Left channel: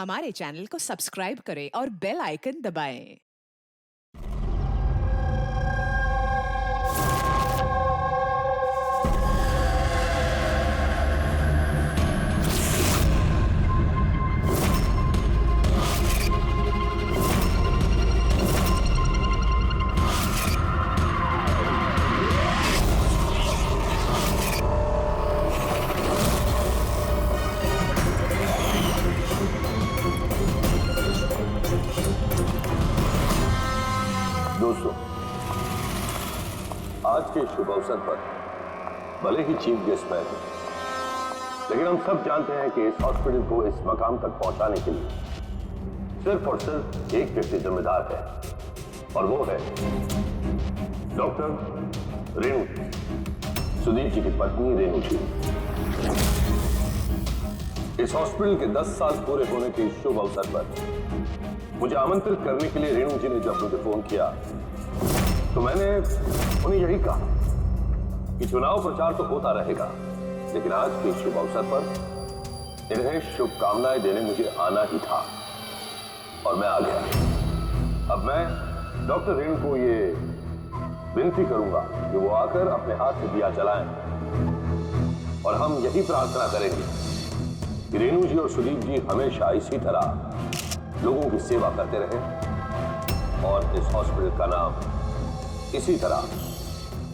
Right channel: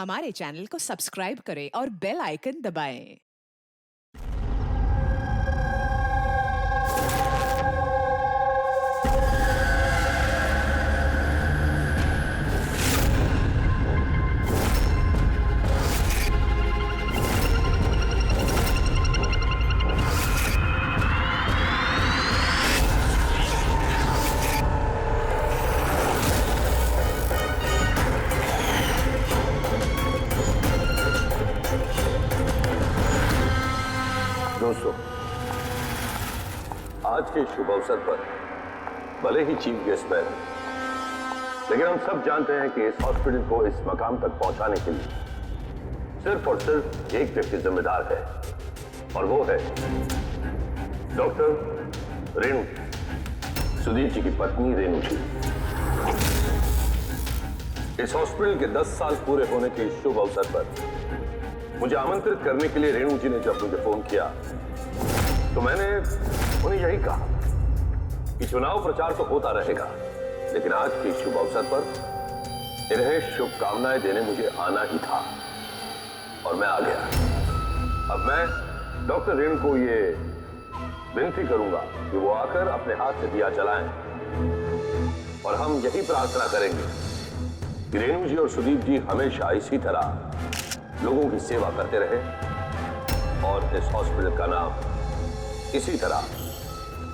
हमारे चैनल को सब्सक्राइब करें और बेल आइकन दबाएं। दोस्तों, आज के शुभ अवसर पर भले ही चीफ गेस्ट मैं हूं, लेकिन हम सब जानते हैं कि इस हॉस्पिटल को इस मकाम तक पहुंचाने के लिए सिर्फ और सिर्फ एक व्यक्ति जिम्मेदार है, और वो है डॉक्टर रेणु जी, सुदीप जी की पत्नी रेणु जी। इस हॉस्पिटल के 10 साल पूरे होने के इस शुभ अवसर पर मुझे आमंत्रित करने के लिए रेणु जी ने जब मुझे फोन किया तो मैंने उन्हें यही कहा कि चुनाव प्रचार तो होता रहेगा, लेकिन आज के शुभ अवसर पर इन्हें शुभकामनाएं देने मुझे आना ही था, और मैं आ गया। अब मैं डॉक्टर रेणु को ये विनती करूंगा कि वो आकर अपने हाथ से दिया जलाएं, और हम यही प्रार्थना करेंगे कि रेणु जी और सुदीप जी हमेशा इसी तरह लोगों की सेवा करते रहे और इस हॉस्पिटल का नाम इसी तरह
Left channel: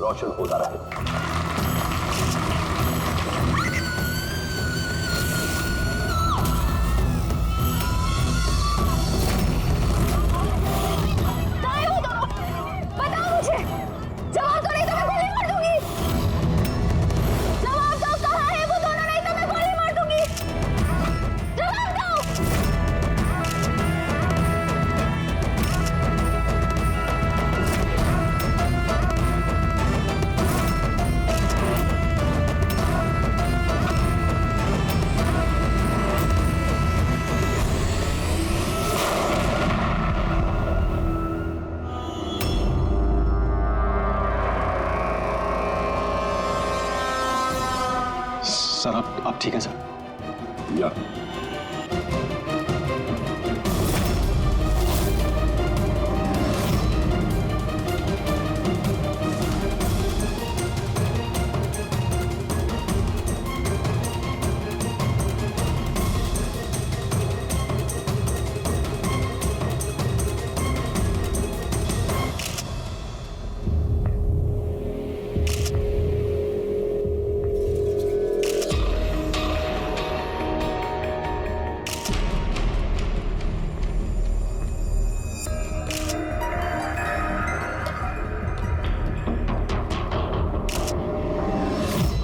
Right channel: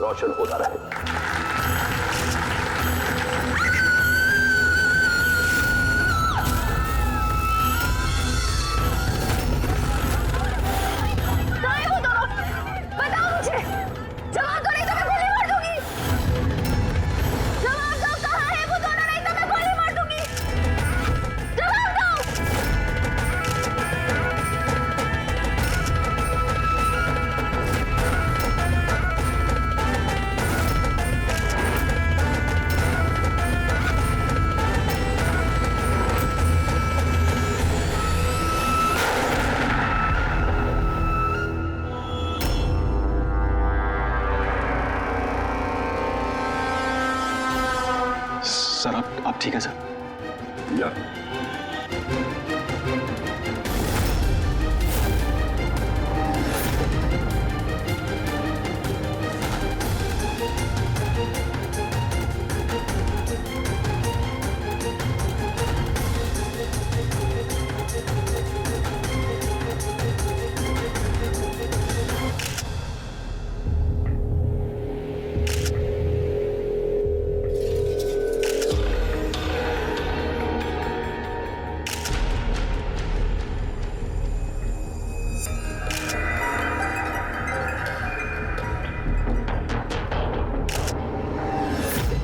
रोशन होता रहे। सर आप ठीक है सर? या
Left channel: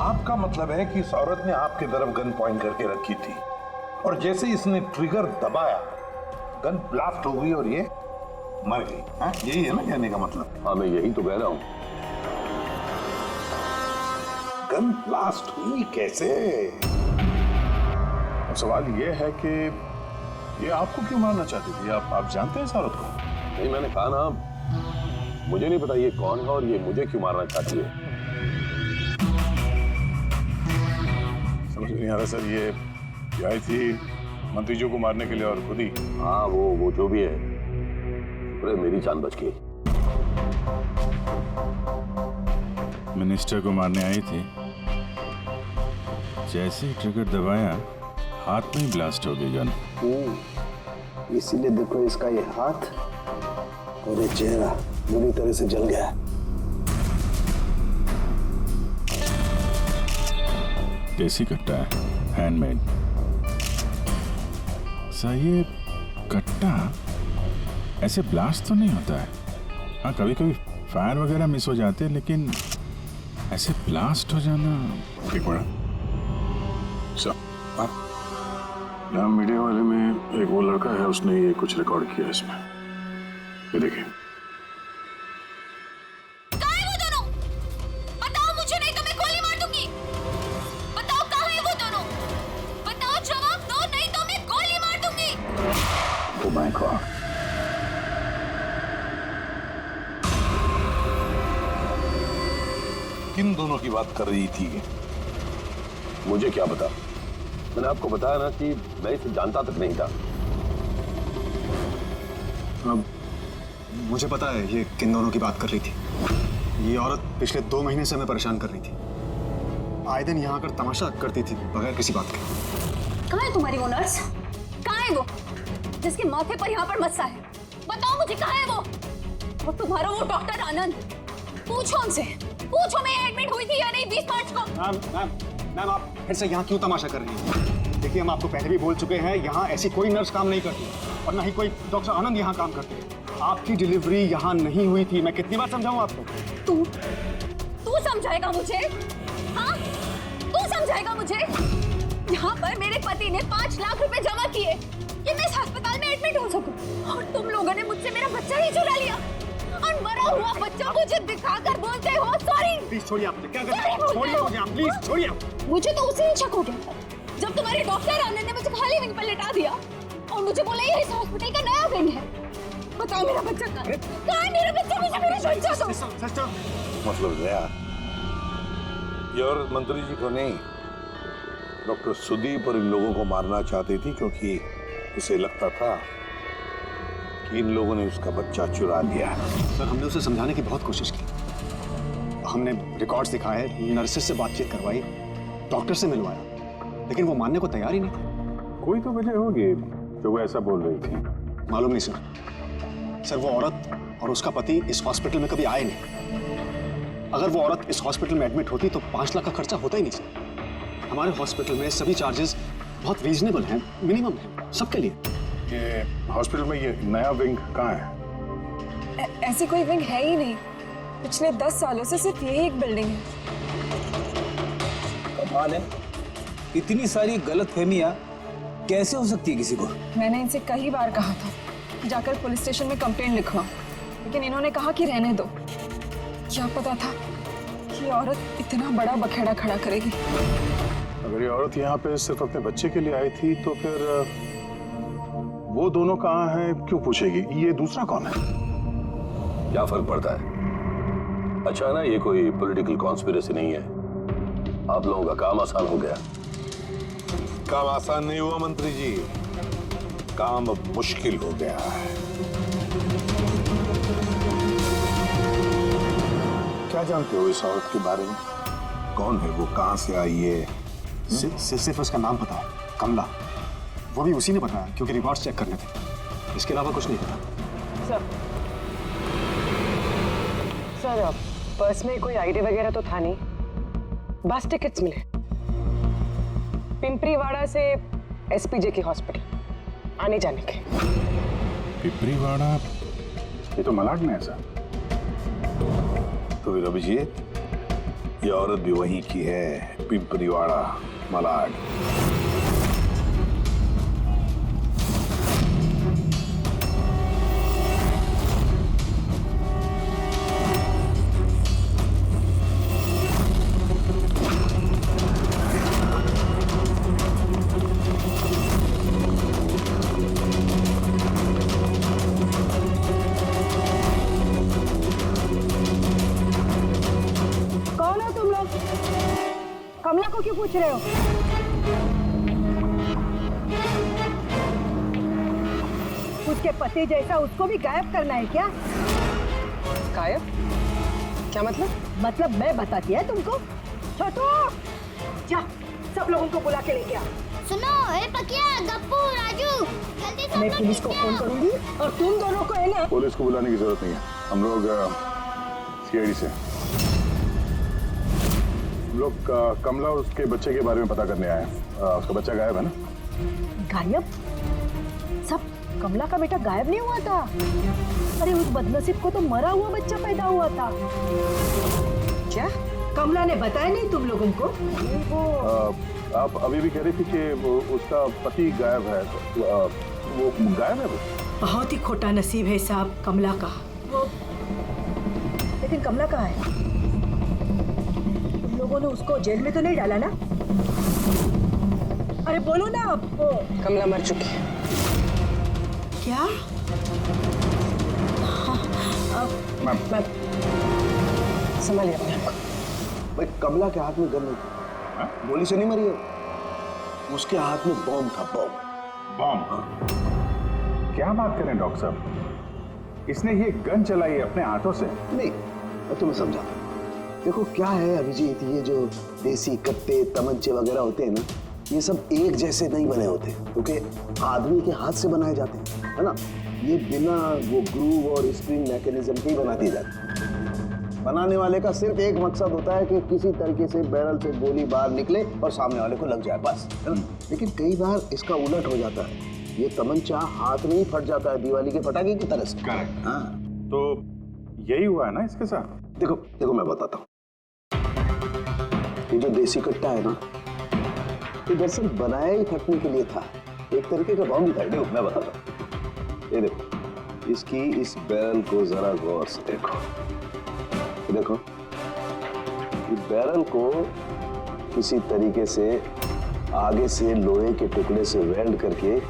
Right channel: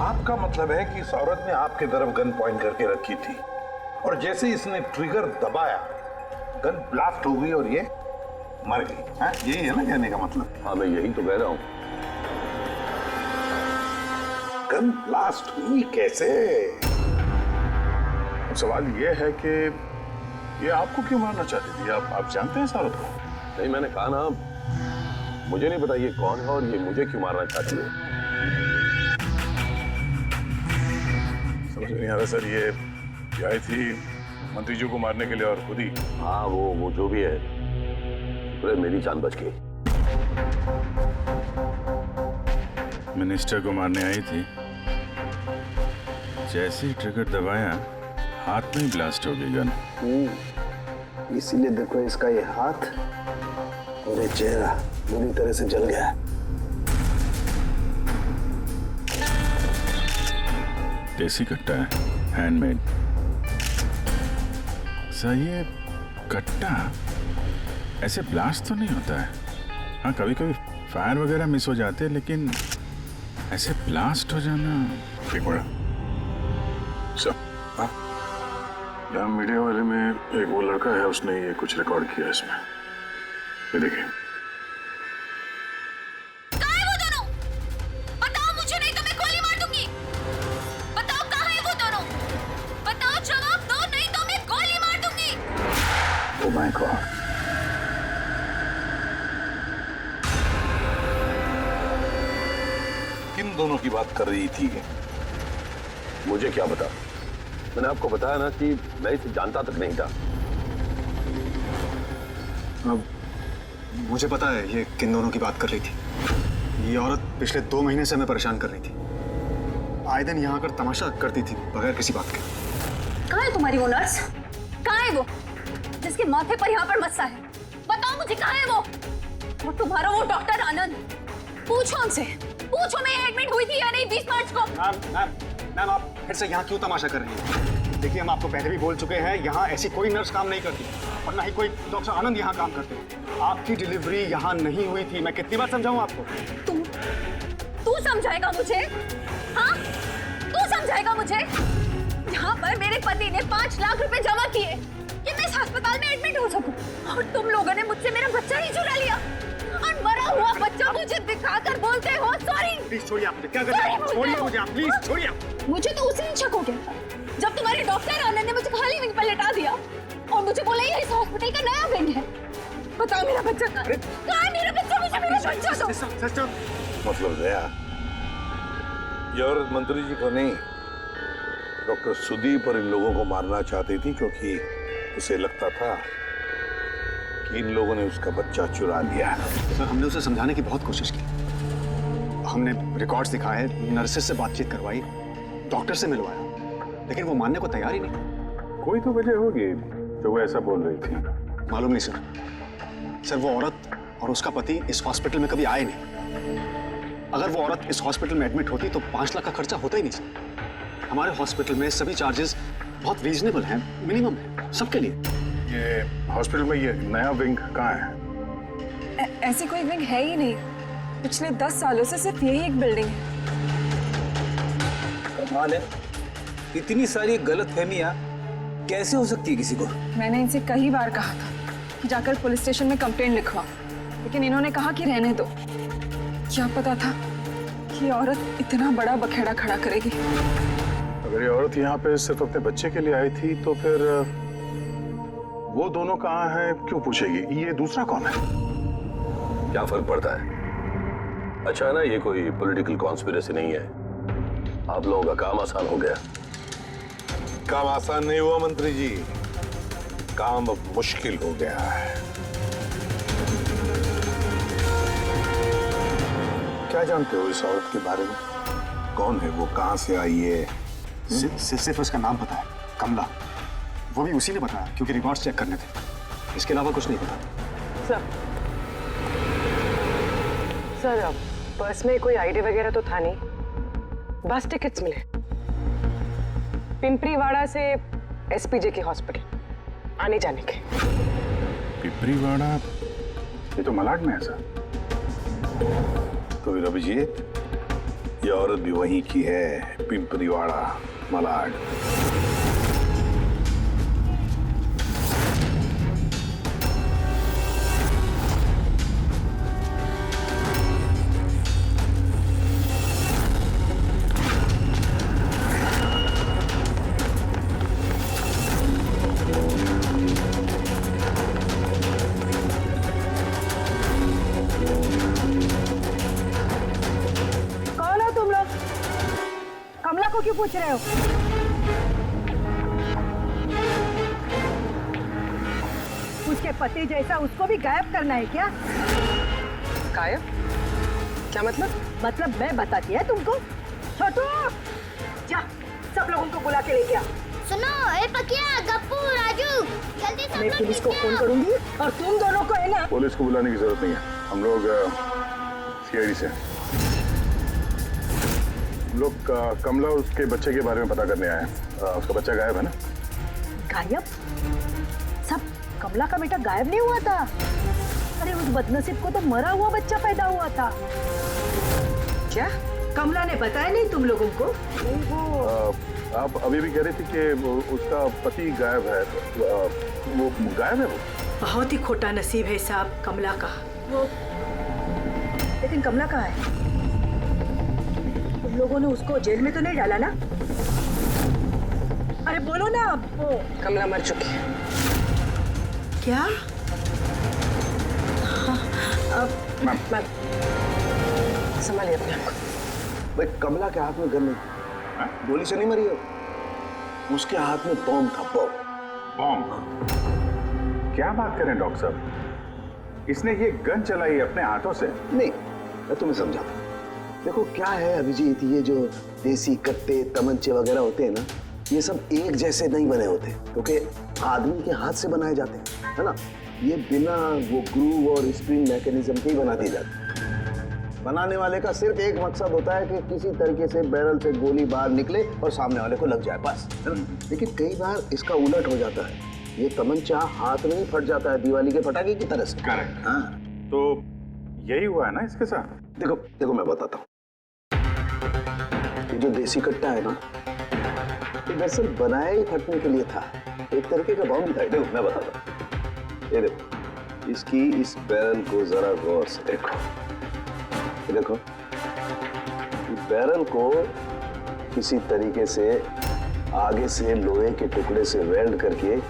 आपका मतलब है कि इस औरत ने आपके तरफ गन पॉइंट करके रखी थी, और जैसे इसने ट्रिगर दबाया गन ब्लास्ट हो गई और ये मर गई। हाँ, यही है ना कहने का मतलब? हाँ, मैं यही तो कह रहा हूं। गन ब्लास्ट हुई कैसे? अब सवाल ये है कि ये आपको क्यों मारना चाहती थी? आप जानते हैं इस औरत को? नहीं, मैंने कहा ना, मुझे नहीं पता ये कौन है और ये मुझे क्यों मारना चाहती है। समझ नहीं आ रहा सर। ये आई थी मंत्री जी को मारने के लिए और खुद ही। हाँ, वो जो भी है, शुक्र है मेरी जान बच गई। मिनिस्टर को मारने आई थी, जैसे ही ट्रिगर दबाया हाथ में ही ब्लास्ट हो गई गन। इसीलिए देखो इसका ये हाथ और ये चेहरा बुरी तरह से जल गया है। देसी कट्टा है, हैंडमेड। सर, ये कट्टा ऐसे ब्लास्ट तो नहीं होता है। हाँ, कभी कभी फायर वगैरह मिस हो जाते हैं, लेकिन ऐसे ब्लास्ट हो जाना। एक मिनट सर, यहाँ मीडिया वाले में एक वो लड़का है, उसने ये कुछ रिकॉर्ड किया इसमें, ये देखिए। माय गॉड, किन दोनों की बात कर रही थी? मुझे क्या पता, मैंने आपको बताया ना कि मैं इसे जानता तक नहीं था। अब मुझे पता है ये किन दोनों की बात कर रही थी। ये औरत पिछले 2 महीने से हमें परेशान कर रही थी। आए दिन यहाँ आकर तमाशा करती थी बगैर किसी बात के। कहाँ है तुम्हारी वो नर्स? कहाँ है वो जिसके माथे पर यहाँ पर मस्सा है? बताओ मुझे, कहाँ है वो? और तुम्हारा वो डॉक्टर आनंद, पूछो उनसे, पूछो मैं एडमिट हुई थी या नहीं 20 मार्च को। मैम आप फिर से यहाँ क्यों तमाशा कर रही हैं? देखिए हम आपको पहले भी बोल चुके हैं, यहाँ ऐसी कोई नर्स काम नहीं करती और ना ही कोई डॉक्टर आनंद यहाँ काम करते हैं। आपकी डिलीवरी यहाँ नहीं हुई थी। मैं कितनी बार समझाऊं आपको? तू समझाएगा मुझे? हाँ, तू समझाएगा मुझे? यहाँ पर मेरे पति ने 5 लाख रुपए जमा किए कि मैं इस अस्पताल में एडमिट हो सकूं, और तुम लोगों ने मुझसे मेरा बच्चा ही चुरा लिया और मरा हुआ बच्चा मुझे दिखाकर बोलते हो सॉरी। प्लीज छोड़िए, आप मुझे क्या कर रहे हैं? छोड़िए मुझे, आप प्लीज छोड़िए। मुझे तो उसी दिन शक हो गया था जब तुम्हारे डॉक्टर आनंद ने मुझे खाली विंग पर लेटा दिया और मुझे बोला ये इस हॉस्पिटल का नया विंग है। बताओ मेरा बच्चा कहाँ है? मेरा बच्चा? मुझे मेरा बच्चा दो। सिस्टर, मतलब दया, ये औरत मंत्री जी को नहीं, डॉक्टर सुदीप और इन लोगों को मारना चाहती थी, क्योंकि उसे लगता था कि इन लोगों ने उसका बच्चा चुरा लिया। सर हमने उसे समझाने की बहुत कोशिश की। हमने रिकॉर्ड्स दिखाए, नर्सेस से बातचीत करवाई, डॉक्टर से मिलवाया, लेकिन वो मानने को तैयार ही नहीं। कोई तो वजह होगी जो वो ऐसा बोल रही थी। मालूम नहीं सर। सर वो औरत और उसका पति इस हॉस्पिटल में कभी आए नहीं। अगर वो औरत इस हॉस्पिटल में एडमिट होती तो 5 लाख का खर्चा होता ही नहीं सर। हमारे हॉस्पिटल में सभी चार्जेस बहुत रीजनेबल हैं, मिनिमम है सबके लिए। ये हॉस्पिटल में ये नया विंग कहाँ है? ऐसी कोई विंग है ही नहीं। पिछले 10 सालों से सिर्फ यही एक बिल्डिंग है। कमाल है, इतनी सारी गलतफहमियां कैसे हो सकती है किसी को? मैंने इनसे कई बार कहा था कि जाकर पुलिस स्टेशन में कंप्लेंट लिखवाओ, लेकिन इन्होंने कहा कि रहने दो। क्या पता था कि औरत इतना बड़ा बखेड़ा खड़ा करेगी। अगर ये औरत यहाँ पे सिर्फ अपने बच्चे के लिए आई थी तो फिर वो दोनों कहाँ हैं क्यों पूछेगी? ये दूसरा कौन है? क्या फर्क पड़ता है? अच्छा ना, ये कोई पॉलिटिकल कॉन्स्पिरेसी नहीं है। आप लोगों का काम आसान हो गया। काम आसान नहीं हुआ मंत्री जी, काम अब मुश्किल हो गया है। क्या जानते हो इस औरत के बारे में? कौन है वो, कहां से आई है? सिर्फ उसका नाम पता है, कमला। वो भी उसी ने बताया क्योंकि रिकॉर्ड्स चेक करने थे। इसके अलावा कुछ नहीं पता। सर पर्स में कोई आईडी वगैरह तो था नहीं, बस टिकट्स मिले पिंपरीवाड़ा से एसपीजे के हॉस्पिटल आने जाने के। पिपरीवाड़ा? ये तो मलाड में है सर। तो फिर अभिजीत, ये औरत भी वहीं की है, पिंपरीवाड़ा, मलाड। कमला को क्यों पूछ रहे हो? उसके पति जैसा उसको भी गायब करना है क्या? गायब? क्या मतलब? मतलब मैं बताती है तुमको। छोटू, जा सब लोगों को बुला के लेके आ। सुनो, ए पकिया, गप्पू, राजू, जल्दी सब मैं लोग पुलिस को नीचे फोन आओ। करूंगी और तुम दोनों को है ना। पुलिस को बुलाने की जरूरत नहीं है, हम लोग सीआईडी से हम लोग कमला और उसके बच्चे के बारे में पता करने आए हैं। उसका बच्चा गायब है ना? गायब? सब कमला का बेटा गायब नहीं हुआ था। अरे उस बदनसीब को तो मरा हुआ बच्चा पैदा हुआ था। क्या? कमला ने बताया नहीं तुम लोगों को? नहीं वो आप अभी भी कह रही थी कि उसका पति गायब है। वो गायब है? वो बहुत ही खोटा नसीब है साहब कमला का। वो लेकिन कमला कहाँ है? तुम लोगों ने उसको जेल में तो नहीं डाला ना? अरे बोलो ना आप। कमला मर चुकी है। क्या? मैम संभालिए अपने आप को। भाई कमला के हाथ में गन नहीं था, गोली से नहीं मरी है, उसके हाथ में बॉम्ब था। बॉम्ब? बॉम्ब? क्या बात करें डॉक्टर साहब? इसने ये गन चलाई अपने हाथों से? नहीं, मैं तुम्हें समझाता हूँ। देखो क्या है अभिजीत, ये जो देसी कट्टे तमंचे वगैरह होते हैं ना, ये सब एक जैसे नहीं बने होते, क्योंकि आदमी के हाथ से बनाए जाते हैं, है ना। ये बिना वो ग्रूव और स्प्रिंग मैकेनिज्म के ही बना दिए जाते हैं। बनाने वाले का सिर्फ एक मकसद होता है कि किसी तरीके से बैरल से गोली बाहर निकले और सामने वाले को लग जाए, बस, है ना। लेकिन कई बार इसका उलट हो जाता है, ये तमंचा हाथ में ही फट जाता है दिवाली के पटाखे की तरह से। करेक्ट। हाँ, तो यही हुआ है ना इसके साथ? देखो देखो मैं बताता हूँ। ये जो देसी कट्टा है ना, ये दरअसल बनाया ही फटने के लिए था, एक तरीके का बॉम्ब ही था। देखो मैं बताता हूँ, ये देखो, इसकी इस बैरल को जरा गौर से देखो, ये देखो, ये बैरल को किसी तरीके से आगे से लोहे के टुकड़े से वेल्ड करके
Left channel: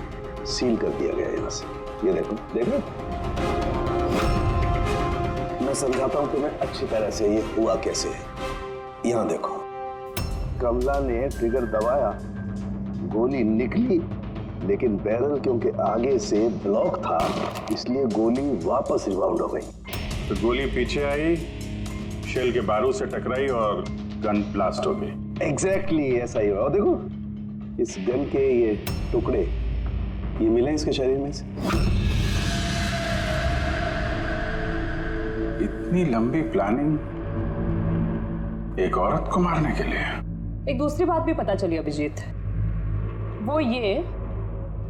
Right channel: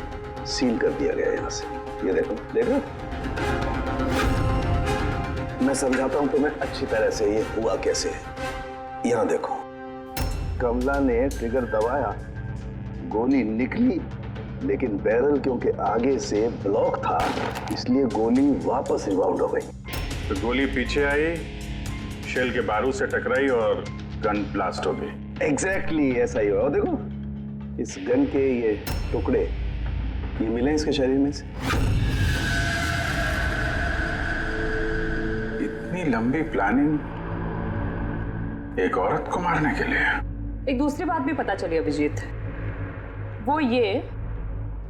सील कर दिया गया है यहाँ से। ये देखो, देखो, मैं समझाता हूँ तुम्हें अच्छी तरह से ये हुआ कैसे है। यहाँ देखो, कमला ने ट्रिगर दबाया, गोली निकली, लेकिन बैरल क्योंकि आगे से ब्लॉक था, इसलिए गोली वापस रिबाउंड हो गई। तो गोली पीछे आई, शेल के बारूद से टकराई और गन ब्लास्ट हो गई। एग्जैक्टली ऐसा ही हुआ। और देखो, इस गन के ये टुकड़े ये मिले इसके शरीर में से। इतनी लंबी प्लानिंग एक औरत को मारने के लिए? एक दूसरी बात भी पता चली अभिजीत, वो ये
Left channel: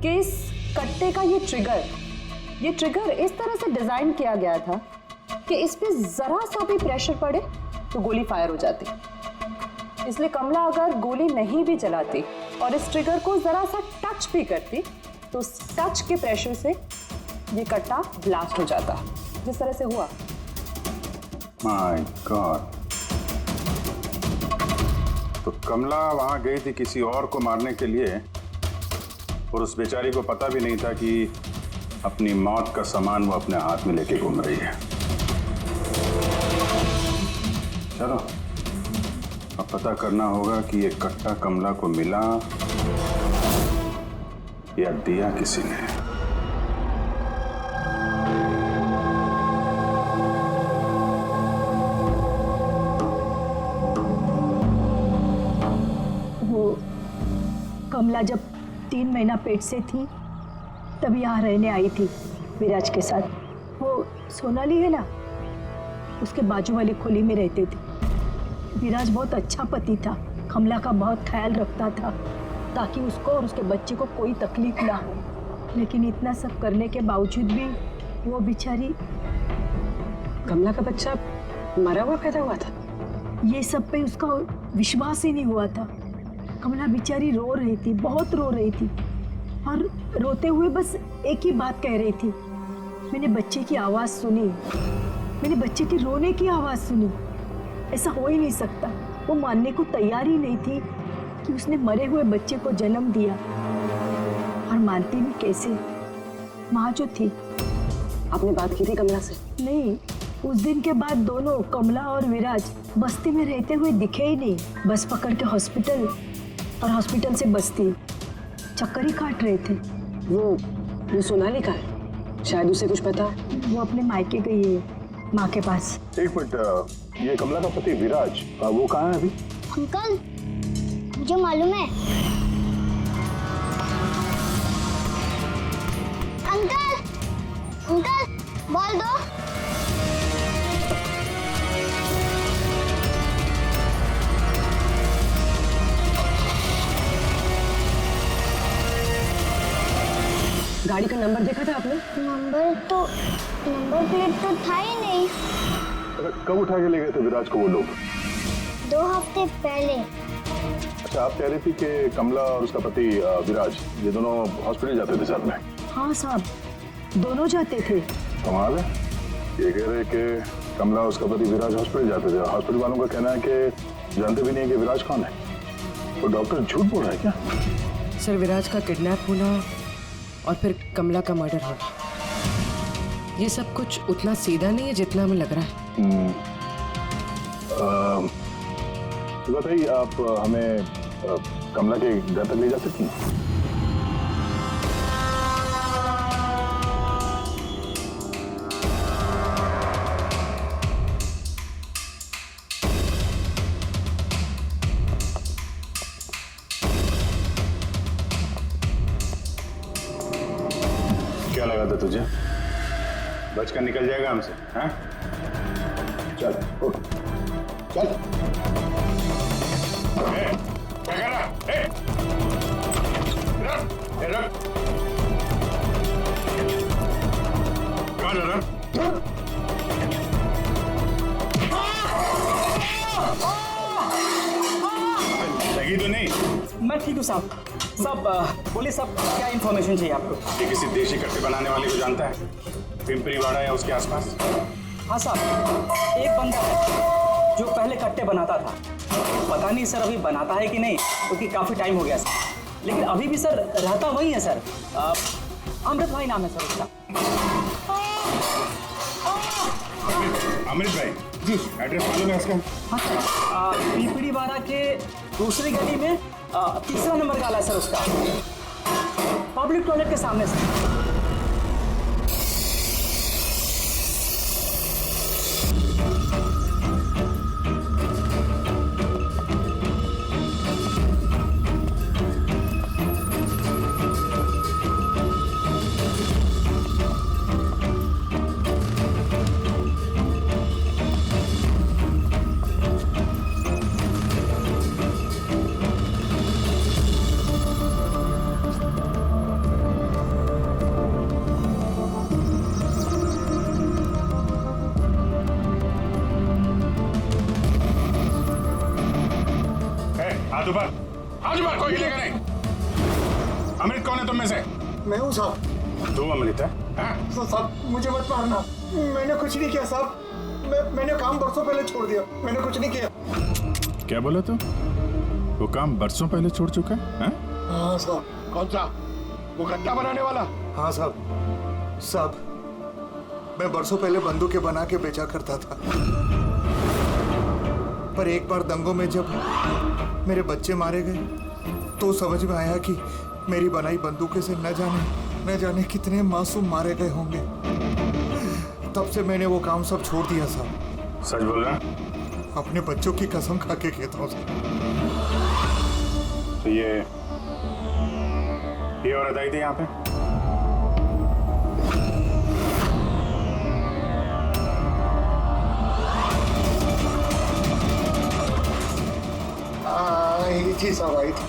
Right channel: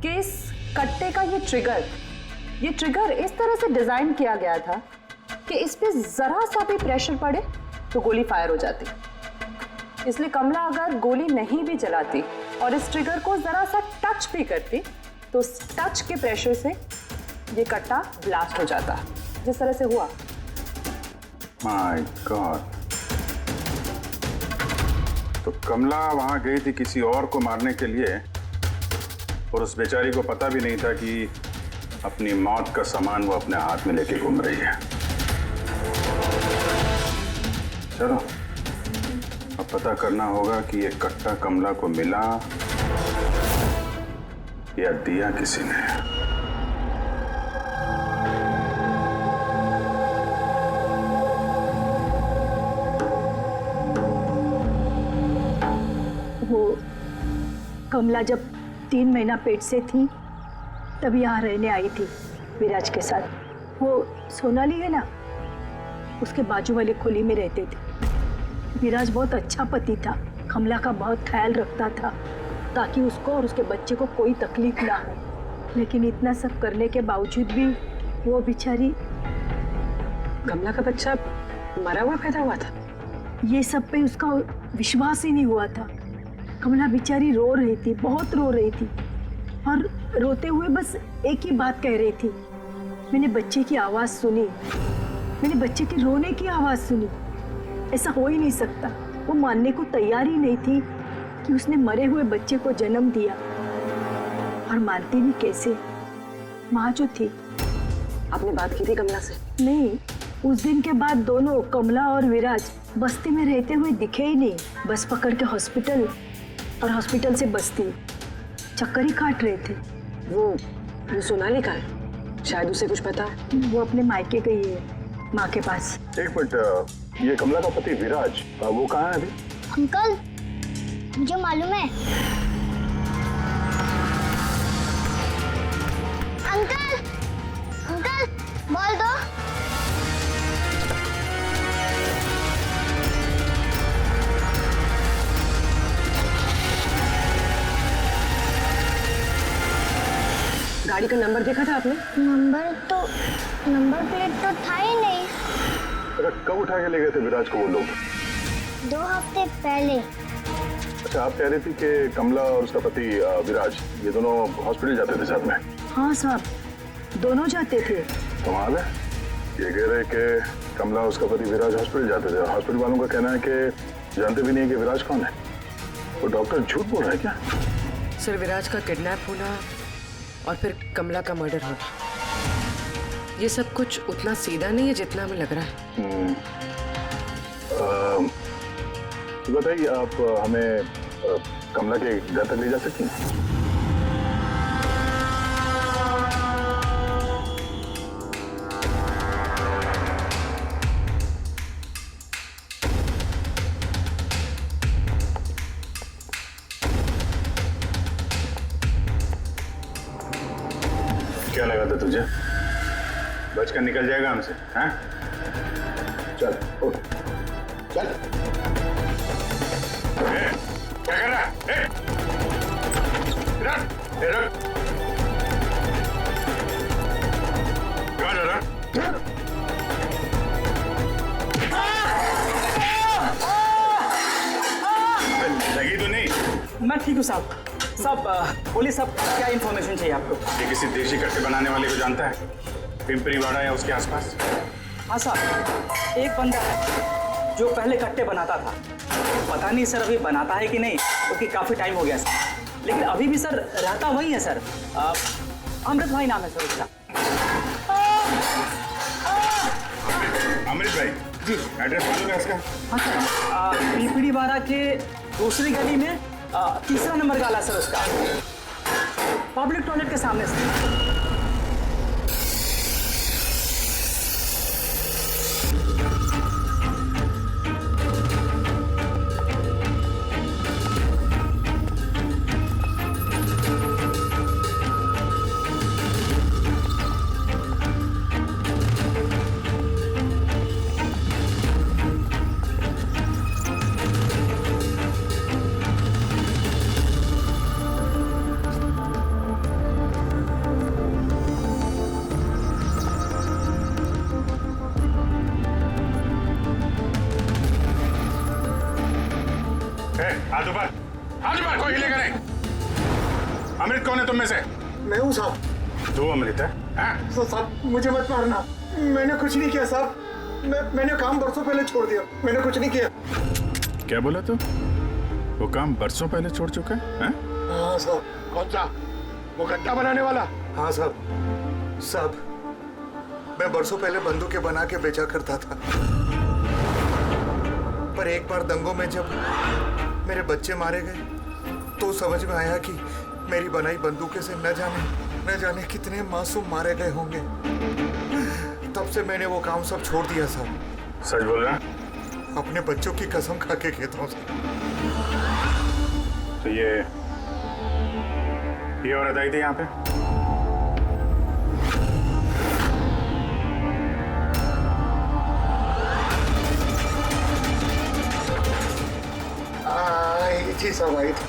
कि इस कट्टे का ये ट्रिगर इस तरह से डिजाइन किया गया था कि इस पे जरा सा भी प्रेशर पड़े तो गोली फायर हो जाती। इसलिए कमला अगर गोली नहीं भी चलाती और इस ट्रिगर को जरा सा टच भी करती तो उस टच के प्रेशर से ये कट्टा ब्लास्ट हो जाता, जिस तरह से हुआ। My God. तो कमला वहां गई थी किसी और को मारने के लिए, और उस बेचारी को पता भी नहीं था कि अपनी मौत का सामान वो अपने हाथ में लेके घूम रही है। चलो अब पता करना होगा कि ये कट्टा कमला को मिला या दिया किसी ने। वो कमला जब 3 महीना पेट से थी तब यहाँ रहने आई थी विराज के साथ। वो सोनाली है ना, उसके बाजू वाली खुली में रहते थे। विराज बहुत अच्छा पति था, कमला का बहुत ख्याल रखता था ताकि उसको और उसके बच्चे को कोई तकलीफ ना हो। लेकिन इतना सब करने के बावजूद भी वो बेचारी। कमला का बच्चा मरा हुआ पैदा हुआ था? ये सब पे उसका विश्वास ही नहीं हुआ था। कमला बेचारी रो रही थी, बहुत रो रही थी, और रोते हुए बस एक ही बात कह रही थी, मैंने बच्चे की आवाज़ सुनी, मैंने बच्चे के रोने की आवाज़ सुनी। ऐसा हो ही नहीं सकता। वो मानने को तैयार ही नहीं थी कि उसने मरे हुए बच्चे को जन्म दिया, और मानती भी कैसे। माँ जो थी। आपने बात की थी कमला से? नहीं, उस दिन के बाद दोनों, कमला और विराज, बस्ती में रहते हुए दिखे ही नहीं। बस पकड़ के हॉस्पिटल, और हॉस्पिटल से बस्ती, चक्कर ही काट रहे थे। वो सोनाली का है, शायद उसे कुछ पता। वो अपने मायके गई है, माँ के पास। एक मिनट, ये कमला का पति विराज, वो कहाँ है अभी? अंकल, मुझे मालूम है। अंकल, अंकल, बॉल दो। गाड़ी का नंबर देखा था आपने? नंबर प्लेट तो था ही नहीं। अच्छा, कब उठा के ले गए थे विराज को वो लोग? 2 हफ्ते पहले। अच्छा, आप कह रही थी कि कमला और उसका पति विराज, ये दोनों हॉस्पिटल जाते थे साथ में? हाँ साहब, दोनों जाते थे। कमाल है, ये कह रहे कि कमला और उसका पति विराज हॉस्पिटल जाते थे। हॉस्पिटल वालों का कहना है कि जानते भी नहीं कि विराज कौन है। वो डॉक्टर झूठ बोल रहा है क्या? सर, विराज का किडनैप होना और फिर कमला का मर्डर होना, ये सब कुछ उतना सीधा नहीं है जितना हमें लग रहा है। बताइए, आप हमें कमला के घर तक ले जा सकती हैं? क्या लगा था तुझे? बचकर निकल जाएगा हमसे? हैं? चल उठ, चल। क्या कर रहा है? रख। कहाँ जा रहा? लगी तो नहीं? मैं ठीक हूँ साहब। साहब बोलिए साहब, क्या इन्फॉर्मेशन चाहिए आपको? ये किसी देशी कट्टे बनाने वाले को जानता है? पिंपरी वाड़ा या उसके आसपास? हाँ साहब, एक बंदा है जो पहले कट्टे बनाता था। पता नहीं सर अभी बनाता है कि नहीं, क्योंकि काफी टाइम हो गया सर। लेकिन अभी भी सर रहता वही है सर। अमृत भाई नाम है सर उसका। अमृत भाई जी, एड्रेस मालूम है उसका? हाँ सर, पीपड़ी वाड़ा के दूसरी गली में तीसरा नंबर गाला सर उसका, पब्लिक टॉयलेट के सामने सर। हाथ ऊपर, कोई हिलेगा नहीं। अमृत कौन है तुम में से? मैं हूँ साहब। तू अमृत है? साहब मुझे मत मारना, मैंने कुछ नहीं किया साहब। मैंने काम बरसों पहले छोड़ दिया, मैंने कुछ नहीं किया। क्या बोला तू? वो काम बरसों पहले छोड़ चुका है? हाँ साहब। कौन सा? वो कट्टा बनाने वाला? हाँ साहब, मैं बरसों पहले बंदूकें बना के बेचा करता था। पर एक बार दंगों में जब मेरे बच्चे मारे गए तो समझ में आया कि मेरी बनाई बंदूकें से न जाने कितने मासूम मारे गए होंगे। तब से मैंने वो काम सब छोड़ दिया साहब। सच बोल रहा? अपने बच्चों की कसम खा के कहता हूँ। तो ये औरत आई थी यहाँ पे? जी साहब आई थी।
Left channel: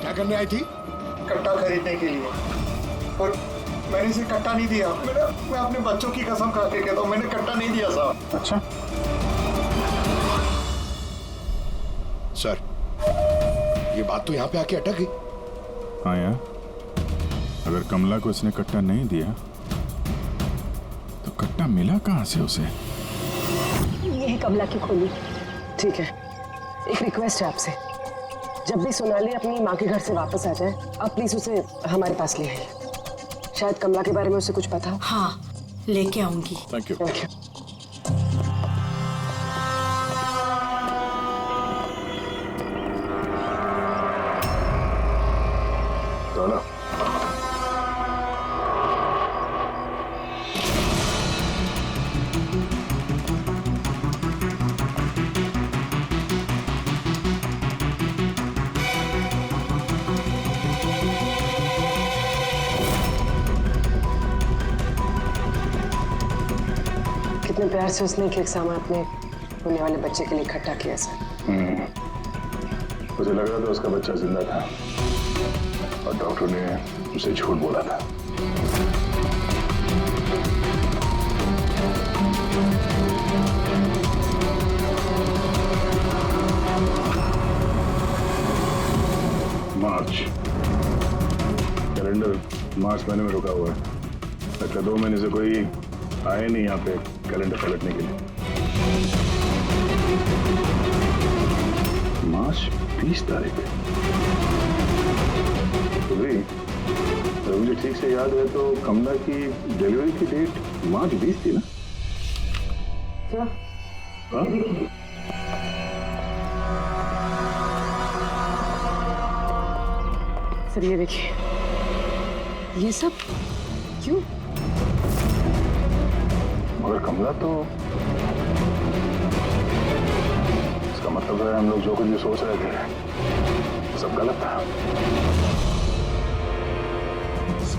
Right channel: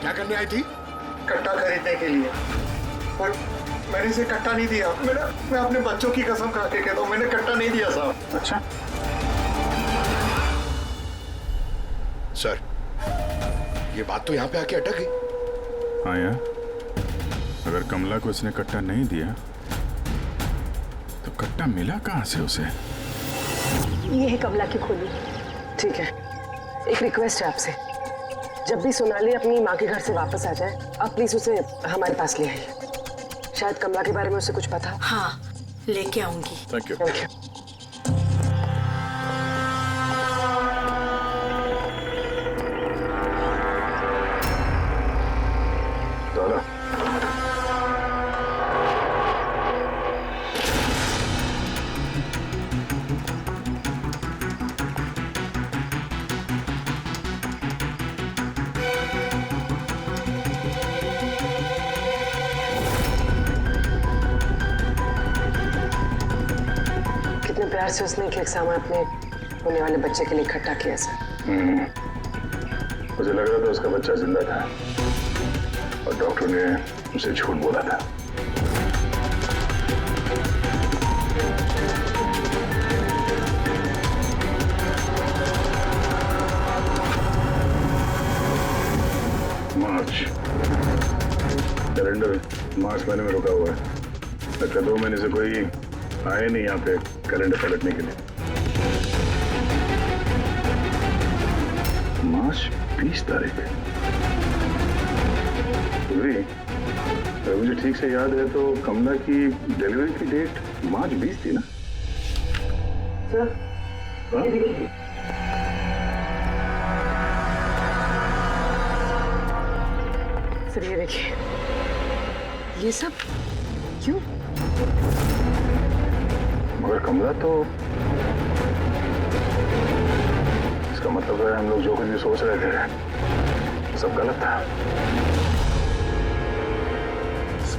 क्या करने आई थी? कट्टा खरीदने के लिए। पर मैंने इसे कट्टा नहीं दिया। मैं अपने बच्चों की कसम खा के कहता हूँ, मैंने कट्टा नहीं दिया साहब। अच्छा सर, ये बात तो यहाँ पे आके अटक गई। हाँ यार, अगर कमला को इसने कट्टा नहीं दिया तो कट्टा मिला कहाँ से उसे? ये है कमला की खोली। ठीक है, एक रिक्वेस्ट है आपसे, जब भी सोनाली अपनी माँ के घर से वापस आ जाए, आप प्लीज उसे हमारे पास ले आइए। शायद कमला के बारे में उसे कुछ पता हो। हाँ, लेके आऊंगी। Thank you. चलो। कितने प्यार से उसने एक सामान अपने होने वाले बच्चे के लिए इकट्ठा किया सर। मुझे लग रहा था उसका बच्चा जिंदा था और डॉक्टर ने उसे झूठ बोला था। मार्च कैलेंडर मार्च महीने में रुका हुआ है। लगता 2 महीने से कोई आए नहीं यहाँ पे कैलेंडर पलटने के लिए। मार्च 20 तारीख। तो भी अगर मुझे ठीक से याद है तो कमला की डिलीवरी की डेट मार्च 20 थी ना? सर, सर ये देखिए, ये सब क्यों? मगर कमला तो, इसका मतलब है हम लोग जो कुछ भी सोच रहे थे सब गलत था।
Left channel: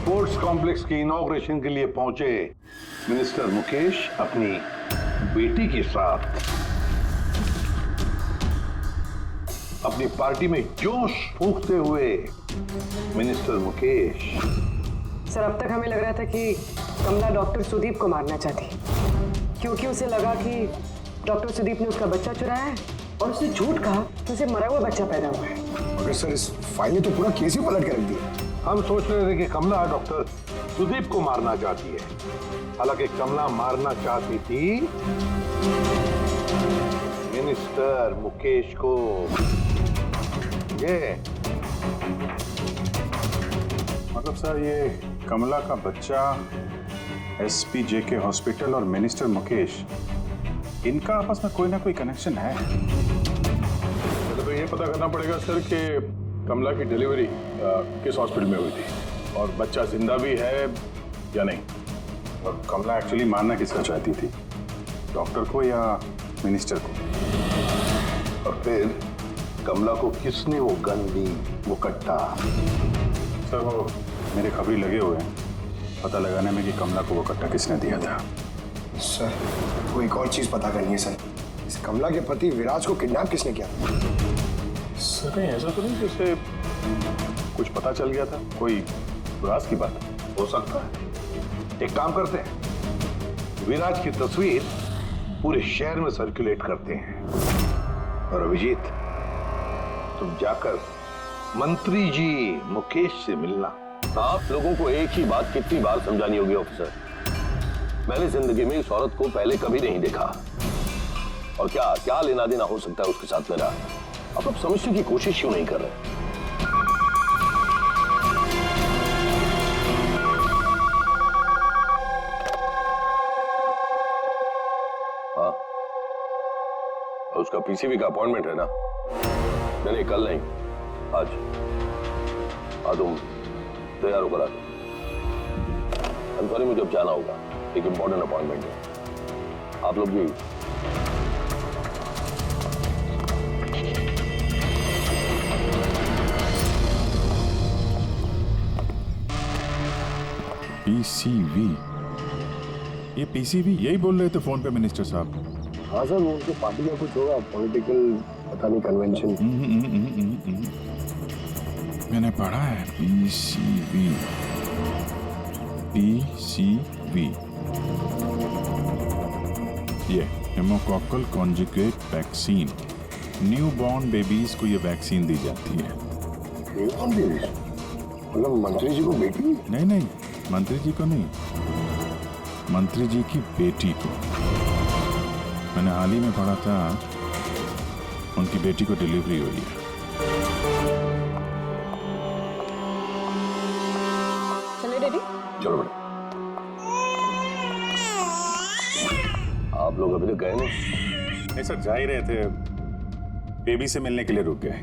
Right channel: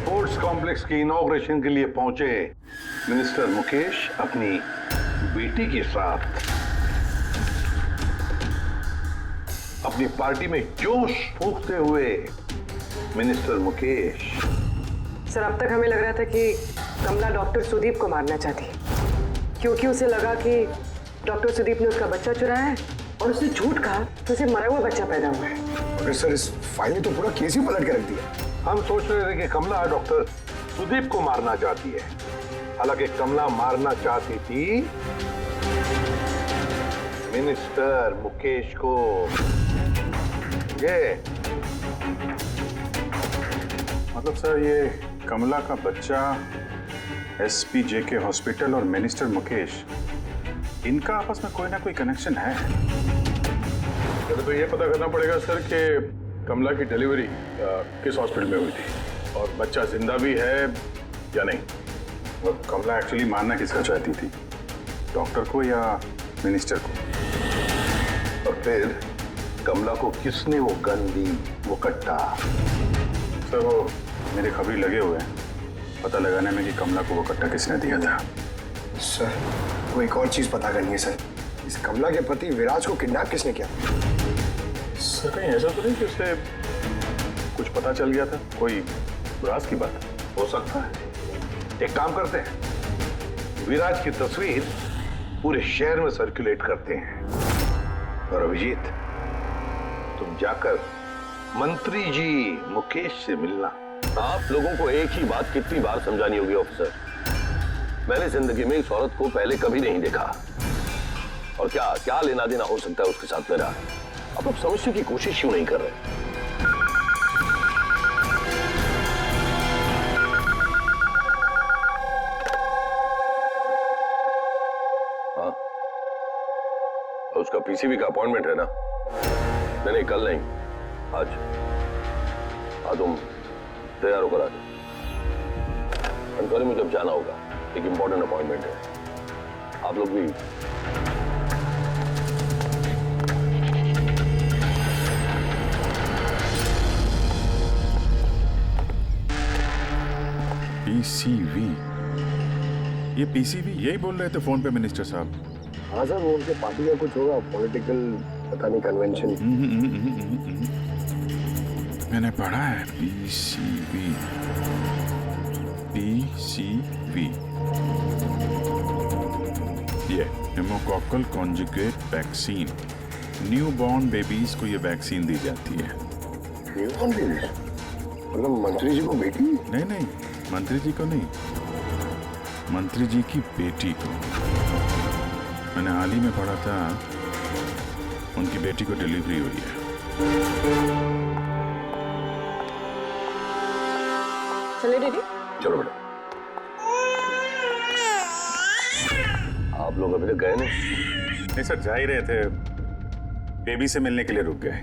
स्पोर्ट्स कॉम्प्लेक्स की इनॉग्रेशन के लिए पहुंचे मिनिस्टर मुकेश अपनी बेटी के साथ अपनी पार्टी में जोश फूंकते हुए मिनिस्टर मुकेश। सर, अब तक हमें लग रहा था कि कमला डॉक्टर सुदीप को मारना चाहती, क्योंकि उसे लगा कि डॉक्टर सुदीप ने उसका बच्चा चुराया है और उसने झूठ कहा तो उसे मरा हुआ बच्चा पैदा हुआ है। मगर सर, इस फाइल ने तो पूरा केस ही पलट के रख दिया। हम सोच रहे थे कि कमला डॉक्टर सुदीप को मारना चाहती है, हालांकि कमला मारना चाहती थी मिनिस्टर मुकेश को। ये मतलब सर, ये कमला का बच्चा SPJK हॉस्पिटल और मिनिस्टर मुकेश, इनका आपस में कोई ना कोई कनेक्शन है। पहले तो ये पता करना पड़ेगा सर कि कमला की डिलीवरी किस हॉस्पिटल में हुई थी और बच्चा जिंदा भी है या नहीं। और कमला एक्चुअली मारना किसका चाहती थी, डॉक्टर को या मिनिस्टर को? और फिर कमला को किसने वो गन दी, वो कट्टा? सर, वो मेरे खबरी लगे हुए हैं पता लगाने में कि कमला को वो कट्टा किसने दिया था। सर, वो एक और चीज पता करनी है सर, इस कमला के पति विराज को किडनैप किसने किया? सर, कहीं ऐसा तो नहीं कि उसे कुछ पता चल गया था, कोई राज की बात? हो सकता है। एक काम करते हैं, विराज की तस्वीर पूरे शहर में सर्कुलेट करते हैं और अभिजीत, तुम जाकर मंत्री जी मुकेश से मिलना। आप लोगों को एक ही बात कितनी बार समझानी होगी ऑफिसर? मैंने जिंदगी में इस औरत को पहले कभी नहीं देखा, और क्या क्या लेना देना हो सकता है उसके साथ मेरा? आप लोग समझने की कोशिश क्यों नहीं कर रहे? हाँ, उसका PCV का अपॉइंटमेंट है ना? नहीं, कल नहीं, आज। हाँ, तुम तैयार होकर आ जाओ। I'm sorry, मुझे अब जाना होगा, एक इंपॉर्टेंट अपॉइंटमेंट है। आप लोग भी PCV, ये PCV यही बोल रहे थे फोन पे मिनिस्टर साहब। हाँ सर, वो उनके पार्टी का कुछ होगा, पॉलिटिकल पता नहीं कन्वेंशन। मैंने पढ़ा है PCV। ये pneumococcal conjugate vaccine, new born babies को ये वैक्सीन दी जाती है। New born babies? मतलब मंत्री जी को बेटी? नहीं, मंत्री जी को नहीं, मंत्री जी की बेटी को। मैंने हाल ही में पढ़ा था उनकी बेटी को डिलीवरी हुई है। चले डैडी? चलो बेटा। आप लोग अभी तक गए नहीं सर, जा ही रहे थे, बेबी से मिलने के लिए रुक गए।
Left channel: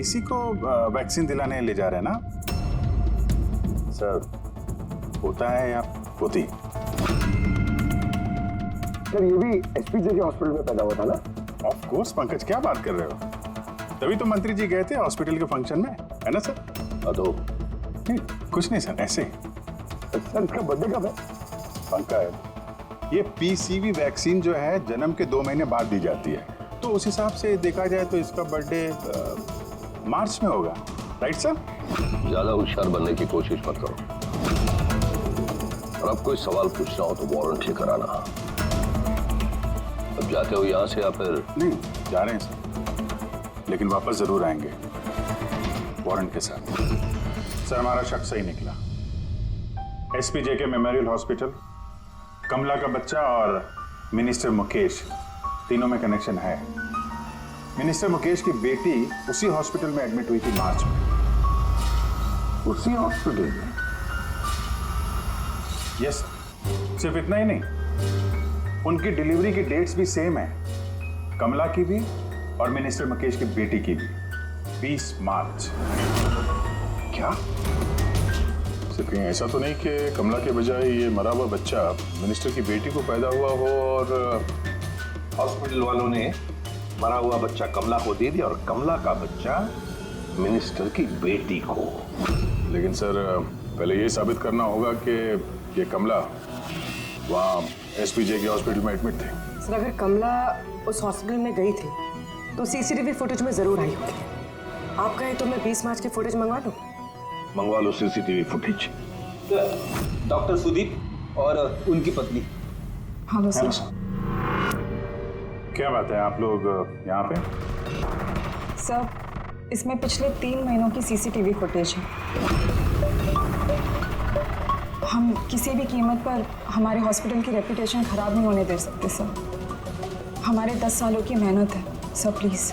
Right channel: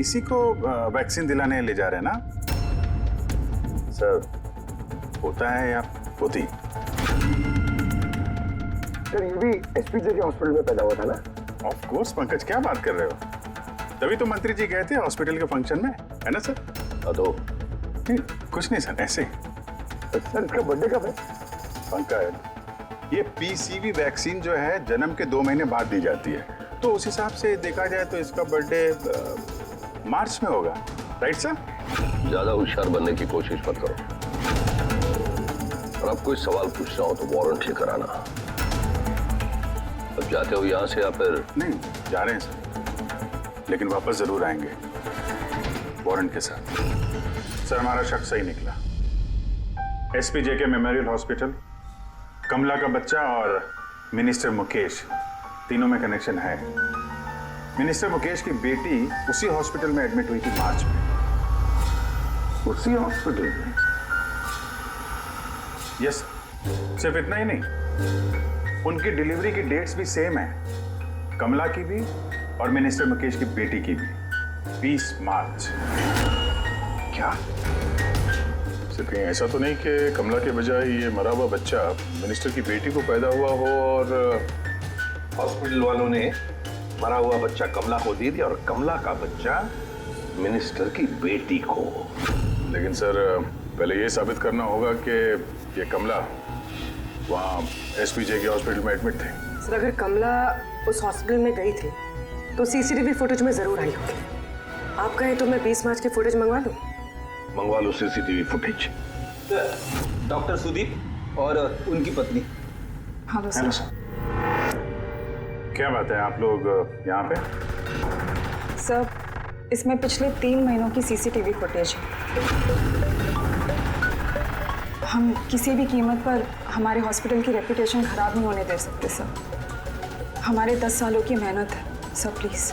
इसी को वैक्सीन दिलाने ले जा रहे हैं ना सर? होता है या होती? सर, ये भी SPJK हॉस्पिटल में पैदा हुआ था ना? ऑफ कोर्स पंकज, क्या बात कर रहे हो? तभी तो मंत्री जी गए थे हॉस्पिटल के फंक्शन में, है ना सर? तो नहीं, कुछ नहीं सर, ऐसे। सर, इसका बर्थडे कब है? पंकज, ये PCV वैक्सीन जो है जन्म के 2 महीने बाद दी जाती है, तो उस हिसाब से देखा जाए तो इसका बर्थडे मार्च में होगा, राइट सर? ज्यादा होशियार बनने की कोशिश मत करो, और अब कोई सवाल पूछना हो तो वारंट लेकर आना। अब जाते हो यहाँ से या फिर? नहीं, जा रहे हैं सर, लेकिन वापस जरूर आएंगे वारंट के साथ। सर, हमारा शक सही निकला। SPJK मेमोरियल हॉस्पिटल, कमला का बच्चा और मिनिस्टर मुकेश, तीनों में कनेक्शन है। मिनिस्टर मुकेश की बेटी उसी हॉस्पिटल में एडमिट हुई थी मार्च में। उसी हॉस्पिटल में? यस, सिर्फ इतना ही नहीं, उनकी डिलीवरी की डेट्स भी सेम है, कमला की भी और मिनिस्टर मुकेश की बेटी की भी, 20 मार्च। क्या? सिर्फ कहीं ऐसा तो नहीं कि कमला के बजाय ये मरा हुआ बच्चा मिनिस्टर की बेटी को पैदा हुआ हो और हॉस्पिटल वालों ने मरा हुआ बच्चा कमला को दे दिया और कमला का बच्चा मिनिस्टर की बेटी को। लेकिन सर पहले ये साबित करना होगा कि ये कमला वहाँ एसपीजे के हॉस्पिटल में एडमिट थी। सर अगर कमला उस हॉस्पिटल में गई थी तो सीसीटीवी फुटेज में जरूर आई होगी। आप कहें तो मैं 20 मार्च की फुटेज मंगवा लूं? मंगवा लो सीसीटीवी फुटेज। डॉक्टर सुदीप और उनकी पत्नी। Hello sir. क्या बात है, आप लोग यहाँ पे? सर इसमें पिछले 3 महीनों की सीसीटीवी फुटेज है। हम किसी भी कीमत पर हमारे हॉस्पिटल की रेपुटेशन खराब नहीं होने दे सकते सर। हमारे 10 सालों की मेहनत है सर, प्लीज।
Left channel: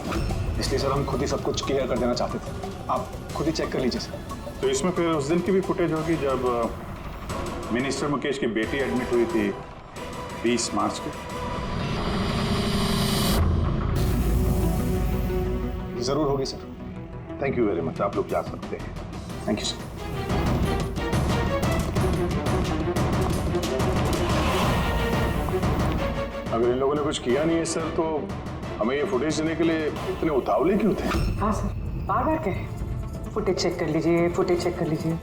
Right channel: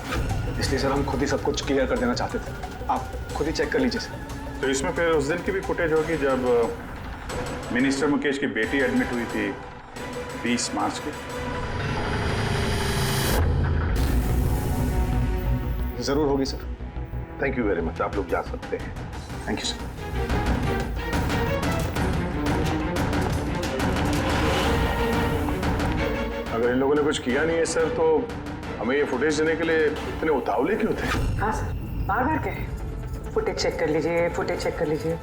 इसलिए सर हम खुद ही सब कुछ क्लियर कर देना चाहते थे, आप खुद ही चेक कर लीजिए सर। तो इसमें फिर उस दिन की भी फुटेज होगी जब मिनिस्टर मुकेश की बेटी एडमिट हुई थी 20 मार्च की। जरूर होगी sir. Thank you very much, आप लोग जा सकते हैं। Thank you sir. अगर इन लोगों ने कुछ किया नहीं है सर तो हमें ये फुटेज देने के लिए इतने उतावले क्यों थे? हाँ सर, बार बार कहें फुटेज चेक कर लीजिए, फुटेज चेक कर लीजिए।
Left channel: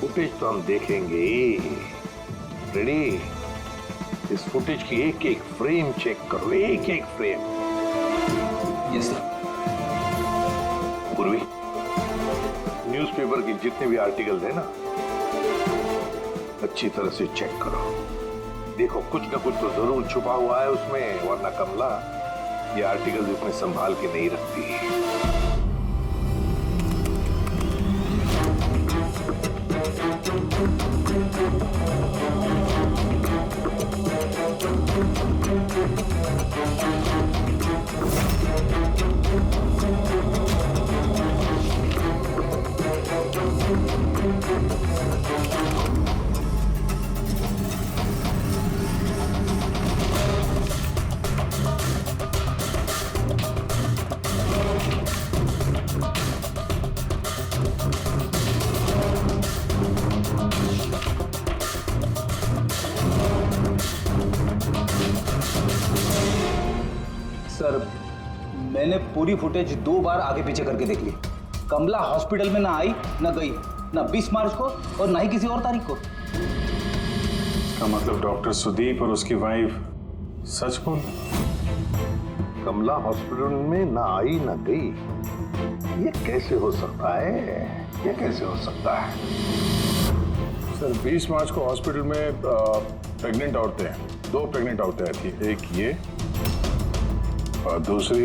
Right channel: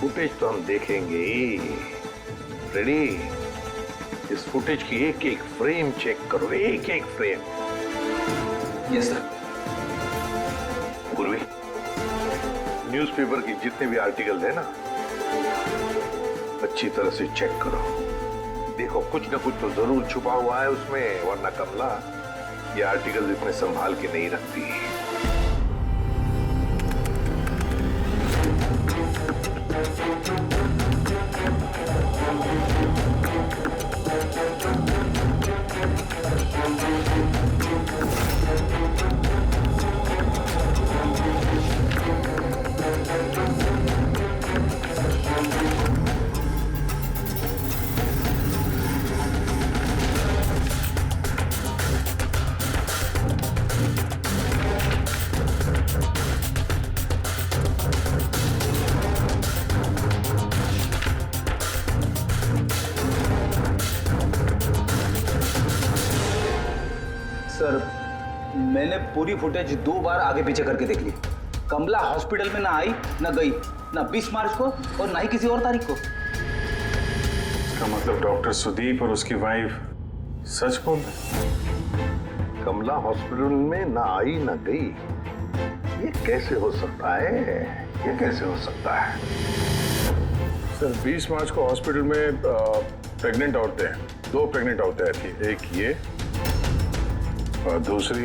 फुटेज तो हम देखेंगे। रेडी? इस फुटेज की एक एक फ्रेम चेक करो, एक एक फ्रेम। Yes sir. पूर्वी, न्यूज़पेपर की जितने भी आर्टिकल है ना, अच्छी तरह से चेक करो। देखो कुछ ना कुछ तो जरूर छुपा हुआ है उसमें, वरना कमला ये आर्टिकल इतने संभाल के नहीं रखती। सर मैंने पूरी फुटेज 2 बार आगे पीछे करके देख ली। कमला हॉस्पिटल में ना आई ना गई, ना 20 मार्च को और ना ही किसी और तारीख को। इसका मतलब डॉक्टर सुदीप और उसकी वाइफ सच बोल रहे? कमला हॉस्पिटल में ना आई ना गई, ये कैसे हो सकता है? ये कैसे हो सकता है? सर 20 मार्च को हॉस्पिटल में प्रेग्नेंट औरतें, 2 प्रेग्नेंट औरतें आई थी, एक ये और दूसरी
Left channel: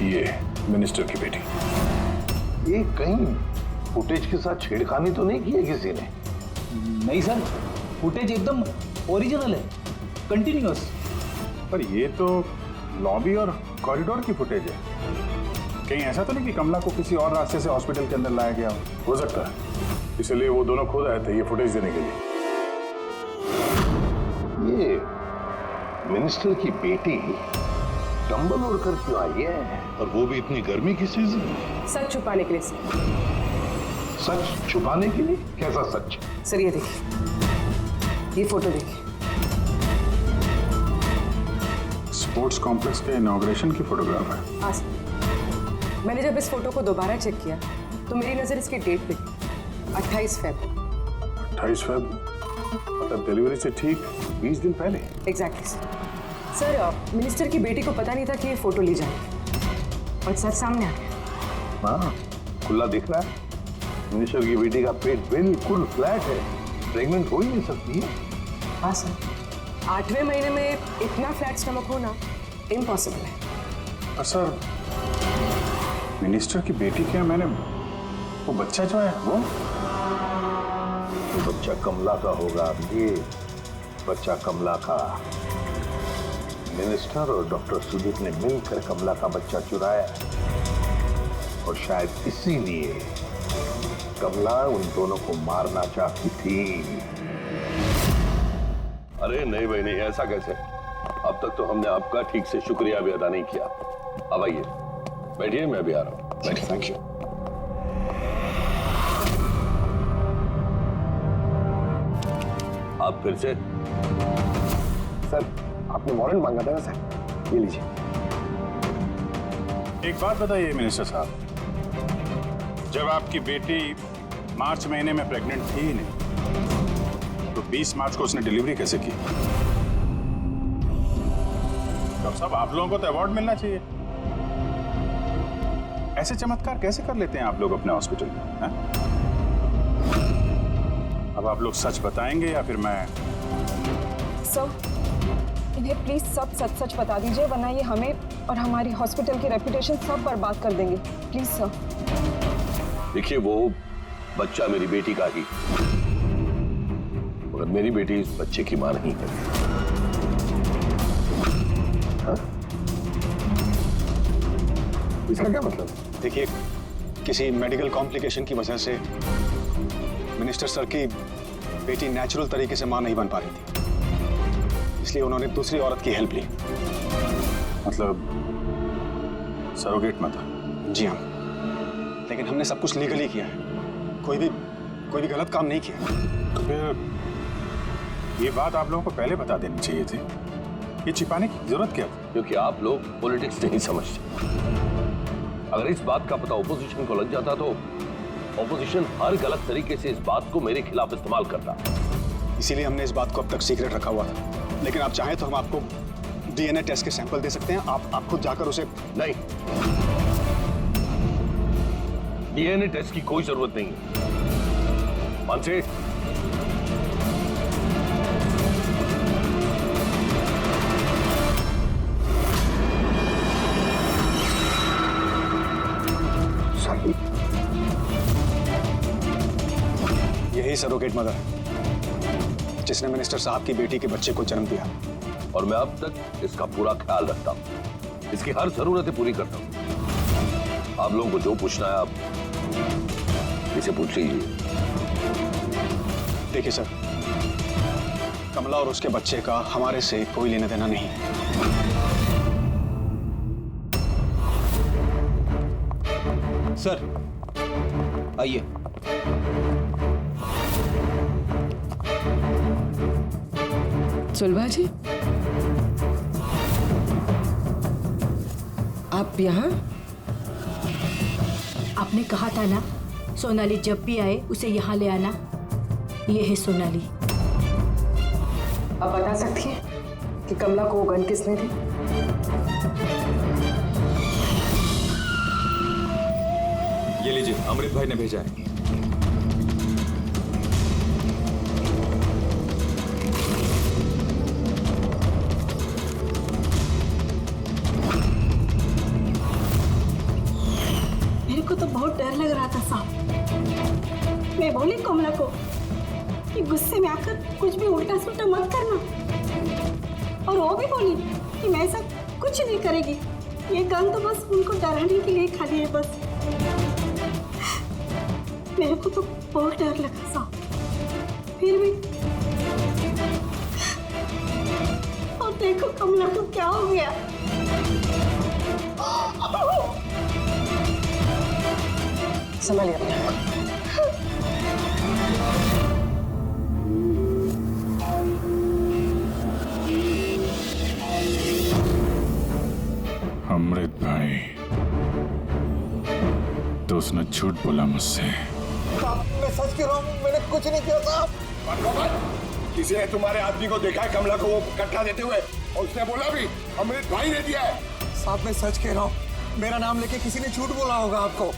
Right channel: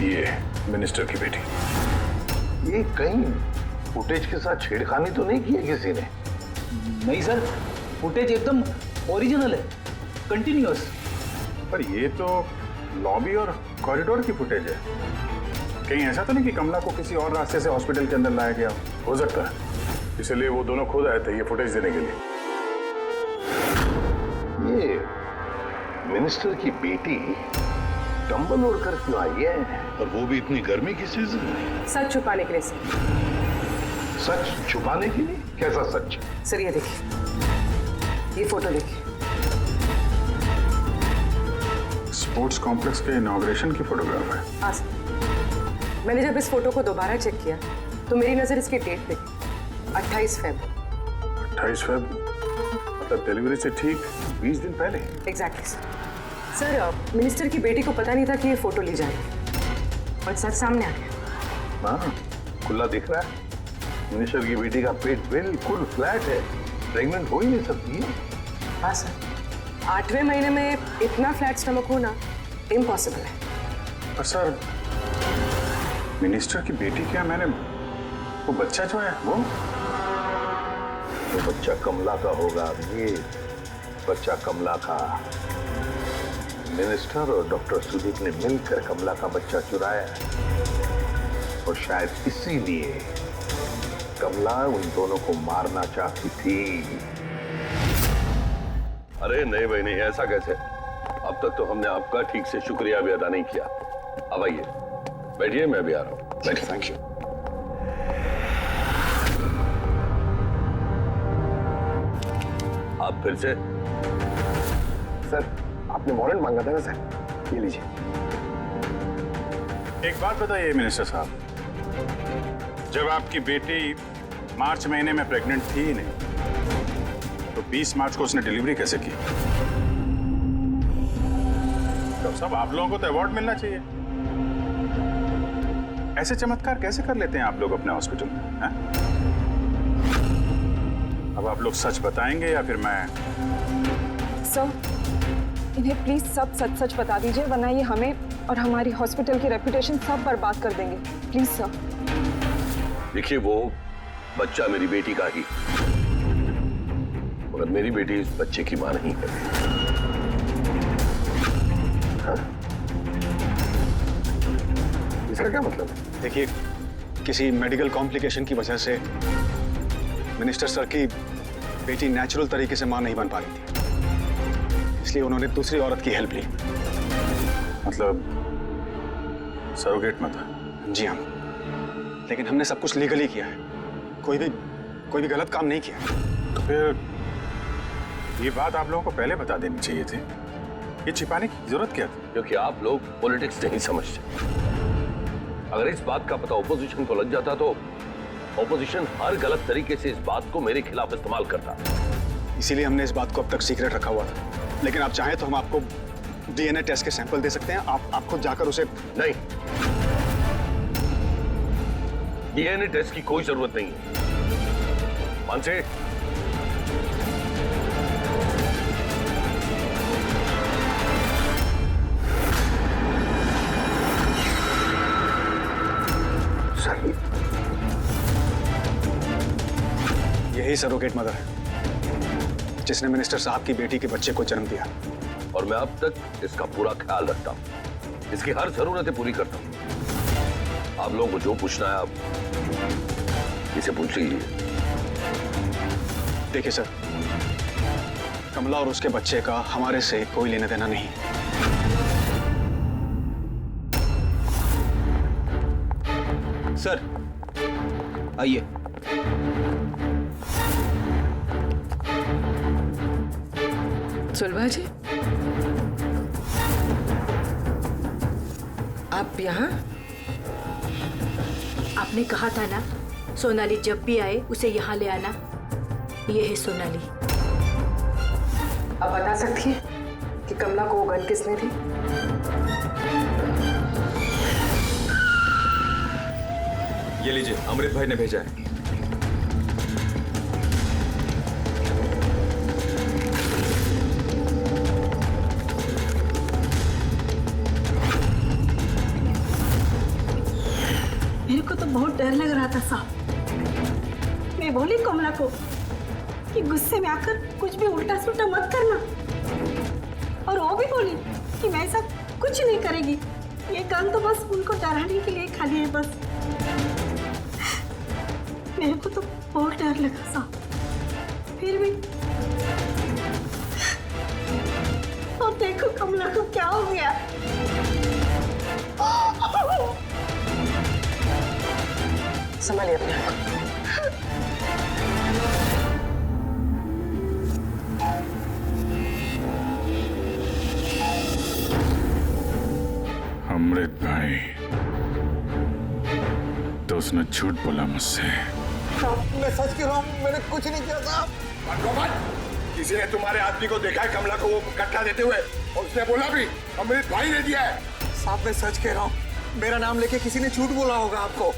ये मिनिस्टर की बेटी। ये कहीं फुटेज के साथ छेड़खानी तो नहीं की है किसी ने? नहीं सर, फुटेज एकदम ओरिजिनल है, कंटिन्यूअस। पर ये तो लॉबी और कॉरिडोर की फुटेज है। कहीं ऐसा तो नहीं कि कमला को किसी और रास्ते से हॉस्पिटल के अंदर लाया गया हो सकता है, इसलिए वो दोनों खुद आए थे ये फुटेज देने के लिए। ये मिनिस्टर की बेटी कंबल ओढ़ कर क्यों आई है? और वो भी इतनी गर्मी की सीजन में? सच छुपाने के लिए सर। सच छुपाने के लिए? कैसा सच? सर ये देखिए, ये फोटो देखिए। स्पोर्ट्स कॉम्प्लेक्स के इनॉग्रेशन की फोटोग्राफ है। हाँ सर, मैंने जब इस फोटो को दोबारा चेक किया तो मेरी नजर इसकी डेट पे गई, 28 फरवरी। 28 फरवरी मतलब डिलीवरी से ठीक 20 दिन पहले। Exactly sir. सर मिनिस्टर की बेटी को पता नहीं था कि ये फोटो ली जाएगी और सच सामने आ गया। हाँ, खुला दिख रहा है। मिनिस्टर की बेटी का पेट बिल्कुल फ्लैट है, प्रेग्नेंट हो ही नहीं सकती है। हाँ सर, 8वें महीने में इतना फ्लैट स्टमक होना इम्पॉसिबल है। और सर मिनिस्टर की बेटी क्या, मैंने वो बच्चा जो है वो बच्चा कमला का होगा। ये बच्चा कमला का। मिनिस्टर और डॉक्टर सुदीप ने मिलकर कमला का बच्चा चुराया और शायद इसीलिए कमला उन दोनों को मारना चाहती थी। अरे नहीं भाई नहीं, ऐसा कैसे? अब तक तो हमने आपका ठीक से शुक्रिया भी अदा नहीं किया। अब आइए बैठिए, मैं भी आ रहा हूँ। बैठिए। Thank you. आप फिर से? सर आपने वारंट मांगा था ना सर, ये लीजिए। एक बात बताइए मिनिस्टर साहब, जब आपकी बेटी मार्च महीने में प्रेग्नेंट थी ही नहीं, तो 20 मार्च को उसने डिलीवरी कैसे की? डॉक्टर साहब, आप लोगों को तो अवार्ड मिलना चाहिए। ऐसे चमत्कार कैसे कर लेते हैं आप लोग अपने हॉस्पिटल में, हैं? अब आप लोग सच बताएंगे या फिर मैं? सर, इन्हें प्लीज सब सच सच बता दीजिए, वरना ये हमें और हमारी हॉस्पिटल की रेपुटेशन सब बर्बाद कर देंगे। Please sir. देखिए, वो बच्चा मेरी बेटी का ही, मगर मेरी बेटी इस बच्चे की मां नहीं है। हाँ? इसका क्या मतलब है? देखिए, किसी मेडिकल कॉम्प्लिकेशन की वजह से मिनिस्टर सर की बेटी नेचुरल तरीके से मां नहीं बन पा रही थी, इसलिए उन्होंने दूसरी औरत की हेल्प ली। मतलब सरोगेट मदर? जी हाँ, लेकिन हमने सब कुछ लीगली किया है, कोई भी गलत काम नहीं किया। तो फिर ये बात आप लोगों को पहले बता देनी चाहिए थी। ये छिपाने की जरूरत क्या थी? क्योंकि आप लोग पॉलिटिक्स नहीं समझते। अगर इस बात का पता ऑपोजिशन को लग जाता तो ऑपोजिशन हर गलत तरीके से इस बात को मेरे खिलाफ इस्तेमाल करता। इसीलिए हमने इस बात को अब तक सीक्रेट रखा हुआ था, लेकिन आप चाहें तो हम आपको डीएनए टेस्ट के सैंपल दे सकते हैं। आप खुद जाकर उसे। नहीं, डीएनए टेस्ट की कोई जरूरत नहीं है। मानसे, यही सरोगेट मदर है जिसने मिनिस्टर साहब की बेटी के बच्चे को जन्म दिया, और मैं अब तक इसका पूरा ख्याल रखता हूं, इसकी हर जरूरतें पूरी करता हूं। आप लोगों को जो पूछना है आप इसे पूछ लीजिए। देखिए सर, कमला और उसके बच्चे का हमारे से कोई लेना देना नहीं है। सर आइए। सुलभा जी, आप यहाँ? आपने कहा था ना, सोनाली जब भी आए उसे यहाँ ले आना। ये है सोनाली। आप बता सकती हैं कि कमला को वो गन किसने दी? ये लीजिए, अमृत भाई ने भेजा है। मेरे को तो बहुत डर लग रहा था साहब। मैं बोली कमला को कि गुस्से में आकर कुछ भी उल्टा सुल्टा मत करना, और वो भी बोली कि मैं ऐसा कुछ नहीं करेगी। ये गन तो बस उनको डराने के लिए खाली है बस। मेरे को तो बहुत डर लगा साहब, फिर भी। और देखो कमला को क्या हो गया। संभालिए अपने आप। अमृत भाई, तो उसने झूठ बोला मुझसे। मैं सच कह रहा हूँ, मैंने कुछ नहीं किया था। किसी ने तुम्हारे आदमी को देखा है कमला को वो कट्टा देते हुए, और उसने बोला भी अमृत भाई ने दिया है। साहब मैं सच कह रहा हूँ, मेरा नाम लेके किसी ने झूठ बोला होगा आपको।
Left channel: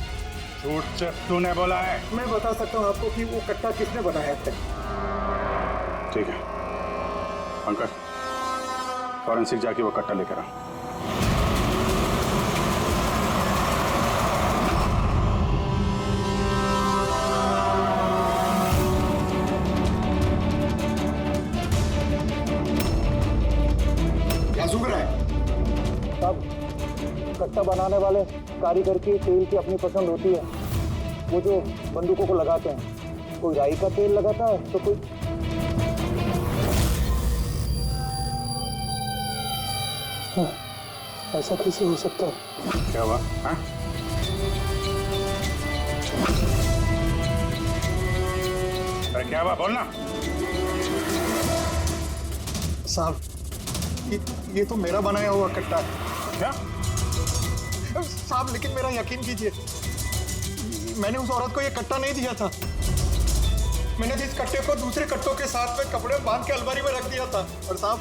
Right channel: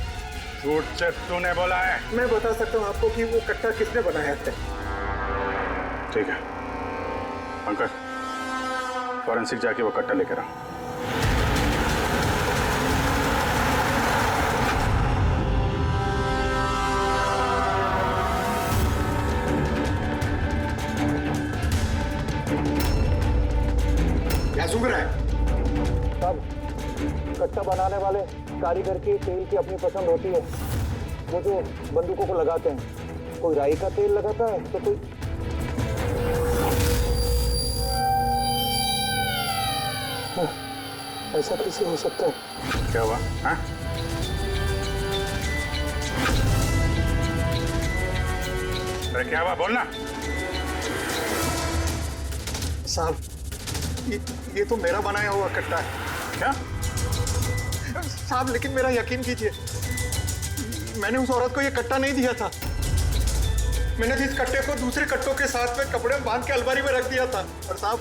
झूठ से तूने बोला है? मैं बता सकता हूँ आपको कि वो कट्टा किसने बनाया था। ठीक है पंकज, फॉरेंसिक जाके वो कट्टा लेकर आओ। क्या सुन रहा है? साहब, कट्टा बनाने वाले कारीगर की तेल की अपनी पसंद होती है। वो जो बंदूकों को लगाते हैं, कोई राई का तेल लगाता है तो कोई। ऐसा कैसे हो सकता है? क्या हुआ? हाँ? अरे क्या हुआ, बोलना। साहब ये तो मेरा बनाया हुआ कट्टा है। क्या? साहब लेकिन मेरा यकीन कीजिए, मैंने उस औरत को ये कट्टा नहीं दिया था। मैंने इस कट्टे को दूसरे कट्टों के साथ में कपड़े में बांध के अलमारी में रख दिया था। और साहब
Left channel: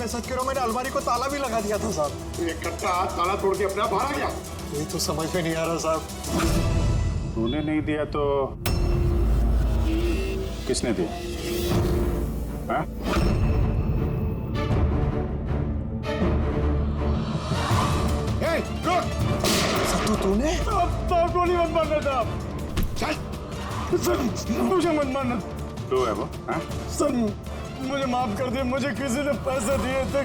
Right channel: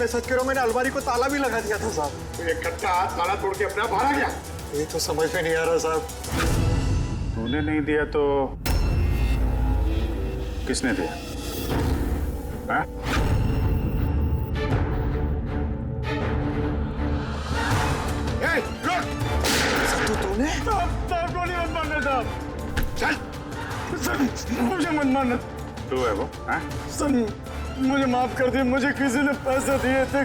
मैं सच कह रहा हूँ, मैंने अलमारी को ताला भी लगा दिया था साहब। तो ये कट्टा ताला तोड़ के अपने आप बाहर आ गया? ये तो समझ में नहीं आ रहा साहब। तूने नहीं दिया तो किसने दिया? हाँ? सत्तू तूने? गोली मत मारना साहब। चल सर मुझे मत मारना। तू है वो? हाँ? सर मुझे माफ कर दिए, मुझे किसी ने पैसे दिए थे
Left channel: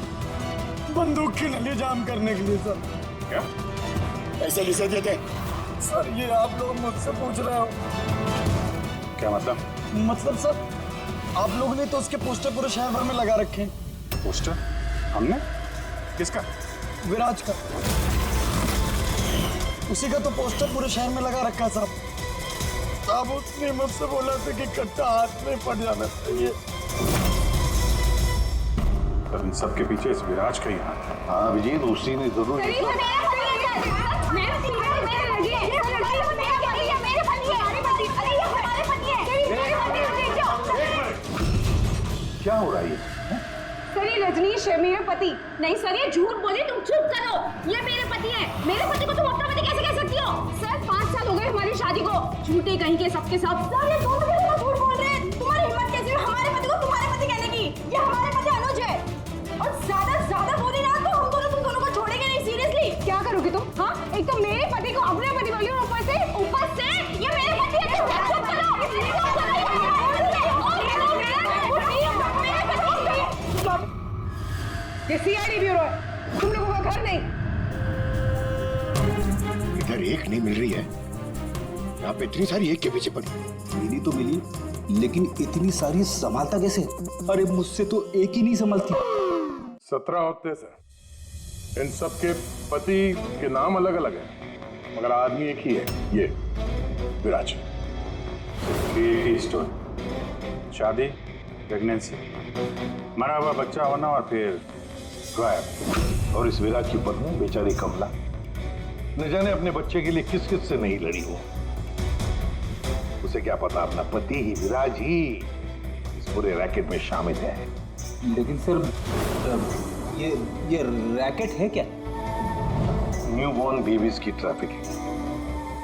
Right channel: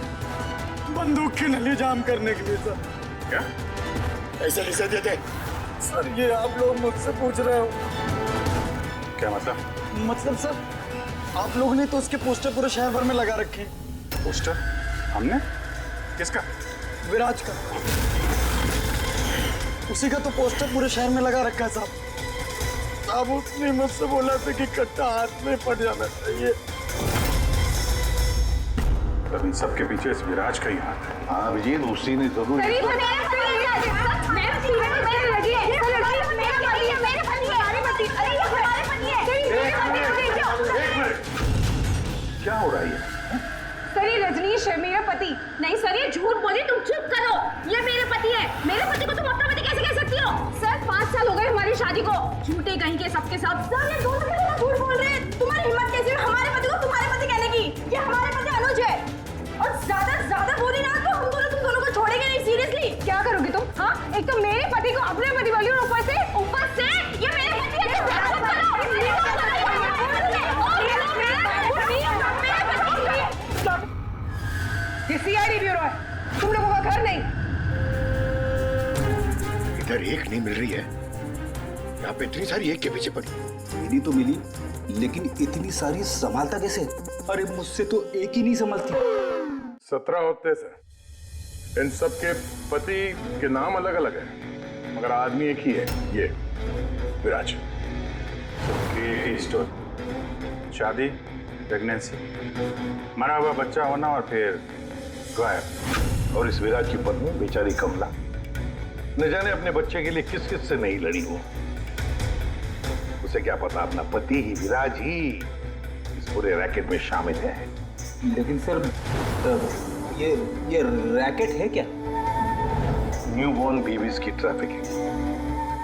बंदूक की नली जाम करने के लिए। सर क्या ऐसे किसे दिए थे? सर ये आप लोग मुझसे पूछ रहे हो? क्या मतलब? मतलब सर आप लोगों ने तो उसके पोस्टर पूरे शहर भर में लगा रखे हैं। पोस्टर? हमने? किसका? विराज का। उसी का तो पोस्टर पूरे शहर में लगा रखा है साहब। साहब उसने मुझसे बोला था कि कट्टा हाथ में पड़ जाना चाहिए। तब इन सब के पीछे इस विराज का ही हाथ है। हाँ अभिजीत, उसी ने जरूर क्या हो रहा है ये? सर ये रजनीश है मेरा पति। नहीं सर ये झूठ बोली, तुम चुप करो। ये मेरे पति है। मेरे पति को तुम अपना पति कैसे कह सकती हो? सर 5 साल हो गए हमारी शादी को। झूठे कहीं के सबके सब। सर ये दोनों के झूठ बोल रहे हैं। तुम्हारी हिम्मत कैसे हुई हमारे पति को तुम्हारे पति कहने की? ये हमारे पति अनुज है। और ज्यादा बोली ना तो हम दोनों तुम दोनों को छोड़ेंगे नहीं। सीरियसली क्या करोगी तुम? हाँ एक तो मेरे पति को अपने पति बोली और ऊपर से ये मेरे पति है। ये सीआईडी ब्यूरो है, तुम लोगों का घर नहीं। इधर एक नहीं मिल रही है, यहाँ पे इतनी सारी एक के पीछे पड़ी। मिली तो मिली, लेकिन इतनी सारी संभालता कैसे? अरे मुझसे तो एक ही नहीं संभलती। 17 होते सर। इन सब के पति के नाम अलग अलग हैं, मगर आदमी एक ही है, ये विराज। सबकी एक ही स्टोरी। शादी, प्रेगनेंसी, मरा हुआ बच्चा होना और फिर गायब। और इस विराज की पत्नी बेचारी कमला, न जाने अपने बच्चे के लिए किस किस से नहीं लड़ी हो। उसे क्या पता अपना पति ही, विराज ही इस पूरे रैकेट में शामिल है। लेकिन सर ये रैकेट है क्या? न्यूबॉर्न बेबीज की ट्रैफिकिंग,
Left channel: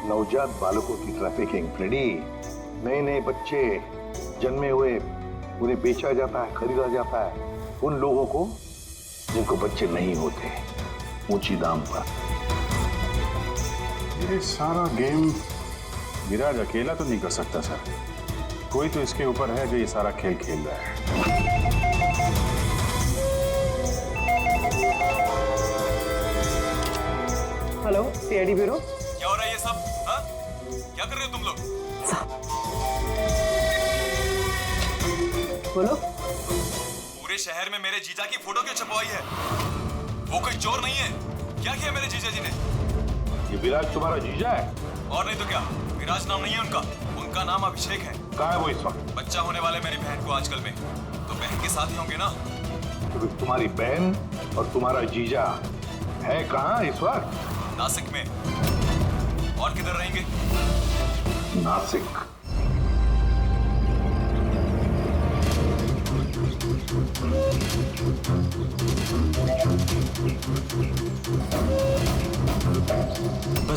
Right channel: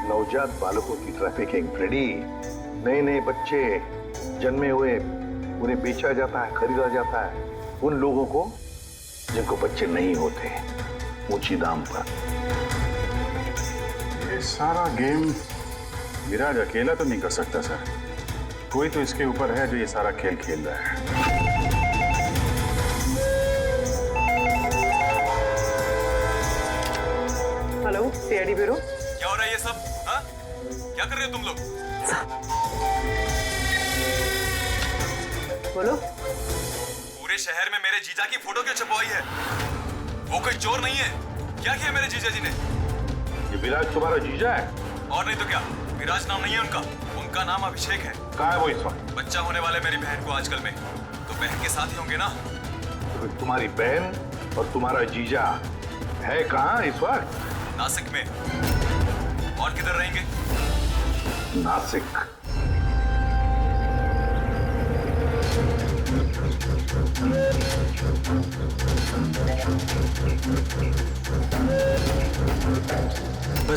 नवजात बालकों की ट्रैफिकिंग। फ्रेडी, नए बच्चे जन्मे हुए उन्हें बेचा जाता है, खरीदा जाता है उन लोगों को जिनको बच्चे नहीं होते, ऊंची दाम पर। ये सारा गेम विराज अकेला तो नहीं कर सकता सर। कोई तो इसके ऊपर है जो ये सारा खेल खेल रहा है। Hello CID bureau. क्या हो रहा है ये सब? हाँ? क्या कर रहे हो तुम लोग? बोलो। पूरे शहर में मेरे जीजा की फोटो क्यों छपवाई है? वो कोई चोर नहीं है। क्या किया मेरे जीजा जी ने? ये विराज तुम्हारा जीजा है? और नहीं तो क्या, विराज नाम नहीं है उनका नाम अभिषेक है। कहाँ है वो इस वक्त? बच्चा होने वाले मेरी बहन को आजकल में, तो बहन के साथ ही होंगे ना। तो तुम्हारी बहन और तुम्हारा जीजा है कहाँ इस वक्त? नासिक में। और किधर रहेंगे? नासिक।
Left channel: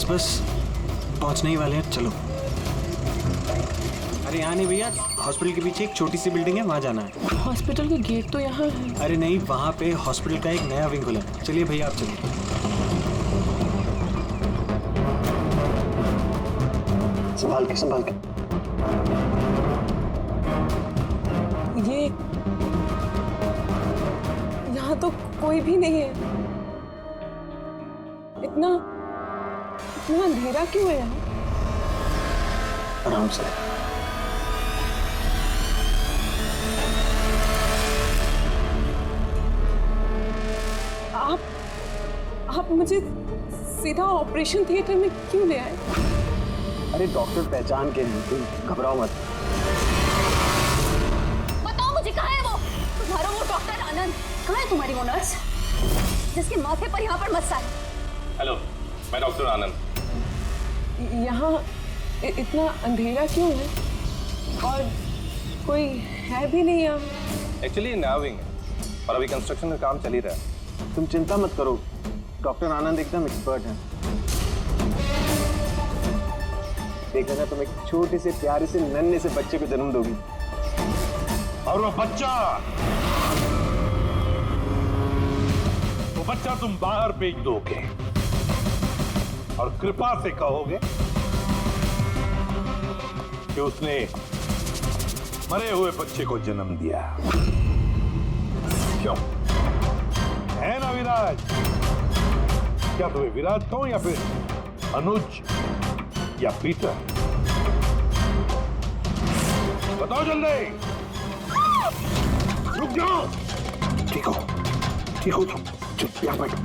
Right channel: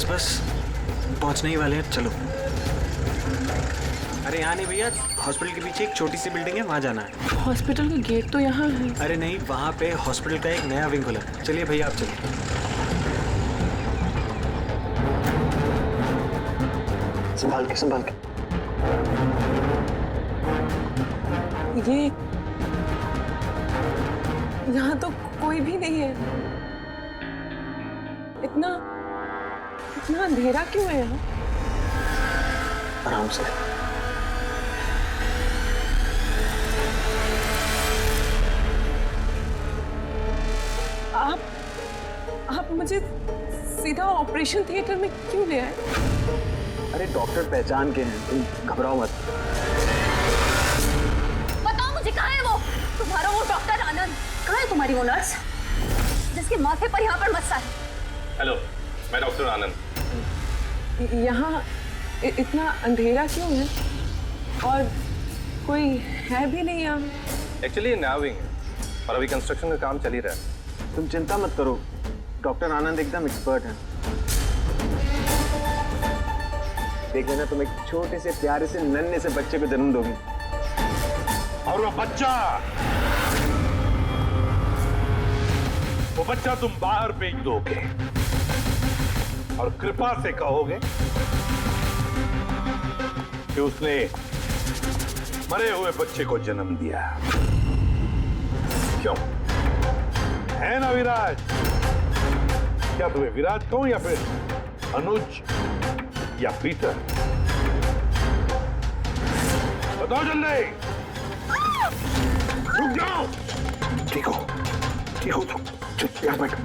बस पहुंचने ही वाले हैं, चलो। अरे यहाँ नहीं भैया, हॉस्पिटल के पीछे एक छोटी सी बिल्डिंग है, वहाँ जाना है। हॉस्पिटल का गेट तो यहाँ है। अरे नहीं, वहाँ पे हॉस्पिटल का एक नया विंग खुला है। चलिए भैया आप चलिए। संभाल के। ये यहाँ तो कोई भी नहीं है। इतना अंधेरा क्यों है यहाँ? आराम से। आप मुझे सीधा ऑपरेशन थिएटर में क्यों ले आए? अरे डॉक्टर पहचान के हैं, तुम घबराओ मत। बताओ मुझे कहाँ है वो? तुम्हारा वो डॉक्टर आनंद? कहाँ है तुम्हारी वो नर्स जिसके माथे पर यहाँ पर मस्सा है? हेलो, मैं डॉक्टर आनंद। यहाँ इतना अंधेरा क्यों है? और कोई है भी नहीं यहाँ। एक्चुअली नया विंग है और अभी कंस्ट्रक्शन का काम चल ही रहा है। तुम चिंता मत करो, डॉक्टर आनंद एकदम एक्सपर्ट हैं। देख लेना, तुम एक छोटे से प्यारे से नन्हे से बच्चे को जन्म दोगी। और वो बच्चा तुम बाहर भेज दोगे और कृपा से कहोगे कि उसने मरे हुए बच्चे को जन्म दिया। क्यों? है ना विराज? क्या तुम्हें विराज कहूं या फिर अनुज या पीटर? बताओ जल्दी। रुक जाओ। ठीक हो तुम। चुप यहाँ बैठो।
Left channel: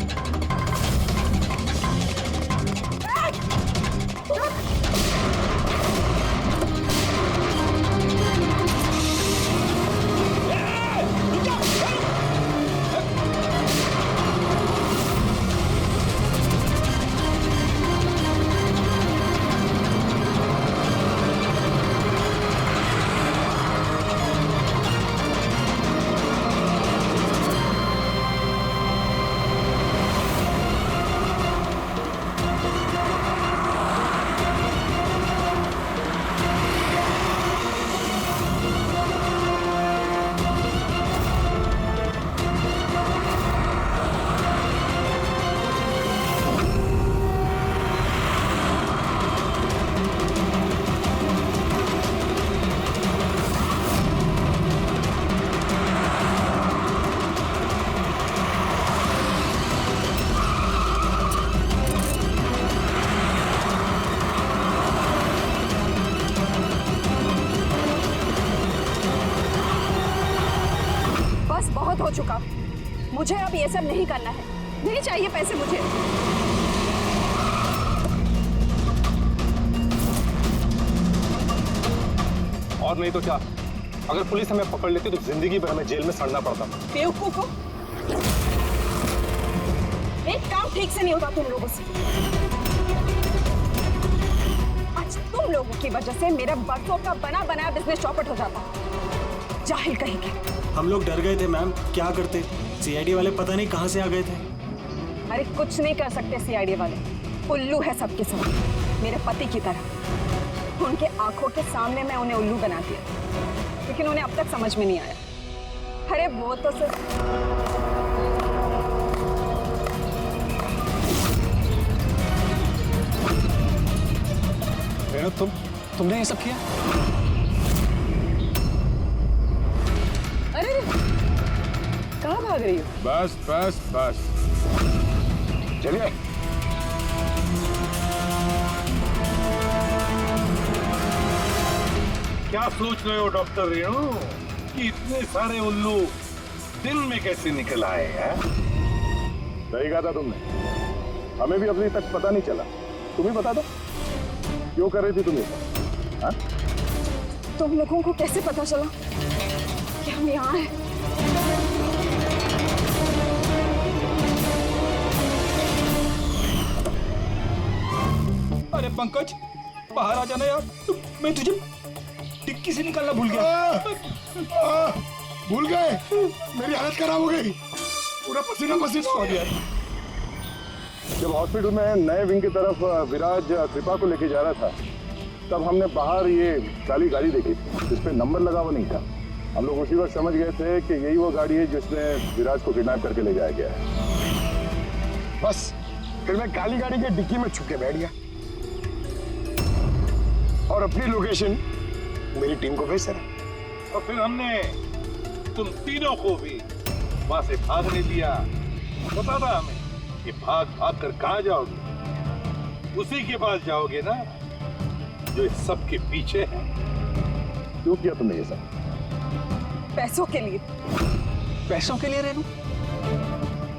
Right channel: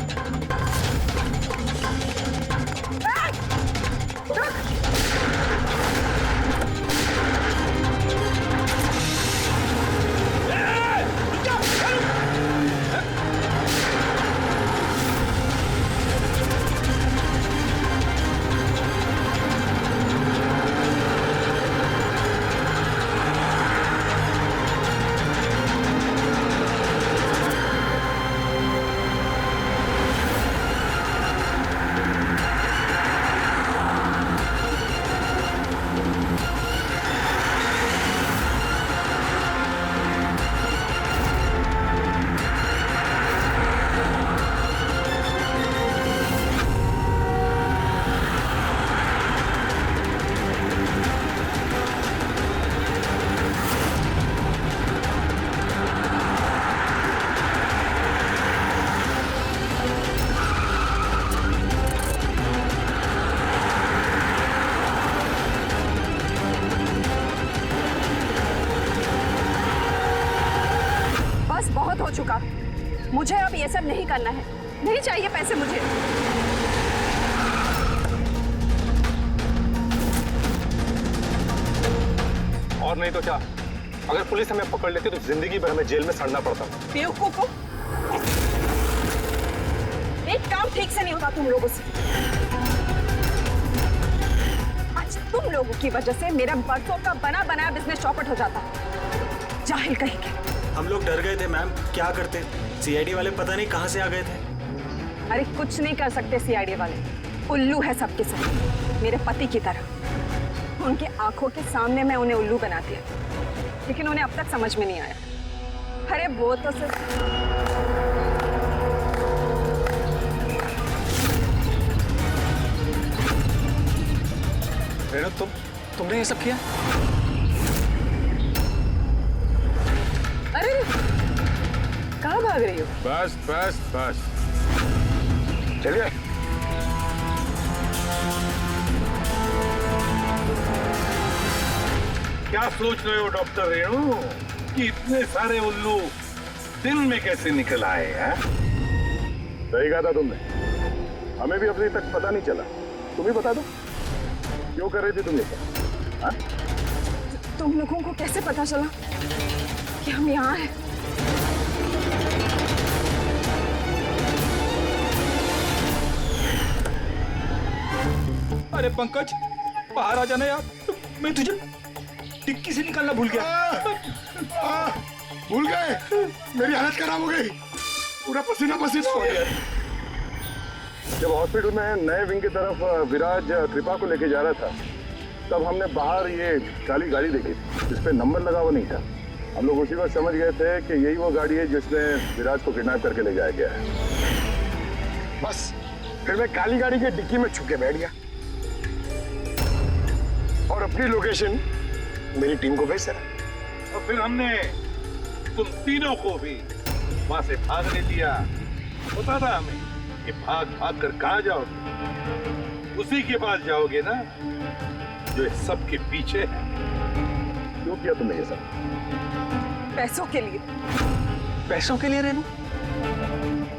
बहुत हो चुका, मुझे अब ये सब नहीं करना है। नहीं चाहिए पैसे मुझे। और नहीं तो क्या, अगर पुलिस हमें पकड़ लेती तो जिंदगी भर हमें जेल में सड़ना पड़ता। बेवकूफो, एक काम ठीक से नहीं होता तुम लोगों से। आज तुम लोगों की वजह से मेरा बरसों का बना बनाया बिजनेस चौपट हो जाता। जाहिल कहीं के। हम लोग डर गए थे मैम, क्या करते? सीआईडी वाले पता नहीं कहां से आ गए थे। अरे कुछ नहीं कर सकते सीआईडी वाले, उल्लू है सबके सब, मेरे पति की तरह। उनके आंखों के सामने मैं उन्हें उल्लू बना दिया, लेकिन उन्हें अब तक समझ में नहीं आया। अरे वो तो सिर्फ रेणु, तुमने ये सब किया? अरे कहाँ भाग रही हो? बस बस बस, चलिए। क्या सोच रहे हो डॉक्टर रेणु कि इतने सारे उल्लू दिन में कैसे निकल आए हैं? सही कहा था तुमने, हमें भी अभी तक पता नहीं चला। तुम ही बता दो, क्यों कर रही थी तुम ये सब? हाँ? तुम लोगों को कैसे पता चला कि हम यहाँ हैं? अरे पंकज, बाहर आ जाना यार, मैं तुझे टिक्की से निकालना भूल गया। भूल गए? मेरी हालत खराब हो गई, पूरा पसीना पसीना हो गया। जब हॉस्पिटल में नए विंग की तरफ विराज कृपा को लेके जा रहा था, तब हमने बाहर ये काली गाड़ी देखी थी जिसपे नंबर लगा हुआ नहीं था। हम लोग उसी वक्त समझ गए थे कि यही वो गाड़ी है जिसमें विराज को किडनैप करके ले जाया गया है। बस फिर मैं काली गाड़ी के डिक्की में छुप के बैठ गया और अपनी लोकेशन मेरी टीम को भेज दे। और फिर हमने तुम तीनों को भी वहां से भागने दिया। पता था हमें कि भाग भाग कर कहां जाओगे, उसी के पास जाओगे ना जो इस सब के पीछे है। क्यों किया तुमने ये सब? पैसों के लिए। पैसों के लिए रेणु?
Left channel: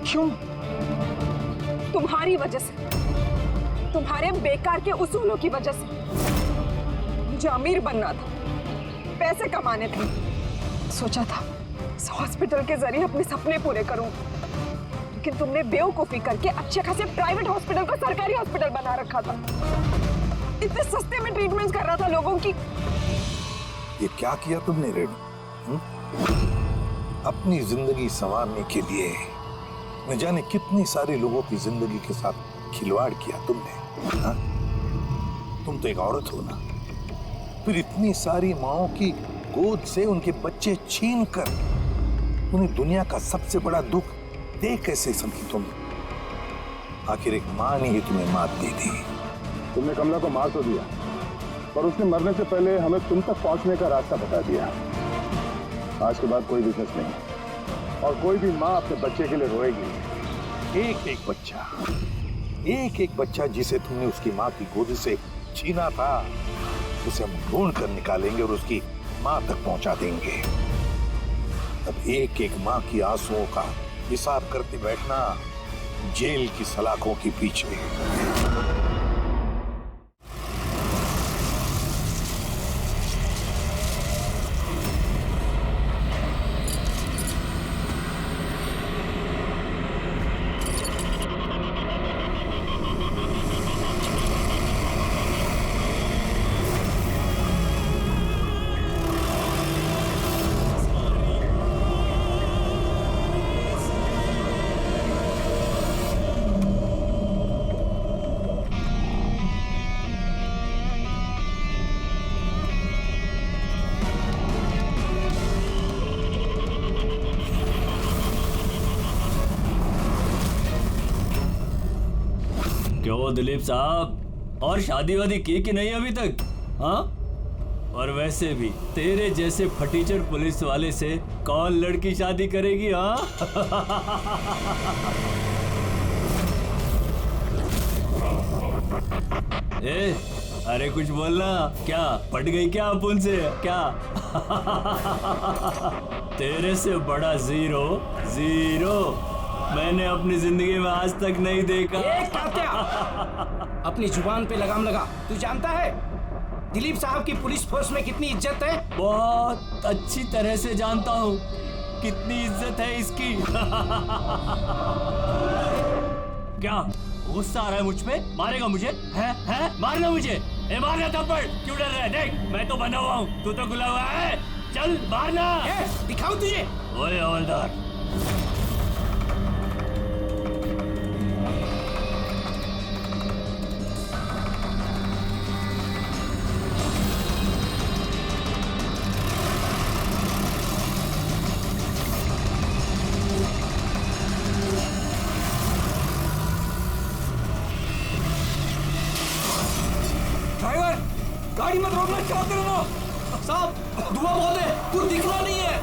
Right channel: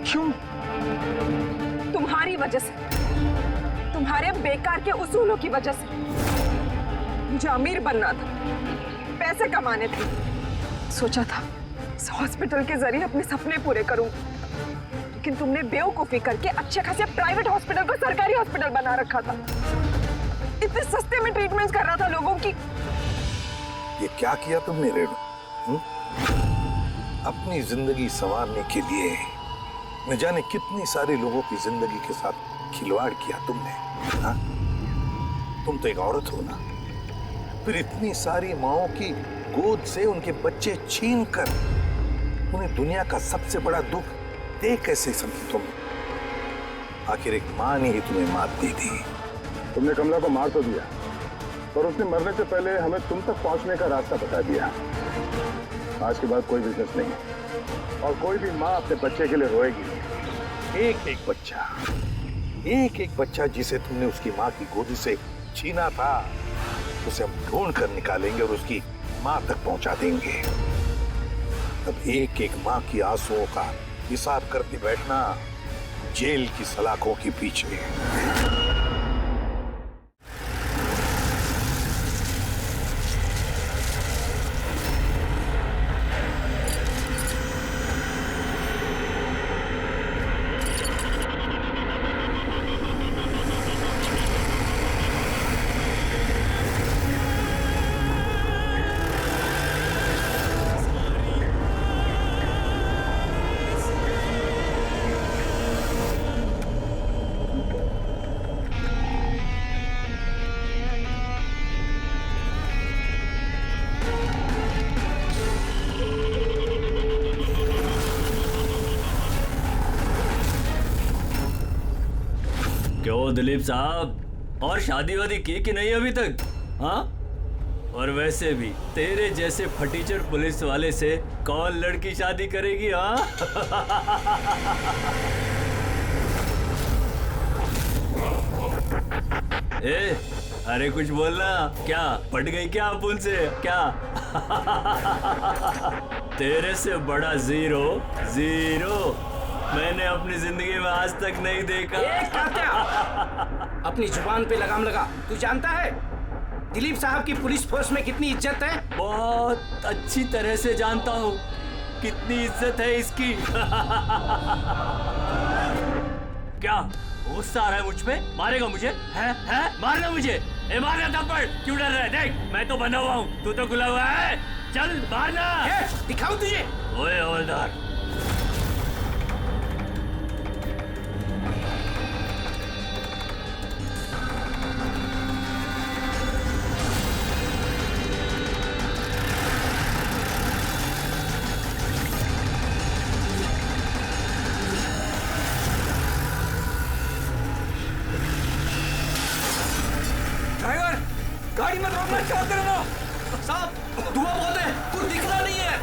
क्यों? तुम्हारी वजह से, तुम्हारे बेकार के उसूलों की वजह से। मुझे अमीर बनना था, पैसे कमाने थे। सोचा था इस हॉस्पिटल के जरिए अपने सपने पूरे करूं, लेकिन तुमने बेवकूफी करके अच्छे खासे प्राइवेट हॉस्पिटल को सरकारी हॉस्पिटल बना रखा था। इतने सस्ते में ट्रीटमेंट कर रहा था लोगों की। ये क्या किया तुमने रेणु? अपनी जिंदगी संवारने के लिए न जाने कितनी सारी लोगों की जिंदगी के साथ खिलवाड़ किया तुमने। हाँ? तुम तो एक औरत हो ना, फिर इतनी सारी माओं की गोद से उनके बच्चे छीन कर उन्हें दुनिया का सबसे बड़ा दुख दे कैसे समझी तुम? आखिर एक मां ने ही तुम्हें मात दी थी। तुमने कमला को मार तो दिया, पर उसने मरने से पहले हमें तुम तक पहुंचने का रास्ता बता दिया। आज के बाद कोई बिजनेस नहीं है और कोई भी मां अपने बच्चे के लिए रोएगी नहीं। एक एक बच्चा जिसे तुमने उसकी मां की गोदी से छीना था, उसे हम ढूंढ कर निकालेंगे और उसकी मां तक पहुंचा देंगे। तब एक एक मां की आंसुओं का हिसाब करते बैठना जेल की सलाखों के पीछे। क्यों दिलीप साहब, और शादी वादी की कि नहीं अभी तक? हाँ, और वैसे भी तेरे जैसे फटीचर पुलिस वाले से कौन लड़की शादी करेगी? हाँ ए, अरे कुछ बोलना। क्या पट गई क्या अपुन से? क्या तेरे से बड़ा जीरो मैंने अपनी जिंदगी में आज तक नहीं देखा। अपनी जुबान पे लगाम लगा। तू जानता है दिलीप साहब की पुलिस फोर्स में कितनी इज्जत है? बहुत अच्छी तरह से जानता हूँ कितनी इज्जत है इसकी। क्या गुस्सा आ रहा है मुझ पे? मारेगा मुझे? है? मारना मुझे? मारना थप्पड़। क्यों डर रहा है? देख मैं तो बंधा हुआ हूँ, तू तो खुला हुआ है। चल मारना। दिखाऊं तुझे? ओए हवलदार, ड्राइवर गाड़ी मत रोकना, क्या कर रहे हो? साहब धुआं बहुत है, कुछ दिखना नहीं है।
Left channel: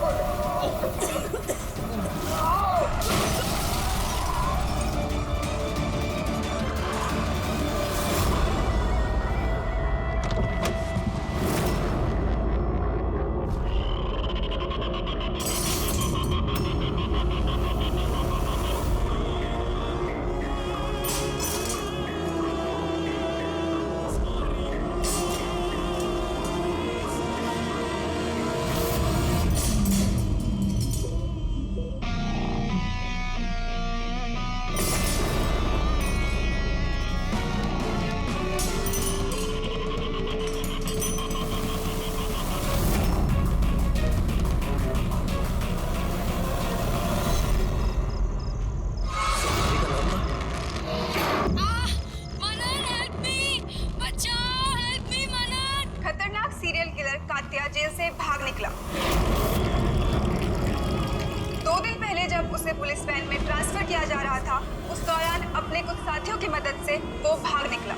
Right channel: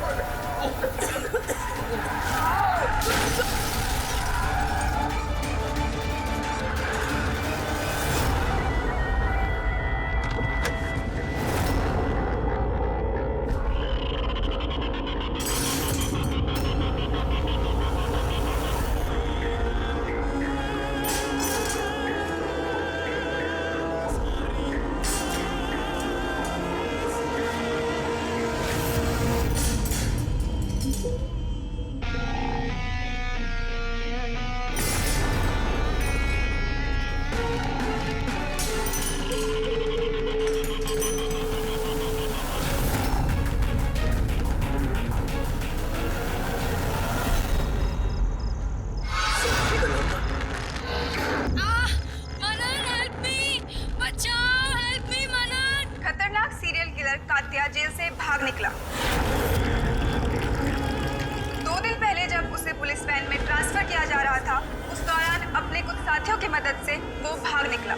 जेल से भाग निकला। 2 दिन पहले जब उसे पुलिस वैन में ट्रांसफर किया जा रहा था, उस दौरान अपने कुछ साथियों की मदद से वो भाग निकला।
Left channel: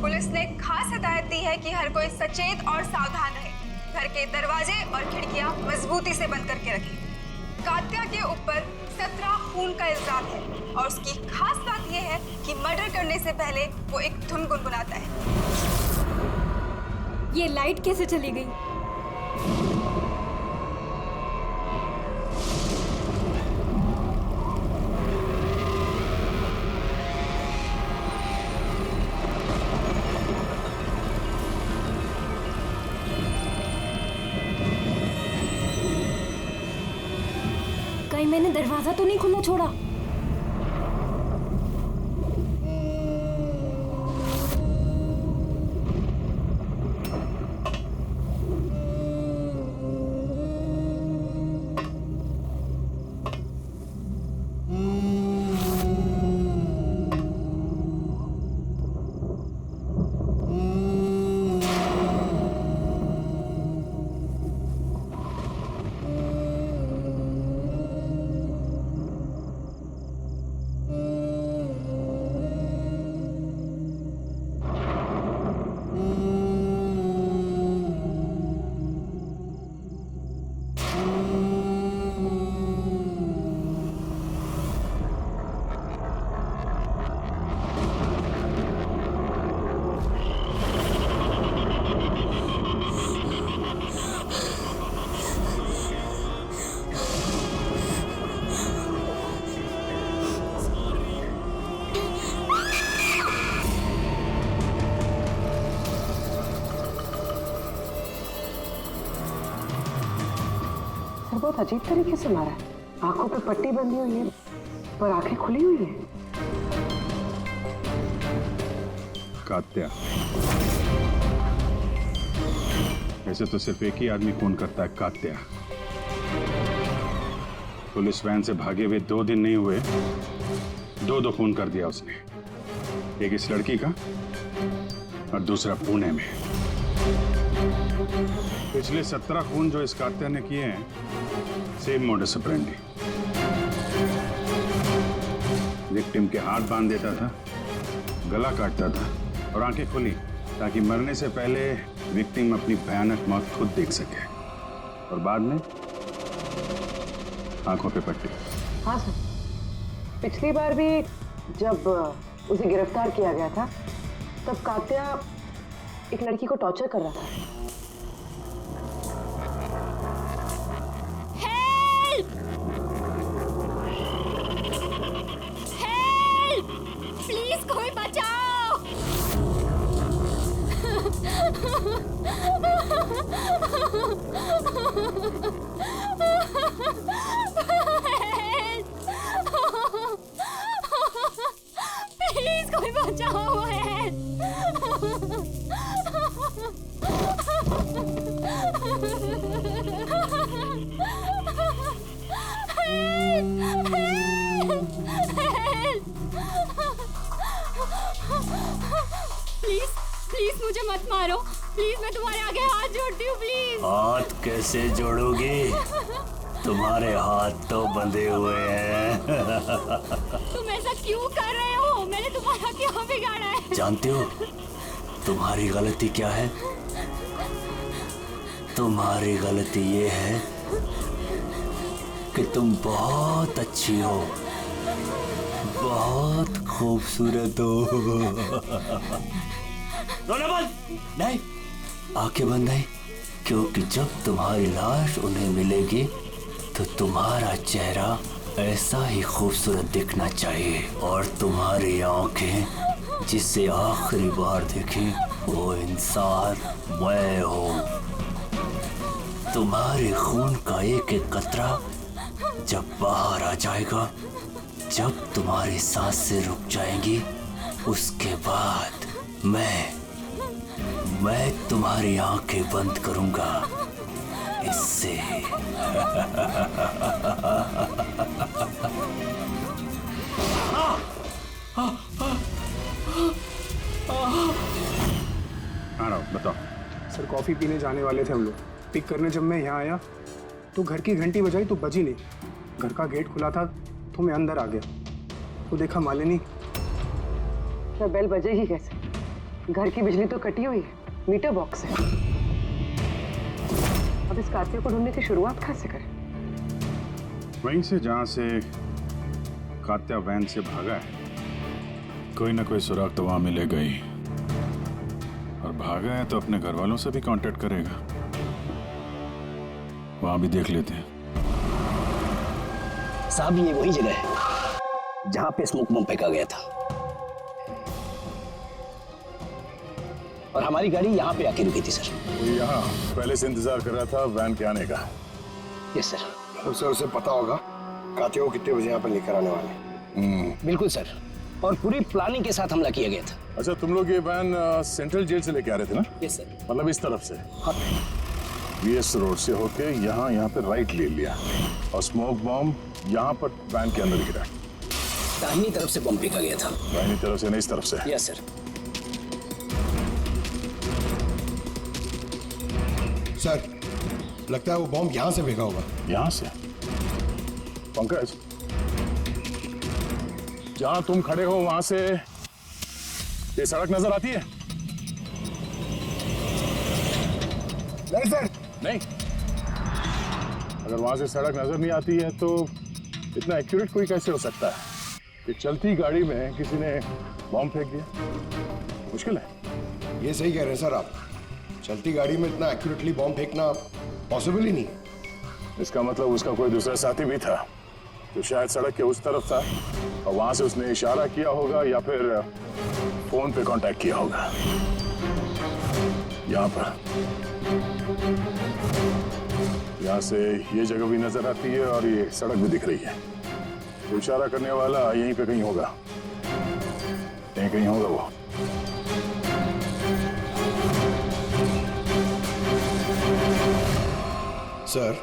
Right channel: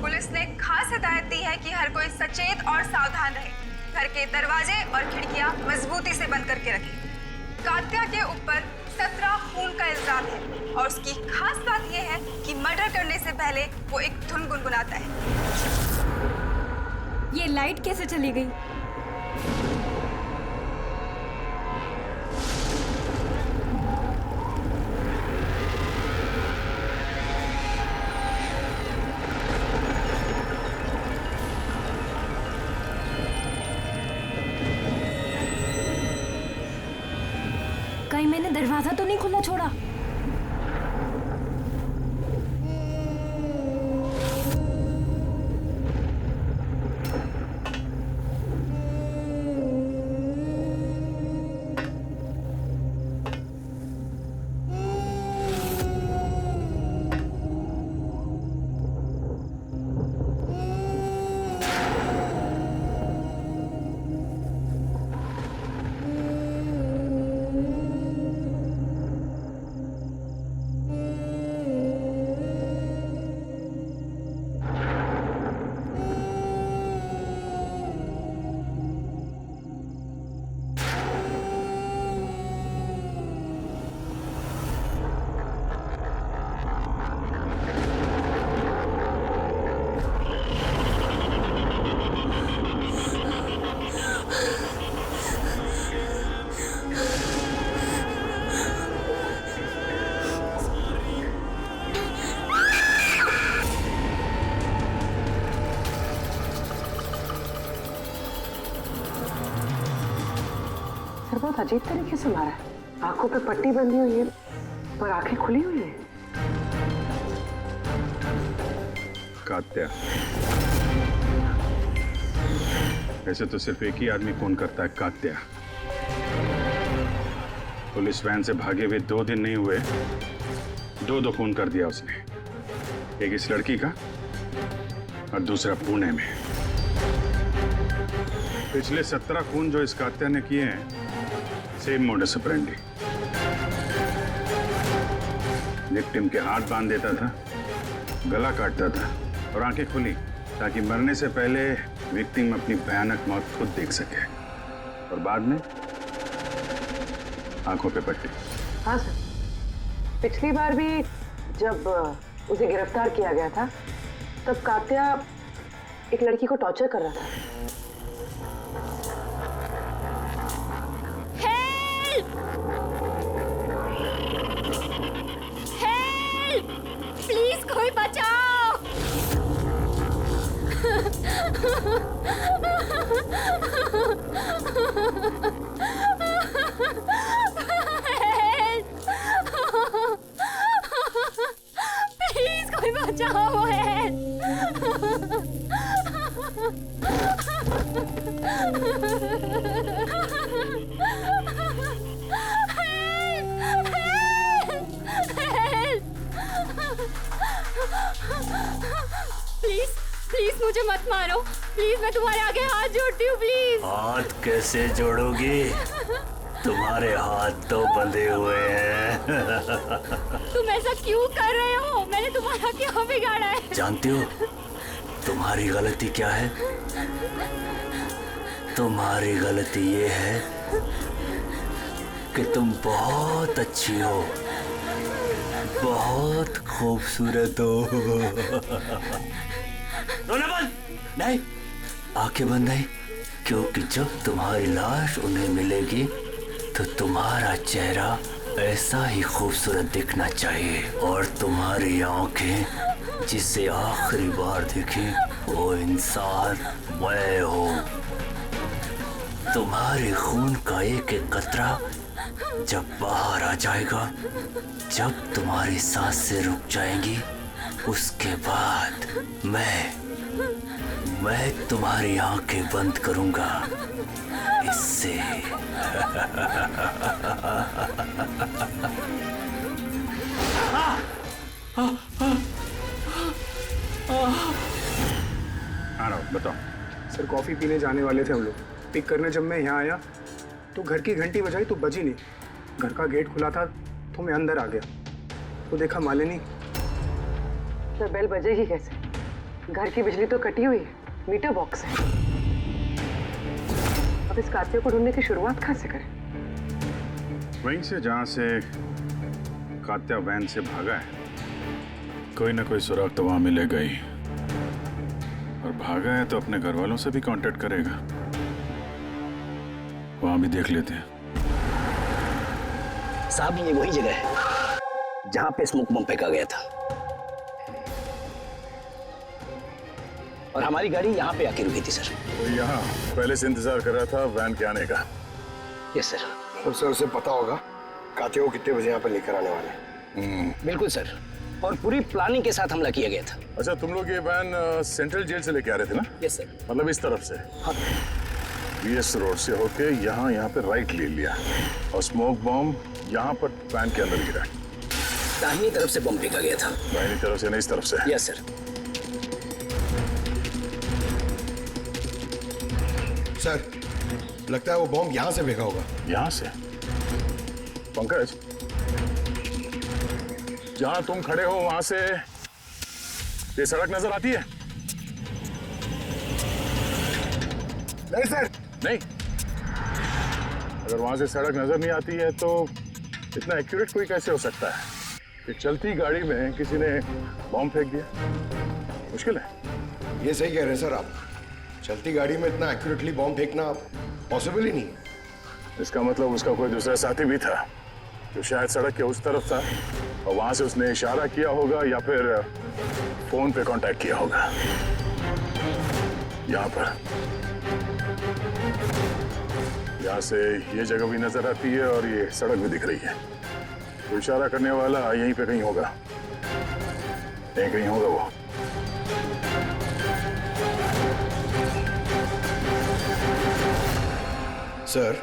पुलिस ने खास हिदायत दी है कि हर कोई सचेत और सावधान रहे, घर के दरवाजे और खिड़कियां मजबूती से बंद करके रखें। कात्या के ऊपर 17 खून का इल्जाम है और उसकी खास बात यह है कि मर्डर करने से पहले वो एक धुन गुनगुनाता है। ये लाइट कैसे चली गई? कहीं मैंने दरवाजा तो नहीं खुला छोड़ा? सर बहुत अजीब तरीके से मारा है। आंखों पे पट्टी बंधी हुई है पर आंखें खुली हुई है। कात्या, वैसे तो सिर्फ एक ही आदमी खून करता है, कात्या। पुलिस वैन से भागे हुए 2 दिन नहीं हुए, दो खून कर दिया उसने। एक इस लड़की का और दूसरा पुणे में। पिछले 17 खून जो इस कात्या ने किए हैं, सेम मोडस ऑपरेंडी। विक्टिम के हाथ बांध देता था, गला काटता था और आंखें खुली ताकि मरने से पहले विक्टिम अपनी भयानक मौत खुद देख सके, और बाद में आंखों पे पट्टी। हाँ सर, पिछली बार भी जब उसे गिरफ्तार किया गया था तब कात्या एक लड़की को टॉर्चर कर रहा था। प्लीज कोई बचाओ। प्लीज कोई बचाओ। प्लीज प्लीज मुझे मत मारो, प्लीज मैं तुम्हारे आगे हाथ जोड़ती हूँ, प्लीज। हाथ कैसे जोड़ोगी? तुम्हारे हाथ तो बंधे हुए हैं। तुम ऐसा क्यों कर रहे हो? मैंने तुम्हारा क्या बिगाड़ा है? जानती हो तुम्हारी गलती क्या है? तुम्हारी गलती ये है कि तुम बहुत अच्छी हो, बहुत खूबसूरत हो। रोना बंद। नहीं, आंखें बंद नहीं, क्योंकि जब तुम्हारी लाश उन्हें मिलेगी तो तुम्हारा चेहरा ऐसा ही खूबसूरत दिखना चाहिए, और तुम्हारी आंखें जिसे आखिरी बार देखी वो इंसान मैं हूँ। तुम्हारे खून का एक एक कतरा जब बाहर आ जाएगा, जब तुम्हारी सांसें रुक जाएंगी, उसके बाद मैं तुम्हारी आंखें बंद करूंगा। इससे हाँ राव, बताओ। सर कॉफी पीने जाने वाले थे हम लोग। पिक करने जब मैं यहाँ आया तो घर की घंटी बजाई तो बजी नहीं। घर का गेट खुला था तो मैं अंदर आ गया तो देखा मालिनी। तो बेल बजेगी कैसे? घर की बिजली तो कटी हुई है, मीटर बॉक्स है। अब इस कात्या को ढूंढने की शुरुआत कहाँ से करें? वहीं से जहां से कात्या वैन से भागा है। कोई ना कोई सुराग तो वहां मिलेगा ही, और भागा है तो अपने घर वालों से भी कांटेक्ट करेगा। वहां भी देख लेते हैं। साहब ये वही जगह है जहां पे स्मोक बम फेंका गया था, और हमारी गाड़ी यहाँ पे आके रुकी थी सर। वो यहाँ पहले से इंतजार कर रहा था वैन के आने का। Yes sir. तो सर उसे पता होगा कातियों को कितने बजे यहाँ पर लेकर आने वाले? बिल्कुल सर, और पूरी प्लानिंग के साथ हमला किया गया था। अच्छा, तुम लोग ये वैन सेंट्रल जेल से लेके आ रहे थे ना? Yes sir. मतलब इस तरफ से? हाँ। बीएस रोड से होके यहाँ पे राइट ले लिया और स्मोक बॉम्ब यहाँ पर वैन के अंदर गिरा। दाहिनी तरफ से बम फेंका गया था। दाहिनी तरफ से नहीं, इस तरफ से? Yes sir. सर, लगता है वो बॉम्ब यहाँ से फेंका होगा। यहाँ से? पंकज, जहां तुम खड़े हो वहां से ये सड़क नजर आती है? नहीं सर। नहीं? अगर वहां से सड़क नजर नहीं आती है तो इतना एक्यूरेट कोई कैसे हो सकता है कि चलती गाड़ी में किसी ने बॉम्ब फेंक दिया? मुश्किल है। ये सही कह रहे हैं सर आप। चलती गाड़ी में इतना एक्यूरेटली बॉम्ब फेंकना पॉसिबल ही नहीं है। इसका मतलब उसका कोई दूसरा साथी भी था जो शायद सड़क के उस तरफ था और वहां से उसने इशारा किया होगा या फिर फोन पे कांटेक्ट किया होगा। यहाँ पर, यहाँ से ये जगह भी नजर आती है और ये सड़क भी दिख रही है। तो इशारा करने वाला यहीं पे कहीं होगा, यहीं कहीं होगा वो। सर,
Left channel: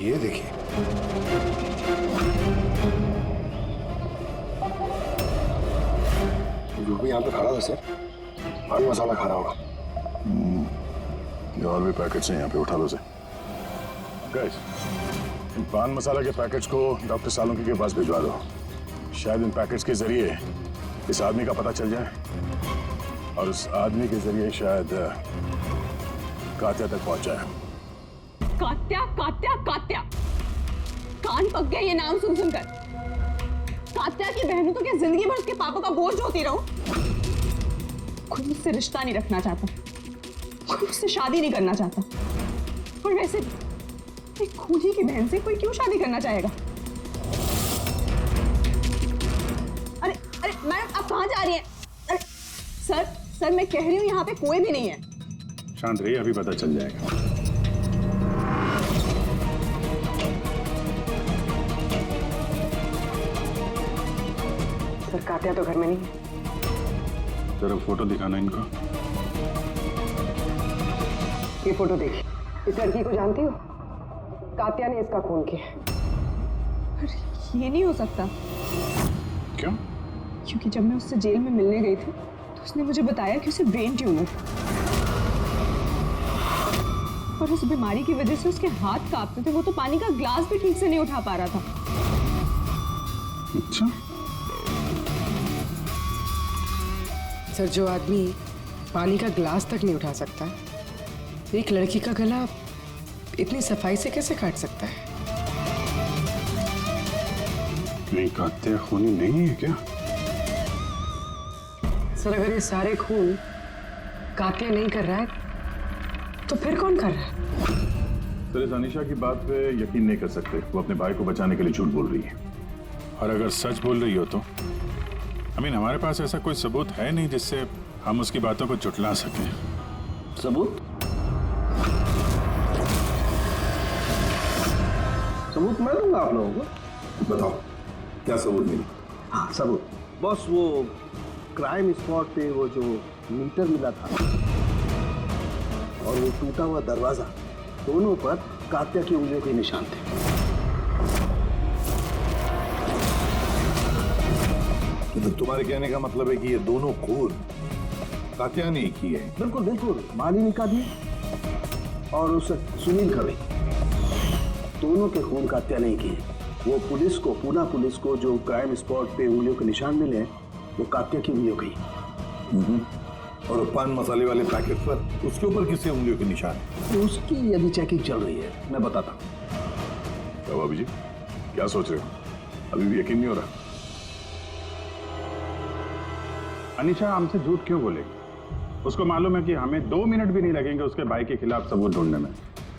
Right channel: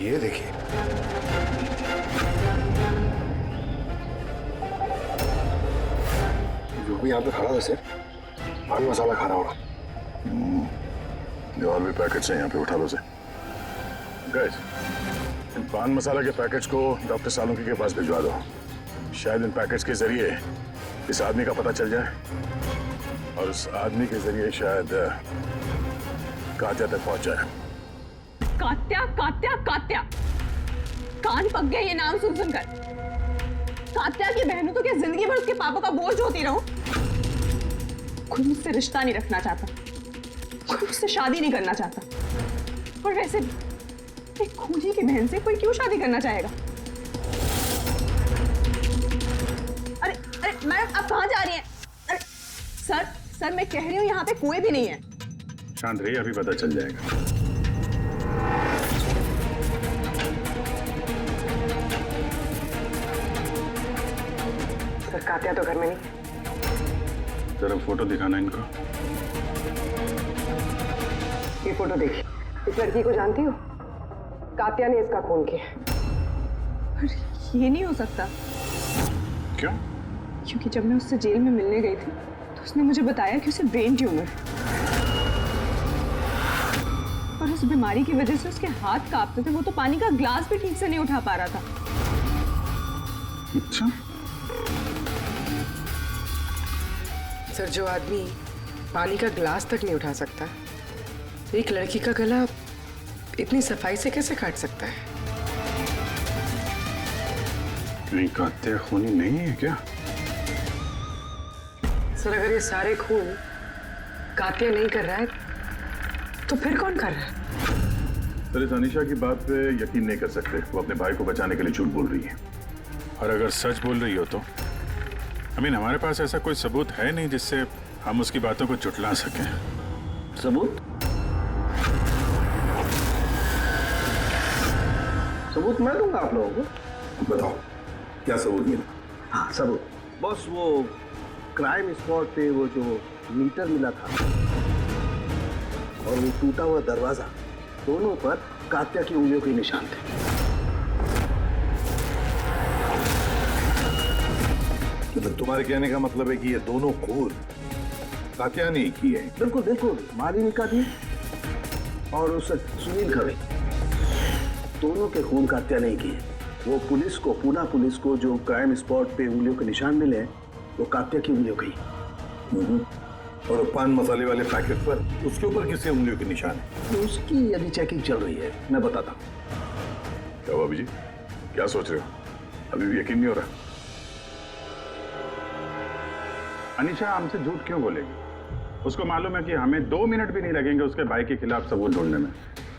ये देखिए। जो भी यहाँ पे खड़ा था सर, पान मसाला खा रहा होगा। ये और भी पैकेट्स हैं यहाँ पे, उठा लो से। गाइस, इन पान मसाला के पैकेट्स को डॉक्टर सालुंकी के पास भिजवा दो। शायद इन पैकेट्स के जरिए इस आदमी का पता चल जाए और उस आदमी के जरिए शायद कात्या तक पहुंच जाए। कात्या कात्या कात्या, कान पक गए ये नाम सुन सुनकर। कात्या की बहनों तो क्या जिंदगी भर उसके पापा का बोझ होती रहूं? कोई मुझसे रिश्ता नहीं रखना चाहता, कोई मुझसे शादी नहीं करना चाहता। और वैसे एक खूनी की बहन से कोई क्यों शादी करना चाहेगा? अरे अरे मैडम, आप कहाँ जा रही हैं? अरे सर मैं कह रही हूँ यहाँ पे कोई भी नहीं है। शांत रहिए, अभी पता चल जाएगा। सर, कात्या तो घर में नहीं है। जरा फोटो दिखाना इनको। ये फोटो देखिए। इस लड़की को जानती हो? कात्या ने इसका खून किया। अरे ये नहीं हो सकता। क्यों? क्योंकि जब मैं उससे जेल में मिलने गई थी तो उसने मुझे बताया कि उसे ब्रेन ट्यूमर है और उस बीमारी की वजह से उसके हाथ कांपते थे। वो तो पानी का ग्लास भी ठीक से नहीं उठा पा रहा था। अच्छा। सर, जो आदमी पानी का ग्लास तक नहीं उठा सकता, एक लड़की का गला इतनी सफाई से कैसे काट सकता है? नहीं, कात्या खूनी नहीं है क्या? सर, अगर ये सारे खून कात्या नहीं कर रहा है तो फिर कौन कर रहा है? सर, इस अनीशा की बात पे यकीन नहीं कर सकते। वो अपने भाई को बचाने के लिए झूठ बोल रही है। और अगर सच बोल रही हो तो हमारे पास ऐसा कोई सबूत है नहीं जिससे हम उसकी बातों को झुठला सकें। सबूत? सबूत मैं दूंगा आप लोगों को। बताओ, क्या सबूत मिला? हाँ, सबूत बॉस, वो क्राइम स्पॉट पे वो जो मीटर मिला था और वो टूटा हुआ दरवाजा, दोनों पर कात्या की उंगलियों के निशान थे। मतलब तुम्हारे कहने का मतलब है कि ये दोनों खून कात्या ने की है? बिल्कुल बिल्कुल, मालिनी का भी और उस सुनील का भी। दोनों के खून कात्या नहीं किए। वो पुलिस को, पूना पुलिस को जो क्राइम स्पॉट पे उंगलियों के निशान मिले हैं वो कात्या की उंगलियों के ही। और पान मसाले वाले पैकेट पर उसके ऊपर किसके उंगलियों के निशान है? उसकी अभी चेकिंग चल रही है, मैं बताता हूँ। क्या हुआ अभी जी, क्या सोच रहे हो? अभी भी यकीन नहीं हो रहा? अनीशा हमसे झूठ क्यों बोलेगी? उसको मालूम है कि हमें 2 मिनट भी नहीं लगेंगे उसके भाई के खिलाफ सबूत ढूंढने में,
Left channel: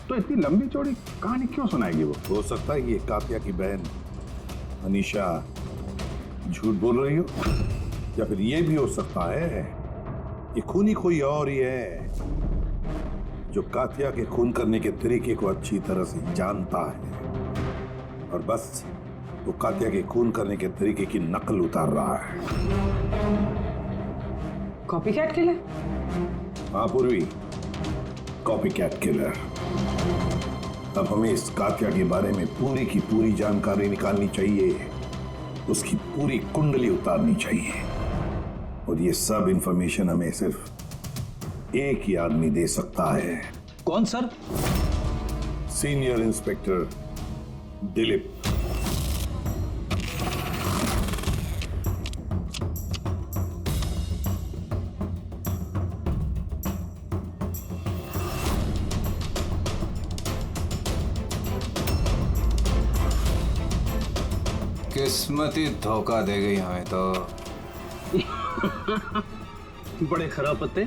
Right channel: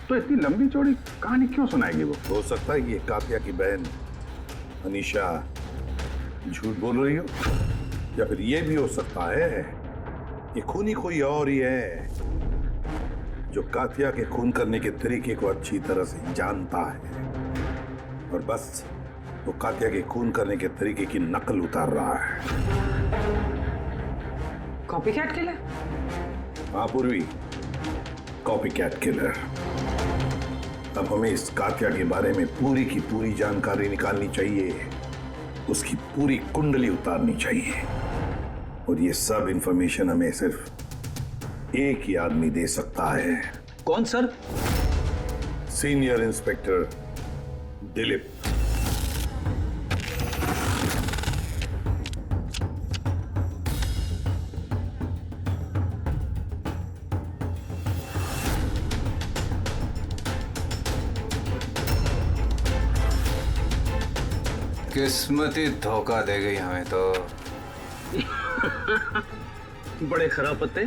तो इतनी लंबी चौड़ी कहानी क्यों सुनाएगी वो? हो सकता है कि ये कात्या की बहन अनीशा झूठ बोल रही हो, या फिर ये भी हो सकता है कि खूनी कोई और ही है जो कात्या के खून करने के तरीके को अच्छी तरह से जानता है और बस वो कात्या के खून करने के तरीके की नकल उतार रहा है। Copy cat killer? हाँ पूर्वी, कॉपी कैट किलर। अब हमें इस कात्या के बारे में पूरी की पूरी जानकारी निकालनी चाहिए, उसकी पूरी कुंडली उतारनी चाहिए, और ये सब इंफॉर्मेशन हमें सिर्फ एक ही आदमी दे सकता है। कौन सर? Senior inspector Dilip. किस्मत ही धोखा दे गई हमें तो। बड़े खराब पत्ते,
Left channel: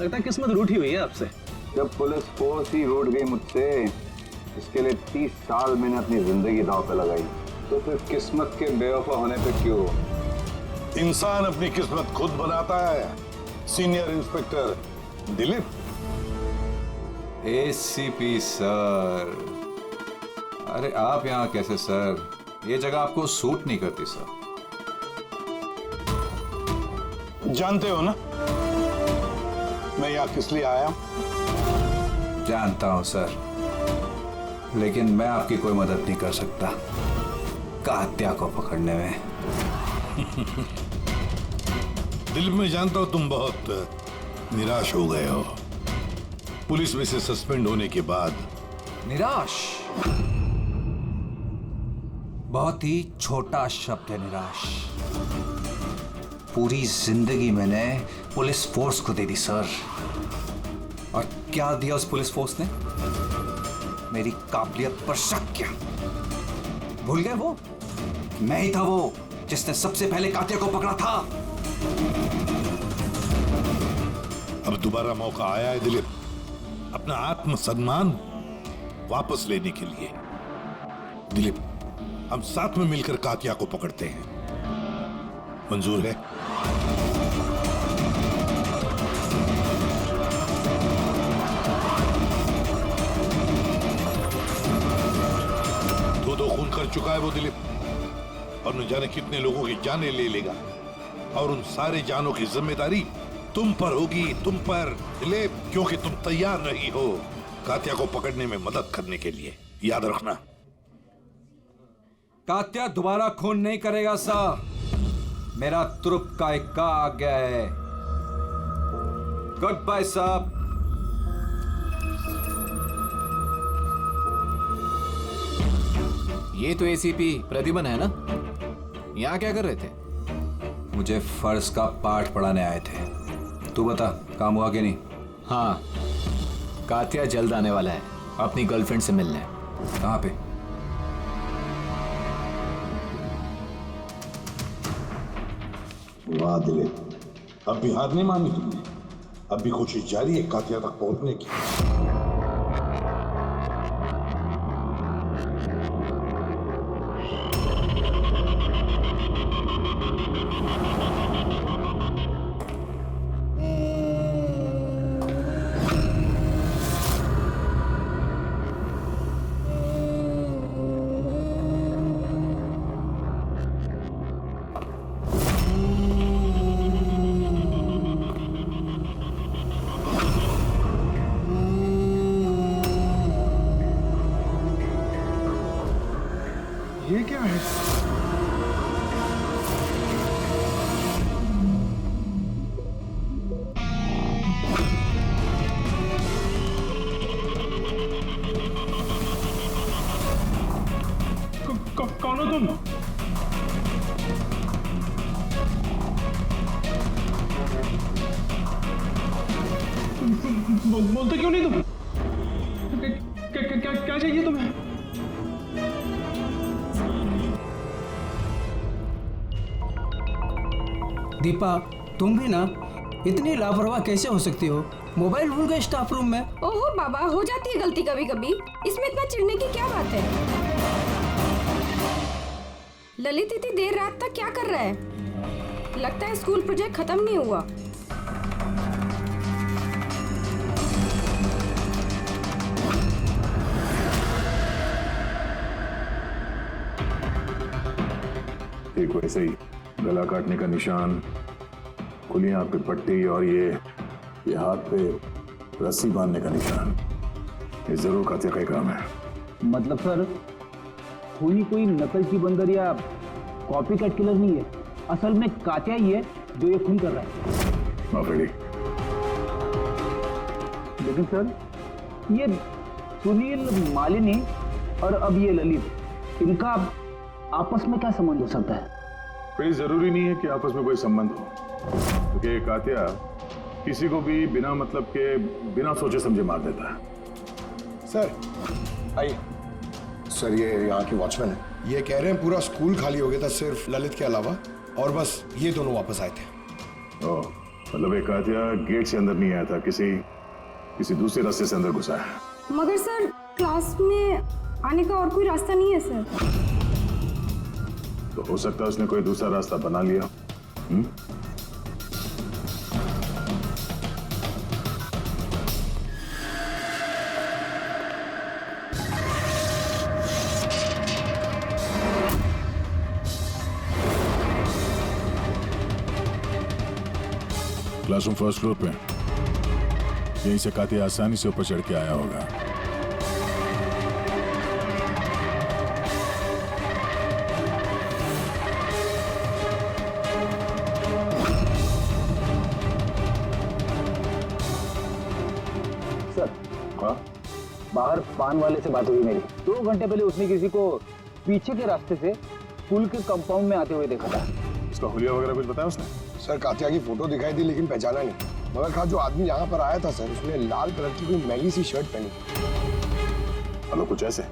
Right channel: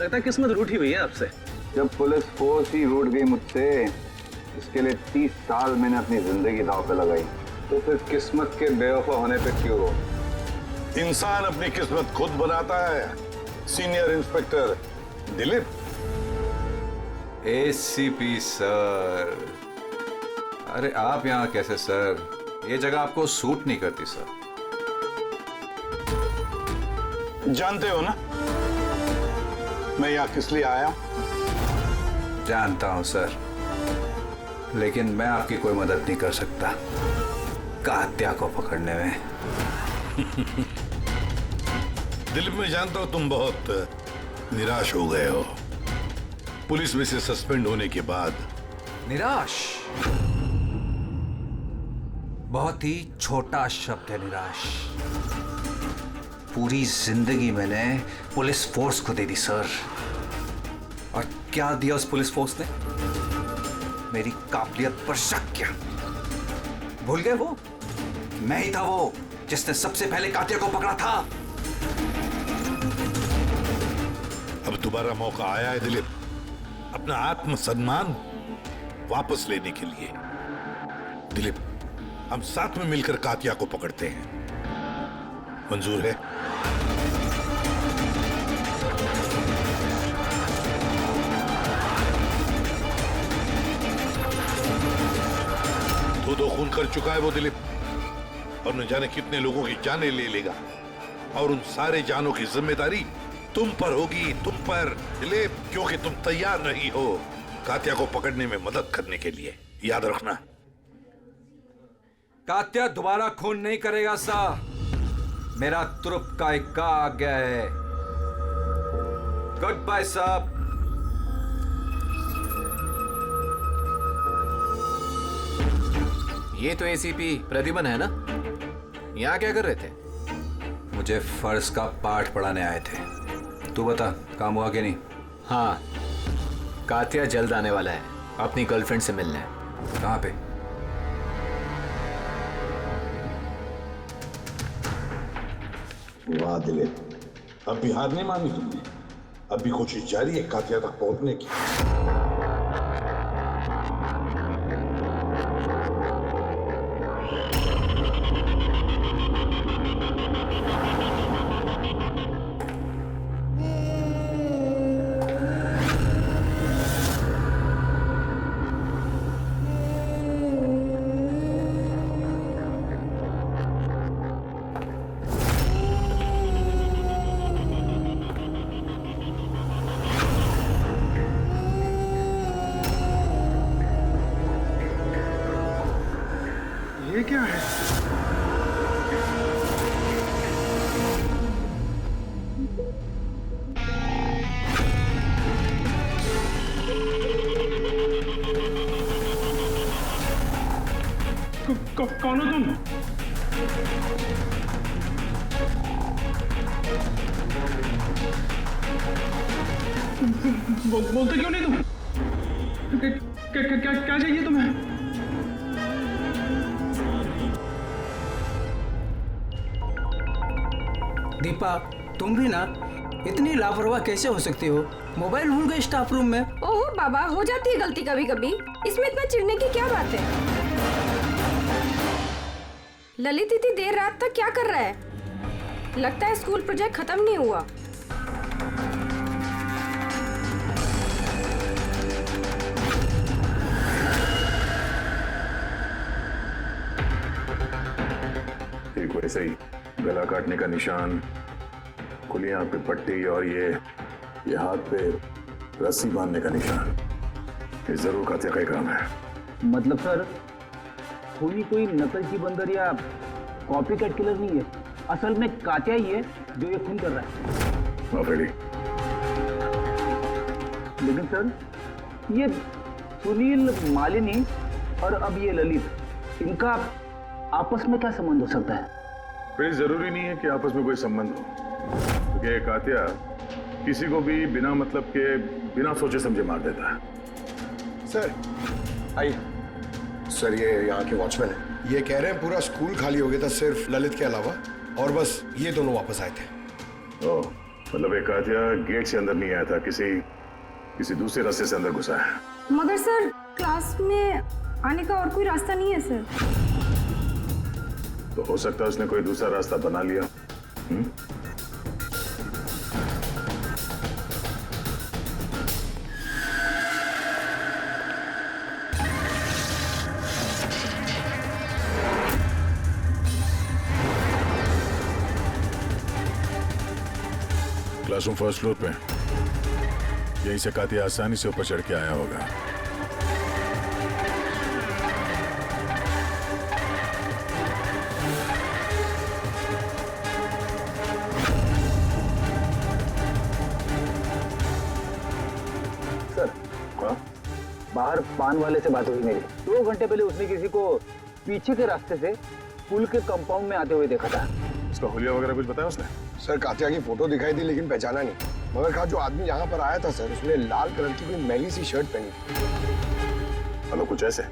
लगता है किस्मत रूठी हुई है आपसे। जब पुलिस फोर्स ही रूठ गई मुझसे, इसके लिए 30 साल मैंने अपनी जिंदगी दांव पे लगाई, तो फिर किस्मत के बेवफा होने पे क्यों रो? इंसान अपनी किस्मत खुद बनाता है, senior inspector Dilip. ACP sir, अरे आप यहाँ कैसे सर? ये जगह आपको सूट नहीं करती सर। जानते हो ना मैं यहाँ किस लिए आया? जानता हूं सर, लेकिन मैं आपकी कोई मदद नहीं कर सकता कात्या को पकड़ने में। दिलीप, मैं जानता हूं तुम बहुत निराश हो गए हो पुलिस में से सस्पेंड होने के बाद। निराश बहुत ही छोटा शब्द है, निराश। पूरी जिंदगी मैंने पुलिस फोर्स को दे दी सर, और क्या दिया उस पुलिस फोर्स ने? मेरी काबिलियत पर शक किया। भूल गए वो? मैं ही था वो जिसने सबसे पहले कात्या को पकड़ा था। अब दोबारा मौका आया है दिलीप, अपना आत्मसम्मान वापस लेने के लिए। दिलीप, हम साथ में मिलकर कात्या को पकड़ते हैं, मंजूर है? दो खून कर चुका है वो दिलीप, और न जाने कितने लोगों की जानें ले लेगा, और उन सारे जानों की जिम्मेदारी तुम पर होगी, तुम पर दिलीप, क्योंकि तुम तैयार नहीं हो कात्या को पकड़ने में मदद करने के लिए। याद रखना। कात्या दोबारा खून नहीं करेगा सा। मेरा तुरुप का इक्का आ गया है। गुड बाय साहब। ये तो एसीपी प्रतिबन है ना? यहाँ क्या कर रहे थे? मुझे फर्ज का पाठ पढ़ाने आए थे। तू बता, काम हुआ कि नहीं? हाँ, कात्या जल्द आने वाला है अपनी गर्लफ्रेंड से मिलने। कहाँ पे? वाह दिलीप, अब भी हार नहीं मानी तुमने। अब भी कोशिश जारी है कात्या तक पहुंचने की। ये क्या है? कौन हो तुम? बोलते क्यों नहीं तुम? क्या चाहिए तुम्हें? दीपा, तुम भी ना इतनी लापरवाह कैसे हो सकती हो? मोबाइल भूल गए स्टाफ रूम में। ओहो बाबा, हो जाती है गलती कभी कभी, इसमें इतना चिढ़ने की क्या बात है? ललित इतनी देर रात तक क्या कर रहा है? लगता है स्कूल प्रोजेक्ट खत्म नहीं हुआ। एक वैसे ही गला काटने का निशान, खुली आंख पे पट्टी और ये हाथ पे रस्सी बांधने का निशान। ये जरूर कातिया का ही काम है। मतलब सर खूनी कोई नकलची बंदर या कॉपी कैट किलर नहीं है, असल में कातिया ही है जो ये खून कर रहा है। माफ रेडी। लेकिन सर ये सुनील, मालिनी और अब ये ललित, इनका आपस में क्या संबंध हो सकता है? कोई जरूरी नहीं है कि आपस में कोई संबंध हो, क्योंकि कातिया किसी को भी बिना मतलब के, बिना सोचे समझे मार देता है। सर आइए। सर ये यहाँ के वॉचमैन है, ये कह रहे हैं पूरा स्कूल खाली हो गया था सिर्फ ललित के अलावा, और बस ये दोनों वापस आए थे। ओह, मतलब एक कातिया गेट से अंदर नहीं आया था, किसी दूसरे रास्ते से अंदर घुसा है। मगर सर क्लास में आने का और कोई रास्ता नहीं है सर। तो हो सकता है उसने कोई दूसरा रास्ता बना लिया। क्लासरूम फर्स्ट फ्लोर पे, यहीं से कातिया आसानी से ऊपर चढ़ के आया होगा। सर बाहर पान वाले से बात हुई मेरी। 2 घंटे पहले उसने किसी को पीछे के रास्ते से पुल के कंपाउंड में आते हुए देखा था। उसका हुलिया वगैरह कुछ बताया उसने? सर कातिया की फोटो दिखाई दी लेकिन पहचाना नहीं, मगर कहा जो आदमी यहाँ पर आया था सर उसने लाल कलर की कोई मैली सी शर्ट पहनी थी। हेलो, कुछ ऐसे?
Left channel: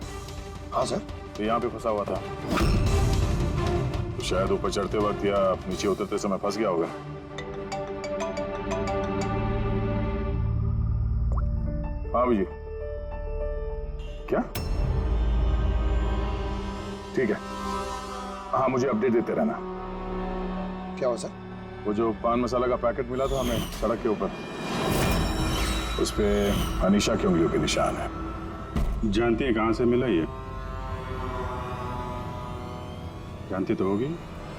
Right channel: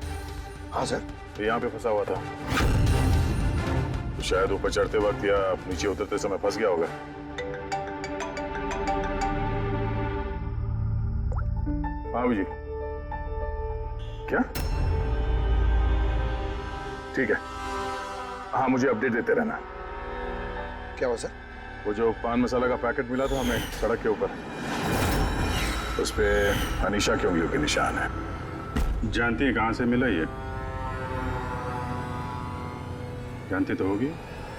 हाँ सर। तो यहाँ पे फंसा हुआ था, तो शायद ऊपर चढ़ते वक्त या नीचे उतरते समय फंस गया होगा। हाँ जी, क्या? ठीक है, हाँ मुझे अपडेट देते रहना। क्या हुआ सर? वो जो पान मसाला का पैकेट मिला था हमें सड़क के ऊपर, उस पे अनीशा की उंगलियों के निशान है। जानती है कहां से मिला ये? जानती तो होगी।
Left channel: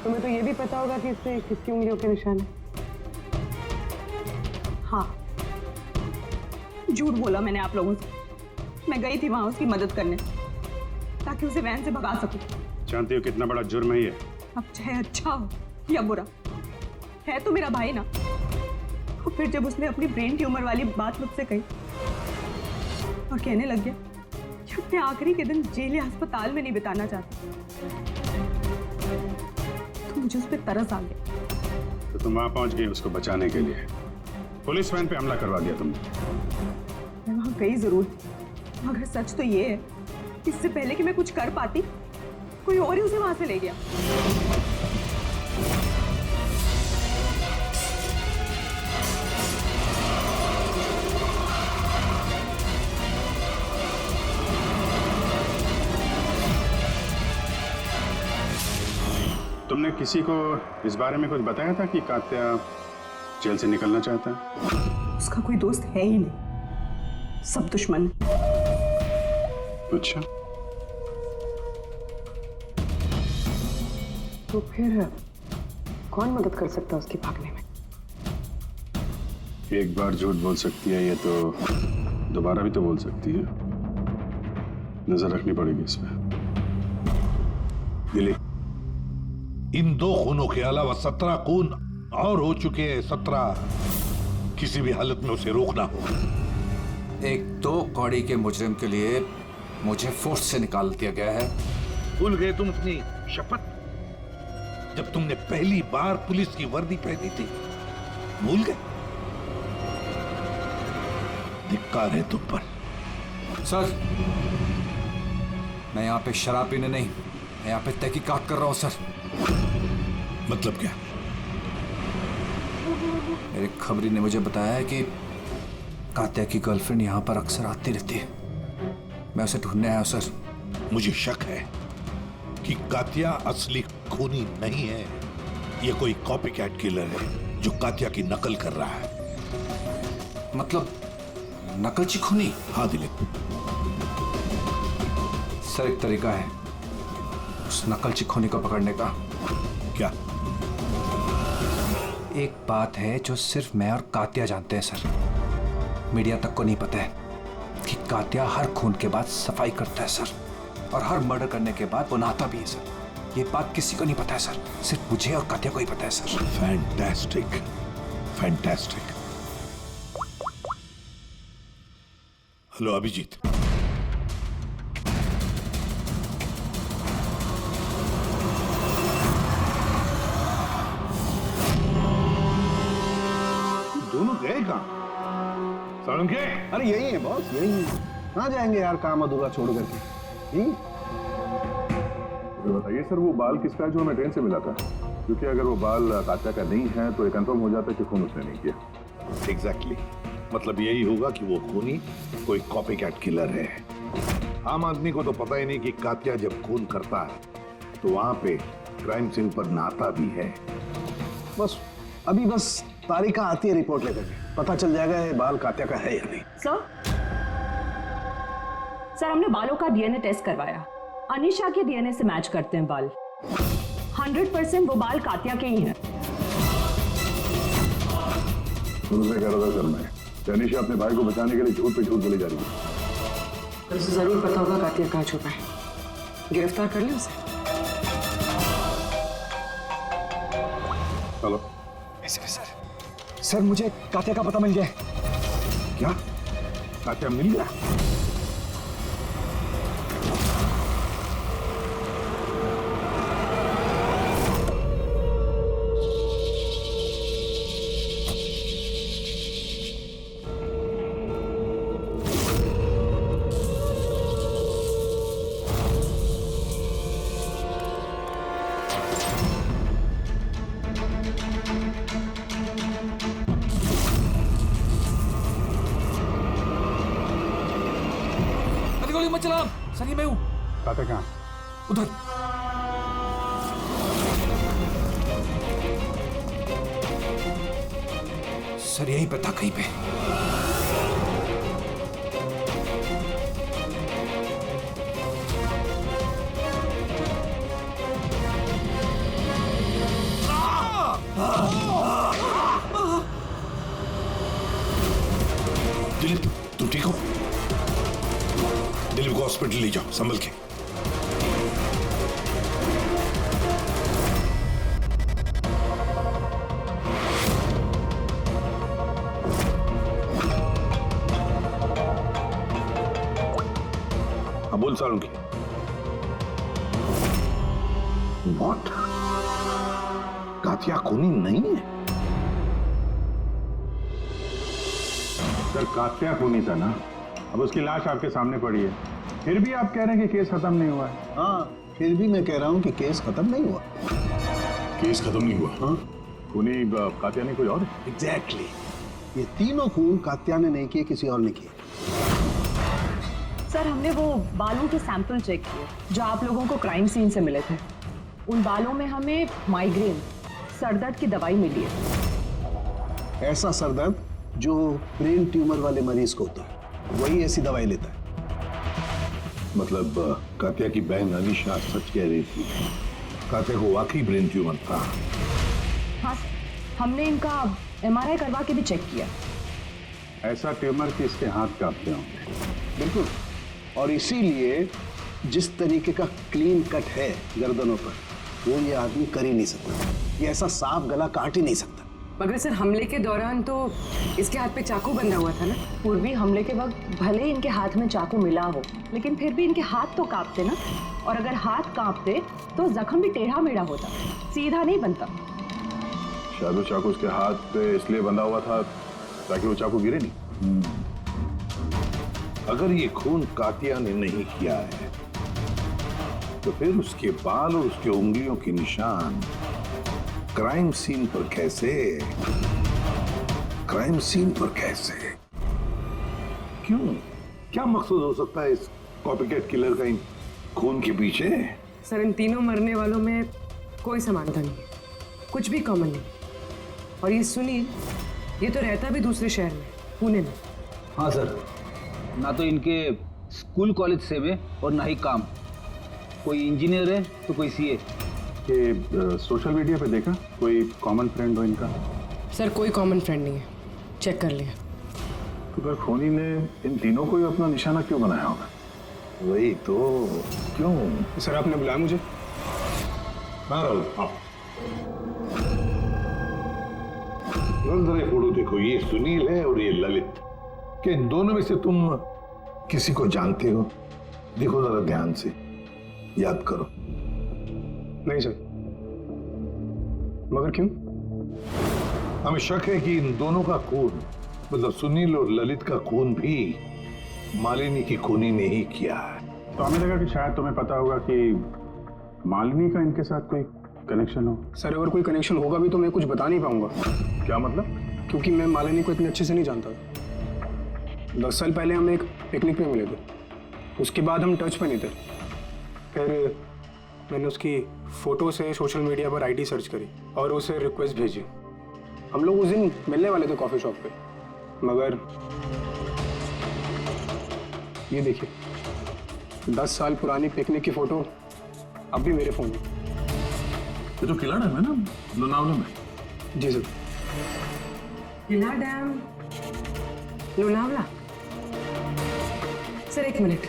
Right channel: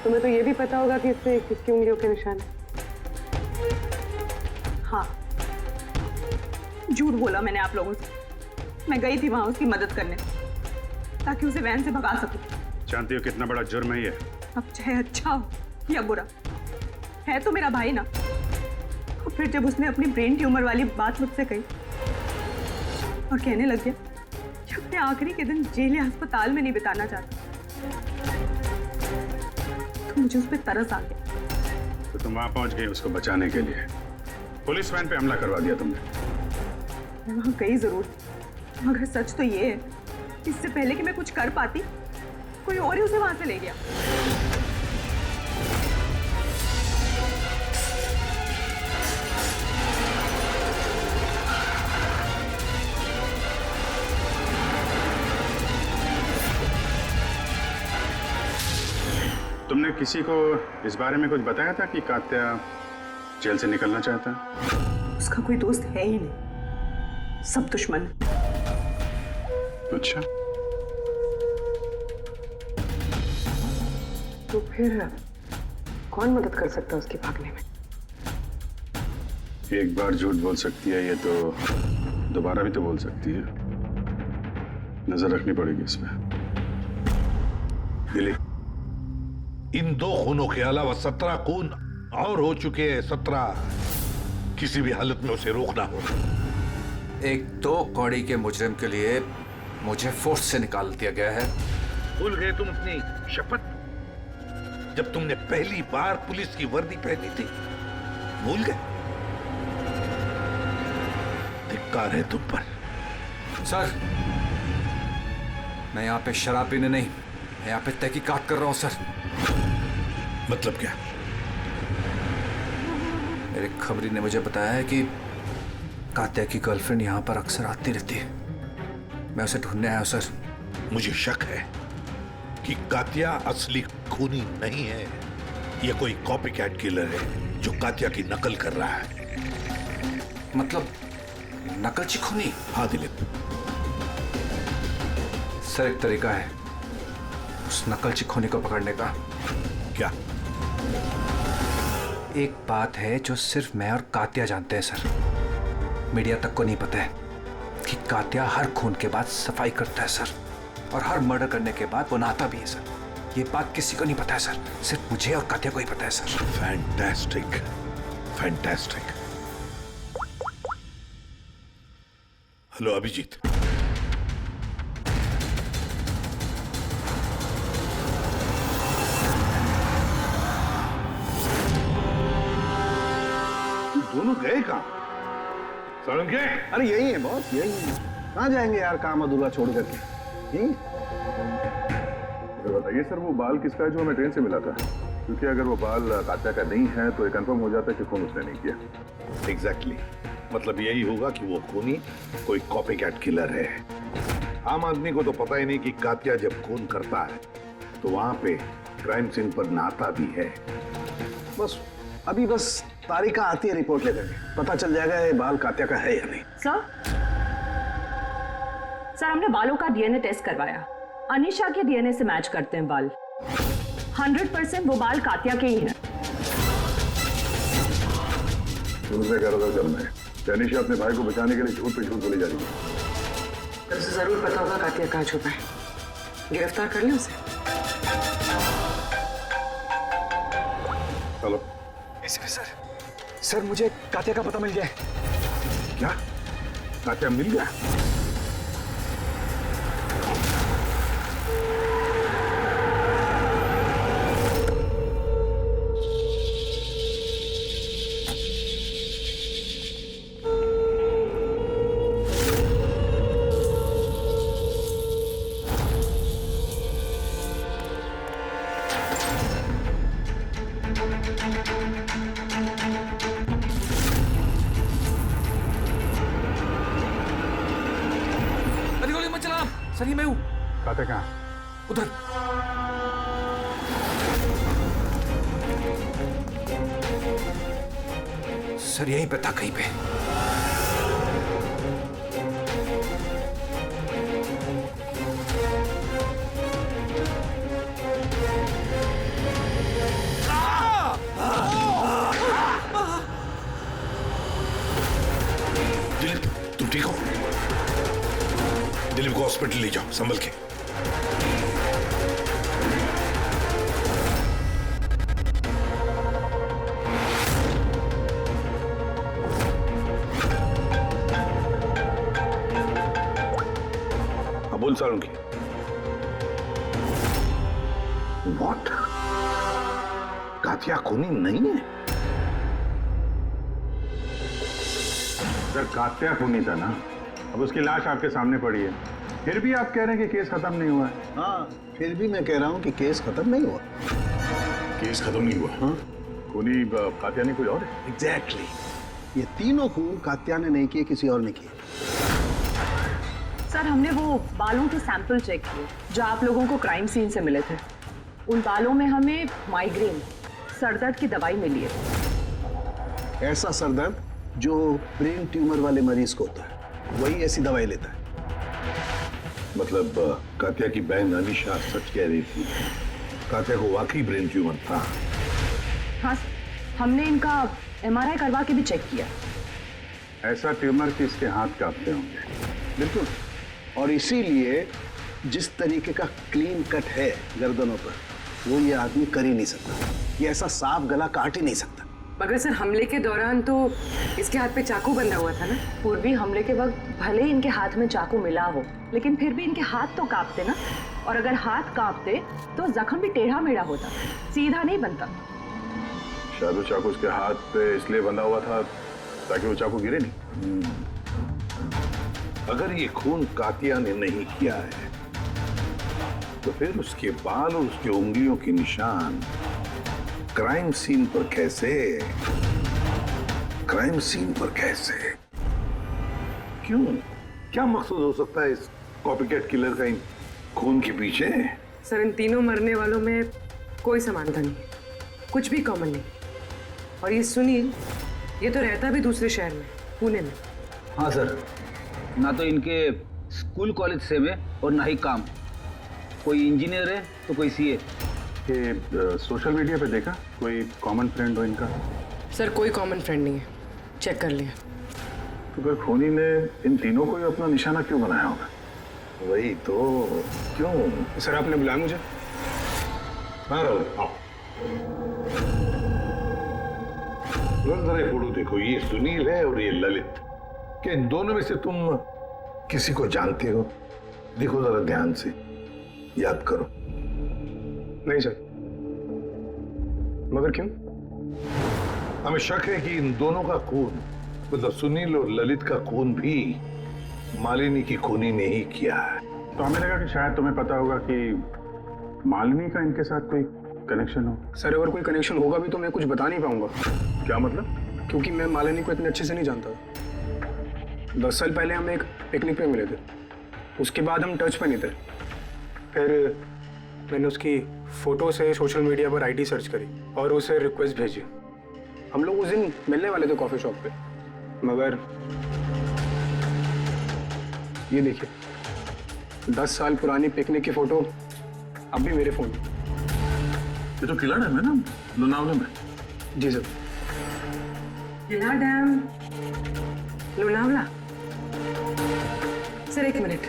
तुम्हें तो ये भी पता होगा कि इसमें किसकी उंगलियों के निशान है। हाँ, झूठ बोला मैंने आप लोगों से। मैं गई थी वहां उसकी मदद करने ताकि उसे वैन से भगा सकूं। जानती हो कितना बड़ा जुर्म है ये? अब चाहे अच्छा हो या बुरा, है तो मेरा भाई ना। और फिर जब उसने अपनी ब्रेन ट्यूमर वाली बात मुझसे कही और कहने लग गया कि अपने आखिरी के दिन जेल या अस्पताल में नहीं बिताना चाहता, तो मुझे उस पर तरस आ गया। तो तुम वहां पहुंच गई उसको बचाने के लिए, पुलिस वैन पे हमला करवा दिया तुमने। मैं वहां गई जरूर थी, मगर सच तो ये है इससे पहले कि मैं कुछ कर पाती, कोई और ही उसे वहां से ले गया। तुमने किसी को इस बारे में कुछ बताया था कि कात्या जेल से निकलना चाहता है? उसका कोई दोस्त है ही नहीं, सब दुश्मन। अच्छा, तो फिर कौन मदद कर सकता है उसके भागने में? एक बार झूठ बोल सकती है ये तो दोबारा भी तो बोल सकती है। नजर रखनी पड़ेगी इस पे। दिलीप, इन 2 खूनों के अलावा 17 खून और हो चुके हैं। 17 किसी भी हालत में उसे रोकना होगा। एक 2 कौड़ी के मुजरिम के लिए मुझे फोर्स से निकाल दिया गया है। भूल गए तुम अपनी शपथ जब तुमने पहली बार पुलिस की वर्दी पहनी थी? भूल गए? धिक्कार है तुम पर। सर, मैं यहाँ पे शराब पीने नहीं, मैं यहाँ पे तहकीकात कर रहा हूँ सर। मतलब क्या? मेरे खबरी ने मुझे बताया है कि कात्या की गर्लफ्रेंड यहाँ पर अक्सर आती रहती है। मैं उसे ढूंढने आया हूँ सर। मुझे शक है कि कात्या असली खूनी नहीं है। यह कोई कॉपी कैट किलर है जो कात्या की नकल कर रहा है। मतलब नकलची खूनी? हाँ दिलीप, सर एक तरीका है उस नकलची खूनी को पकड़ने का। क्या? एक बात है जो सिर्फ मैं और कात्या जानते हैं सर, मीडिया तक को नहीं पता है कि कात्या हर खून के बाद सफाई करता है सर, और हर मर्डर करने के बाद वो नहाता भी है सर। ये बात किसी को नहीं पता है सर, सिर्फ मुझे और कात्या को ही पता है sir. Fantastic, fantastic. Hello Abhijeet, दोनों गए कहां? सालुंके? अरे यही है बॉस, यही है। कहाँ जाएंगे यार काम अधूरा छोड़ करके? यही। बताइए सर, वो बाल किसका है जो हमें ट्रेन से मिला था? क्योंकि अगर वो बाल कात्या का नहीं है तो ये कंफर्म हो जाता है कि खून उसने नहीं किया। एग्जैक्टली, मतलब यही होगा कि वो खूनी कोई कॉपी कैट किलर है। आम आदमी को तो पता ही नहीं कि कात्या जब खून करता है तो वहां पे क्राइम सीन पर नहाता भी है। बस अभी बस तारिका आती है रिपोर्ट लेकर के, पता चल जाएगा ये बाल कात्या का है या नहीं। सर हमने बालों का डीएनए टेस्ट करवाया, अनीशा के डीएनए से मैच करते हैं बाल। 100% वो बाल कात्या के ही हैं। दूसरे कह रहा था सर मैं, अनीशा अपने भाई को बचाने के लिए झूठ पे झूठ बोली जा रही है। उसे जरूर पता होगा कात्या कहाँ छुपा है, गिरफ्तार कर ले उसे। चलो। सर मुझे कात्या का पता मिल गया। क्या? कात्या मिल गया? गोली मत चला सर, ये मैं हूं। कात्या कहाँ? उधर। सर यहीं पे था कहीं पे। दिलीप तुम ठीक हो? दिलीप को हॉस्पिटल ले जाओ संभल के। हाँ बोल सालुंके। व्हाट? कात्या खूनी नहीं है? सर कात्या खूनी था ना, अब उसकी लाश आपके सामने पड़ी है, फिर भी आप कह रहे हैं कि केस खत्म नहीं हुआ है। हाँ, फिर भी मैं कह रहा हूं कि केस खत्म नहीं हुआ। केस खत्म नहीं हुआ? हाँ? खूनी कात्या नहीं कोई और है? एग्जैक्टली। ये तीनों खून कात्या ने नहीं किए, किसी और ने किए। सर हमने वो बालों के सैंपल चेक किए जो आप लोगों को क्राइम सीन से मिले थे। उन बालों में हमें माइग्रेन, सरदर्द की दवाई मिली है। ऐसा सरदर्द जो ब्रेन ट्यूमर वाले मरीज को होता है, वही ऐसी दवाई लेता है। मतलब कात्या की बहन अनीशा सच कह रही थी, कात्या को वाकई ब्रेन ट्यूमर था। हाँ सर, हमने इनका एमआरआई करवा के भी चेक किया। ऐसा ट्यूमर कि इसके हाथ कांपते होंगे। बिल्कुल, और इसीलिए जिस तरीके का क्लीन कट है गर्दनों पर, वो ये आदमी कर ही नहीं सकता। ये ऐसा साफ गला काट ही नहीं सकता। मगर सर हमले के दौरान तो इसके हाथ पे चाकू बंधा हुआ था ना। पूर्वी हमले के वक्त भले ही इनके हाथ में चाकू मिला हो, लेकिन फिर भी इनके हाथ तो कांपते ना, और अगर हाथ कांपते तो जख्म भी टेढ़ा मेढ़ा होता, सीधा नहीं बनता। शायद वो चाकू उसके हाथ पे इसलिए बंधा हुआ था ताकि वो चाकू गिरे नहीं। अगर ये खून कात्या ने नहीं किया है तो फिर उसके बाल और उसकी उंगलियों के निशान क्राइम सीन पर कैसे? क्राइम सीन पर कैसे? क्यों? क्या मकसद हो सकता है इस कॉपीकैट किलर का इन खून के पीछे? सर इन तीनों मरने वालों में कोई समानता नहीं, कुछ भी कॉमन नहीं। और ये सुनील, ये तो रहता भी दूसरे शहर में, पुणे में। हाँ सर, ना तो इनके स्कूल कॉलेज सेम है और ना ही काम। कोई इंजीनियर है तो कोई सीए। ये सोशल मीडिया पे देखा कोई कॉमन फ्रेंड हो इनका? सर कोई कॉमन फ्रेंड नहीं है, चेक कर लिया। तो फिर खूनी ने इन तीनों को ही अपना निशाना क्यों बनाया होगा? वही तो, क्यों? सर आपने बुलाया मुझे? हाँ राहुल, आओ। जरा ये फोटो देखो, ये सुनील है और ये ललित। क्या इन दोनों में से तुम किसी को जानते हो? देखो जरा ध्यान से, याद करो। नहीं सर। मगर क्यों? हमें शक है कि इन दोनों का खून, मतलब सुनील और ललित का खून भी मालिनी की खूनी ने ही किया है। तो हमें लगा कि शायद तुम्हें पता होगा कि मालिनी का इनके साथ कोई कनेक्शन हो। सर अगर कोई कनेक्शन होगा भी तो मैं कुछ बता नहीं पाऊंगा। क्या मतलब? क्योंकि मैं मालिनी को इतने अच्छे से नहीं जानता। 10 साल पहले हम एक पिकनिक पे मिले थे, उसके बाद हम टच पे नहीं थे। फिर मैंने उसकी फोटो से सोशल मीडिया पर आईडी सर्च करी और उसे रिक्वेस्ट भेजी। हम लोग उस दिन मिलने वाले थे कॉफी शॉप पे, मगर ये देखिए 10 साल पुरानी पिकनिक की फोटो अब भी मेरे फोन में। ये तो किला डैम है ना, लोनावला में? जी सर। किला dam, Lonavala. Sir 1 minute.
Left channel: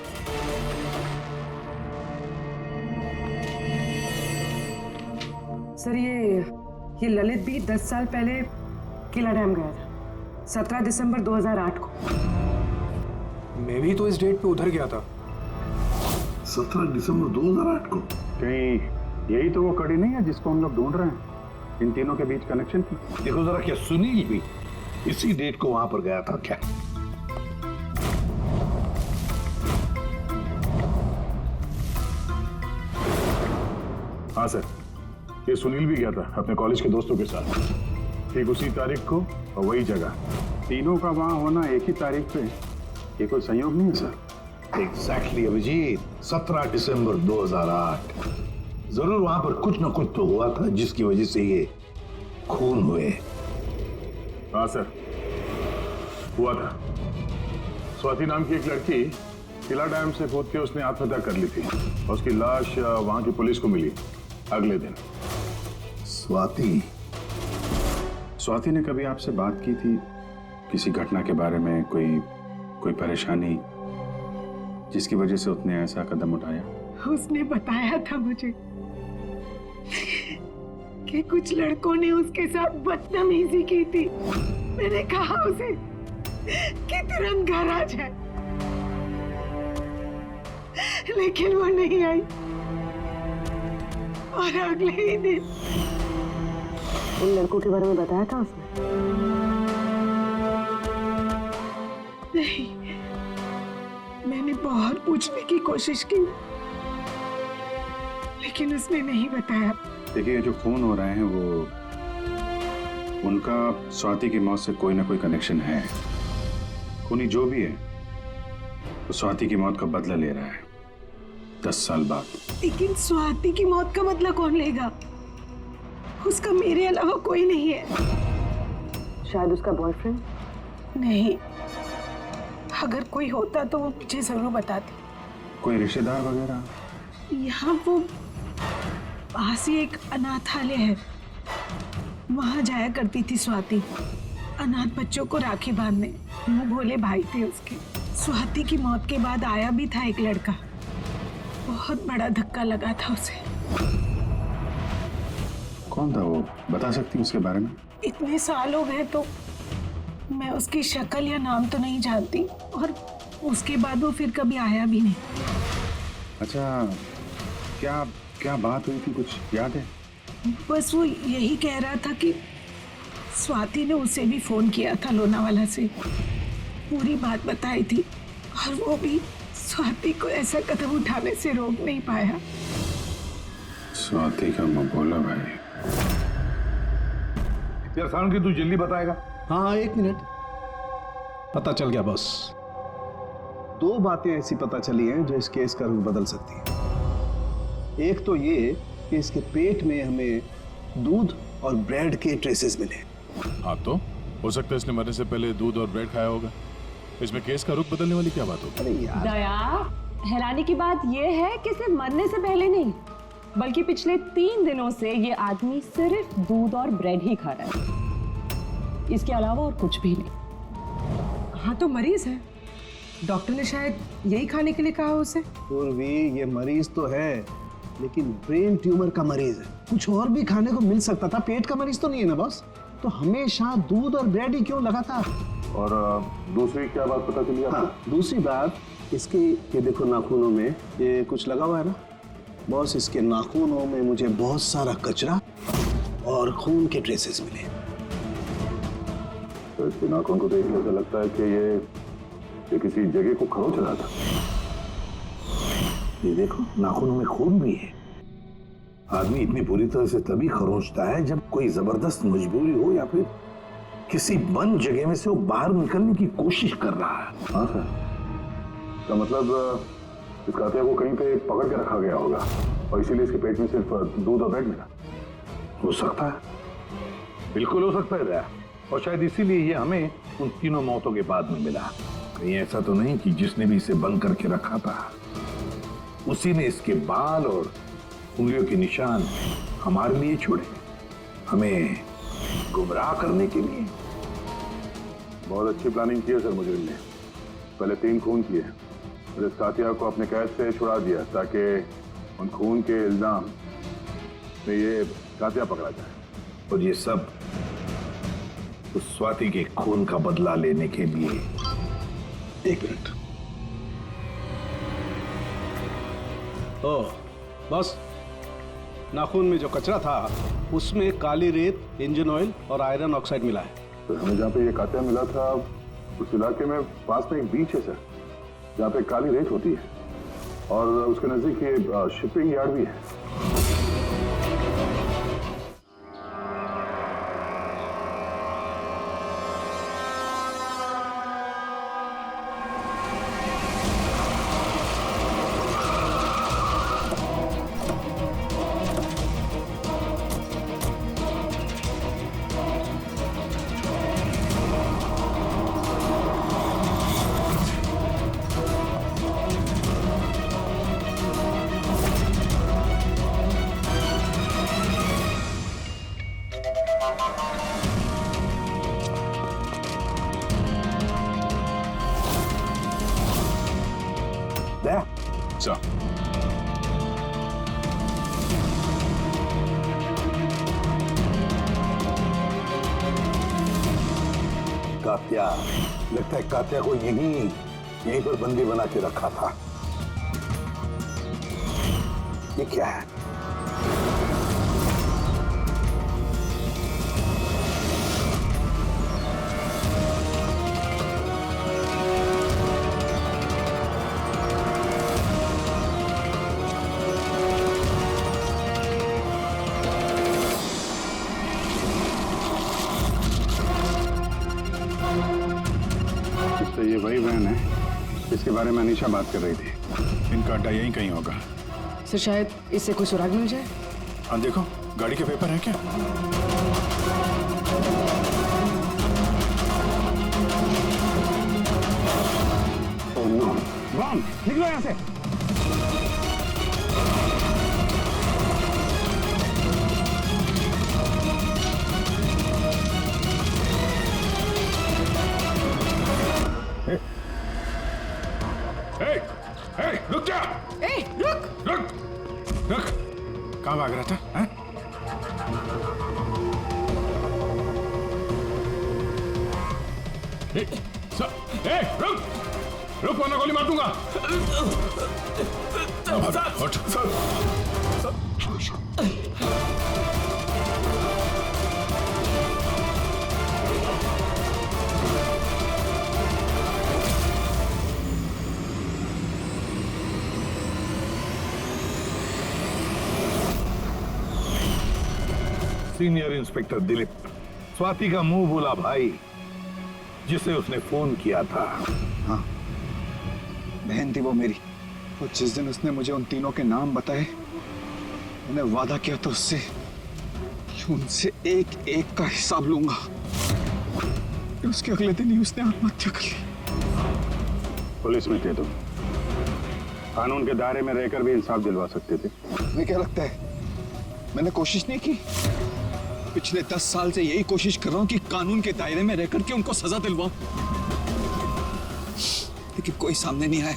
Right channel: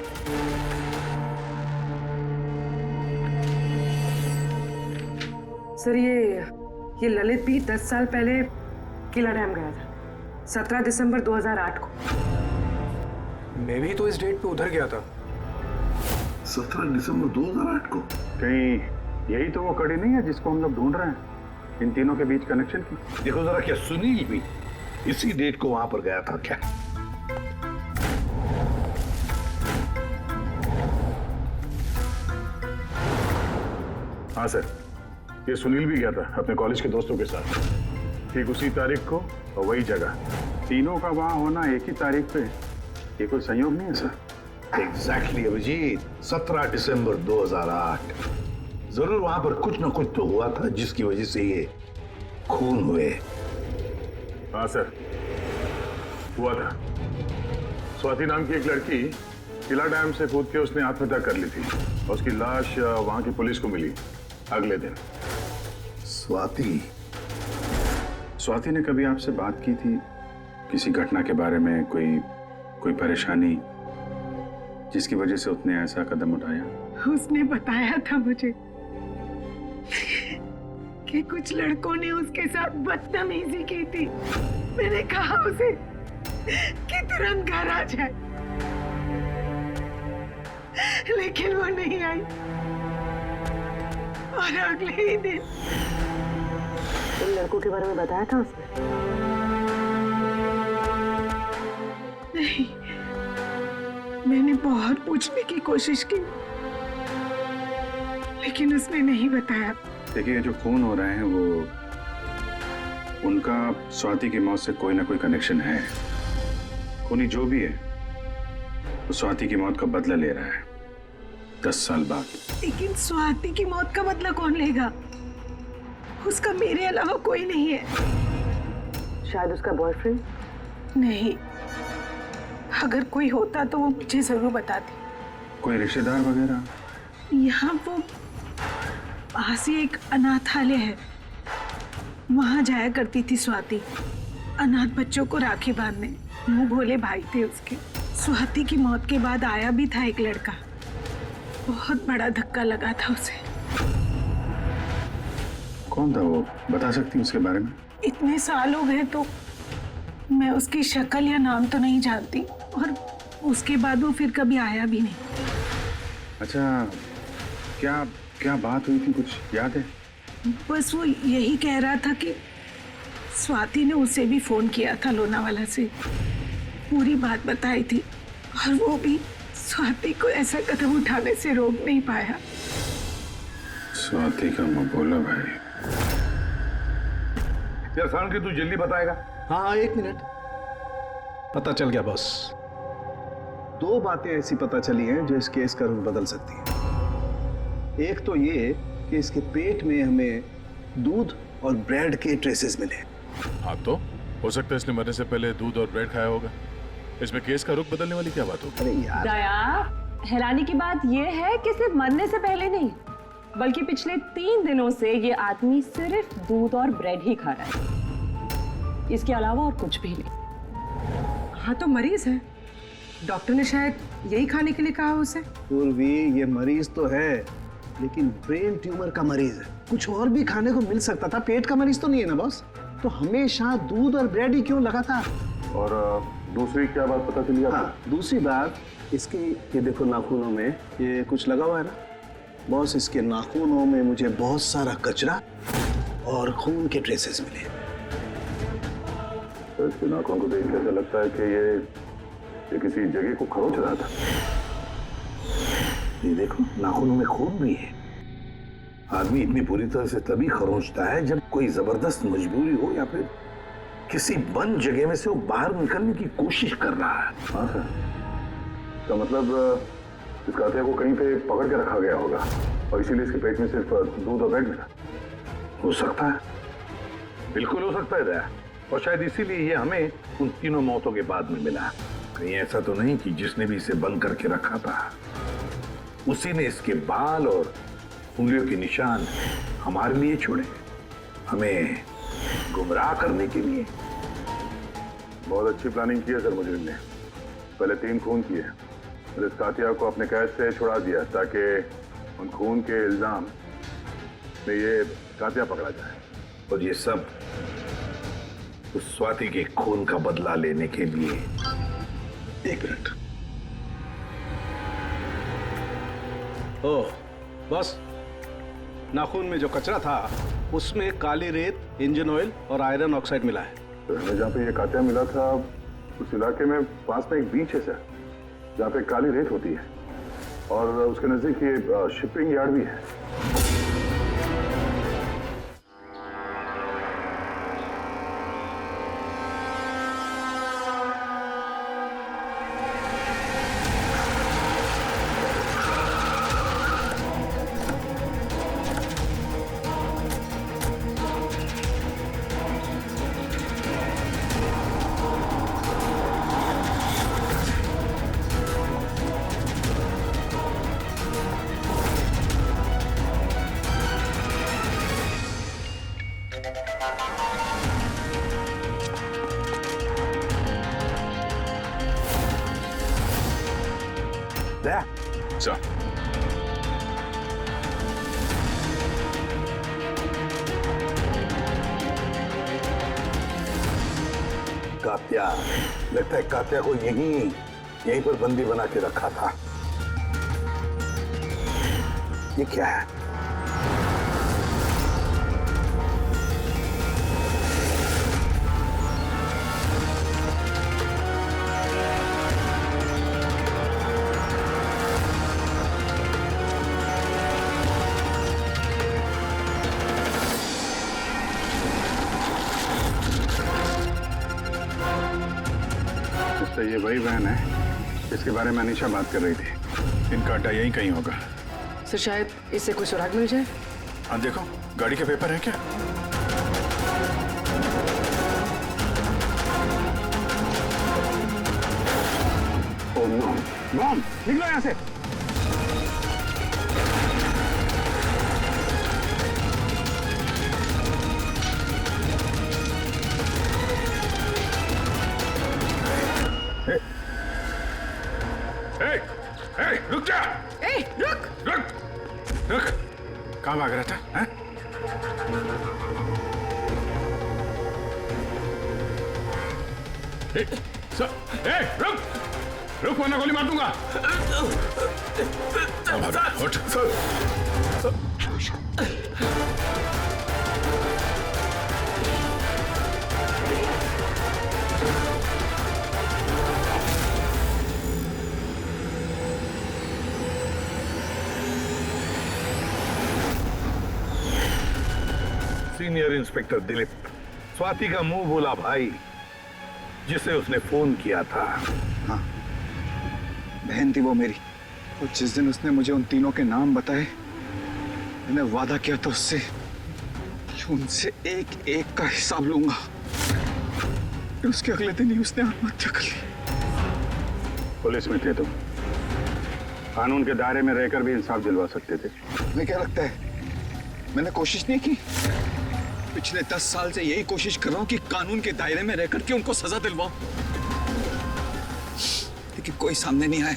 Sir ये ललित भी 10 साल पहले किला डैम गया था, 17 दिसंबर 2008 को। मैं भी तो इस डेट पे उधर गया था। 17 दिसंबर 2008 को? कहीं यही तो वो कड़ी नहीं है जिसको हम लोग ढूंढ रहे हैं, इन तीनों के बीच कनेक्शन की? देखो जरा, क्या सुनील भी इसी डेट को वहां पर गया था क्या? हाँ सर, ये सुनील भी गया था अपने कॉलेज के दोस्तों के साथ, ठीक उसी तारीख को और वही जगह। तीनों का वहां होना एक ही तारीख पे, ये कोई संयोग नहीं है सर? एग्जैक्टली अभिजीत, 17 दिसंबर 2008। जरूर वहां पर कुछ ना कुछ तो हुआ था जिसकी वजह से ये खून हुए। हाँ सर, हुआ था। स्वाति नाम की एक लड़की किला डैम से कूद के उसने आत्महत्या कर ली थी और उसकी लाश वहां की पुलिस को मिली अगले दिन। स्वाति ने कभी आपसे बात की थी किसी घटना के बारे में, कोई परेशानी जिसकी वजह से उसने ऐसा कदम उठाया? उसने बताया था मुझे कि कुछ लड़कों ने उसके साथ बदतमीजी की थी। मैंने कहा उसे कि तुरंत घर आ जाए, लेकिन वो नहीं आई और अगले ही दिन। उन लड़कों के बारे में बताया था उसने? नहीं, मैंने बहुत पूछने की कोशिश की, लेकिन उसने नहीं बताया। देखिए, जो खून हो रहे हैं वो उनका स्वाति की मौत से कोई ना कोई कनेक्शन है। खूनी जो भी है वो स्वाति की मौत का बदला ले रहा है 10 साल बाद। लेकिन स्वाति की मौत का बदला कौन लेगा? उसका मेरे अलावा कोई नहीं है। शायद उसका बॉयफ्रेंड? नहीं, अगर कोई होता तो वो मुझे जरूर बताती। कोई रिश्तेदार वगैरह? यहाँ वो पास ही एक अनाथालय है, वहां जाया करती थी स्वाति, अनाथ बच्चों को राखी बांधने। मुंह भोले भाई थे उसके। स्वाति की मौत के बाद आया भी था एक लड़का, बहुत बड़ा धक्का लगा था उसे। कौन था वो, बता सकती हैं उसके बारे में? इतने साल हो गए तो मैं उसकी शक्ल या नाम तो नहीं जानती, और उसके बाद वो फिर कभी आया भी नहीं। अच्छा, क्या बात हुई थी, कुछ याद है? बस वो यही कह रहा था कि स्वाति ने उसे भी फोन किया था लोनावाला से, पूरी बात बताई थी, और वो भी स्वाति को ऐसा कदम उठाने से रोक नहीं पाया। स्वाति का मबोला भाई। यार साउंड की तू जल्दी बताएगा? हाँ 1 मिनट। पता चल गया बॉस। 2 बातें ऐसी पता चली हैं जो इस केस का रुख बदल सकती हैं। एक तो ये कि इसके पेट में हमें दूध और ब्रेड के ट्रेसेस मिले। हाँ, तो हो सकता है इसने मरने से पहले दूध और ब्रेड खाया होगा। इसमें केस का रुख बदलने वाली क्या बात होगी? दया, हैरानी की बात यह है कि सिर्फ मरने से पहले नहीं, बल्कि पिछले 3 दिनों से ये आदमी सिर्फ दूध और ब्रेड ही खा रहा है, इसके अलावा और कुछ भी नहीं। हाँ तो मरीज है, डॉक्टर ने शायद यही खाने के लिए कहा उसे। पूर्वी, ये मरीज तो है लेकिन ब्रेन ट्यूमर का मरीज है, कुछ और भी खाने को मिल सकता था, पेट का मरीज तो नहीं है ना बॉस। तो हमेशा दूध और ब्रेड ही क्यों लगातार? और दूसरी क्या बात पता चली आपको? हाँ, दूसरी बात इसके, ये देखो नाखूनों में ये कुछ लगा हुआ है ना बॉस, इसके नाखूनों में मुझे बहुत सारा कचरा और खून के ट्रेसेस मिले। तो इसके नाखून को देख के ऐसा लगता है कि ये किसी जगह को खरोच रहा था। ये देखो नाखूनों में खून भी है। आदमी इतनी बुरी तरह से तभी खरोंचता है जब कोई जबरदस्त मजबूरी हो या फिर किसी बंद जगह में से वो बाहर निकलने की कोशिश कर रहा है। हाँ सर, इसका मतलब इस कातिया को कहीं पे पकड़ के रखा गया होगा और इसीलिए इसके पेट में सिर्फ दूध और ब्रेड मिला। हो सकता है, बिल्कुल हो सकता है दया। और शायद इसीलिए ये हमें उन तीनों मौतों के बाद में मिला। कहीं ऐसा तो नहीं कि जिसने भी इसे बंद करके रखा था उसी ने इसके बाल और उंगलियों के निशान हमारे लिए छोड़े, हमें गुमराह करने के लिए। बहुत अच्छी प्लानिंग की है सर मुजरिम ने। पहले 3 खून किए और इस कातिया को अपने कैद से छुड़ा दिया ताकि उन खून के इल्जाम में ये कातिया पकड़ा जाए। और ये सब उस स्वाति के खून का बदला लेने के लिए। 1 मिनट। ओह बस, नाखून में जो कचरा था उसमें काली रेत, इंजन ऑयल और आयरन ऑक्साइड मिला है। तो हमें जहाँ पे ये कातिया मिला था उस इलाके में पास में एक बीच है सर, जहाँ पे काली रेत होती है और उसके नजदीक ये शिपिंग यार्ड भी है। दया सर, कात्या, लगता है कात्या को यहीं पर बंदी बना के रखा था। ये क्या है? तो ये वही वैन है जिसके बारे में अनीशा बात कर रही थी। इनका अड्डा यहीं कहीं होगा। सर शायद इससे कोई सुराग मिल जाए। हाँ देखो, गाड़ी के पेपर हैं क्या? Oh no, bomb! निकलो यहाँ से। रुक जा! रुक! रुक! कहाँ भाग रहा था? हैं? रुक! रुक वरना गोली मार दूंगा। उठ। सीनियर इंस्पेक्टर दिलीप, स्वाति का मुंह बोला भाई जिसे उसने फोन किया था। हाँ, बहन थी वो मेरी। और जिस दिन उसने मुझे उन तीनों के नाम बताए, मैंने वादा किया था उससे कि उनसे एक एक का हिसाब लूंगा। उसके अगले दिन ही उसने आत्महत्या कर ली। पुलिस में थे तुम, कानून के दायरे में रहकर भी इंसाफ दिलवा सकते थे। तुम्हें क्या लगता है मैंने कोशिश नहीं की। पिछले 10 साल से यही कोशिश कर रहा हूं कि कानून के दायरे में रहकर के उनको सजा दिलवाऊं, लेकिन कोई सामने नहीं आया।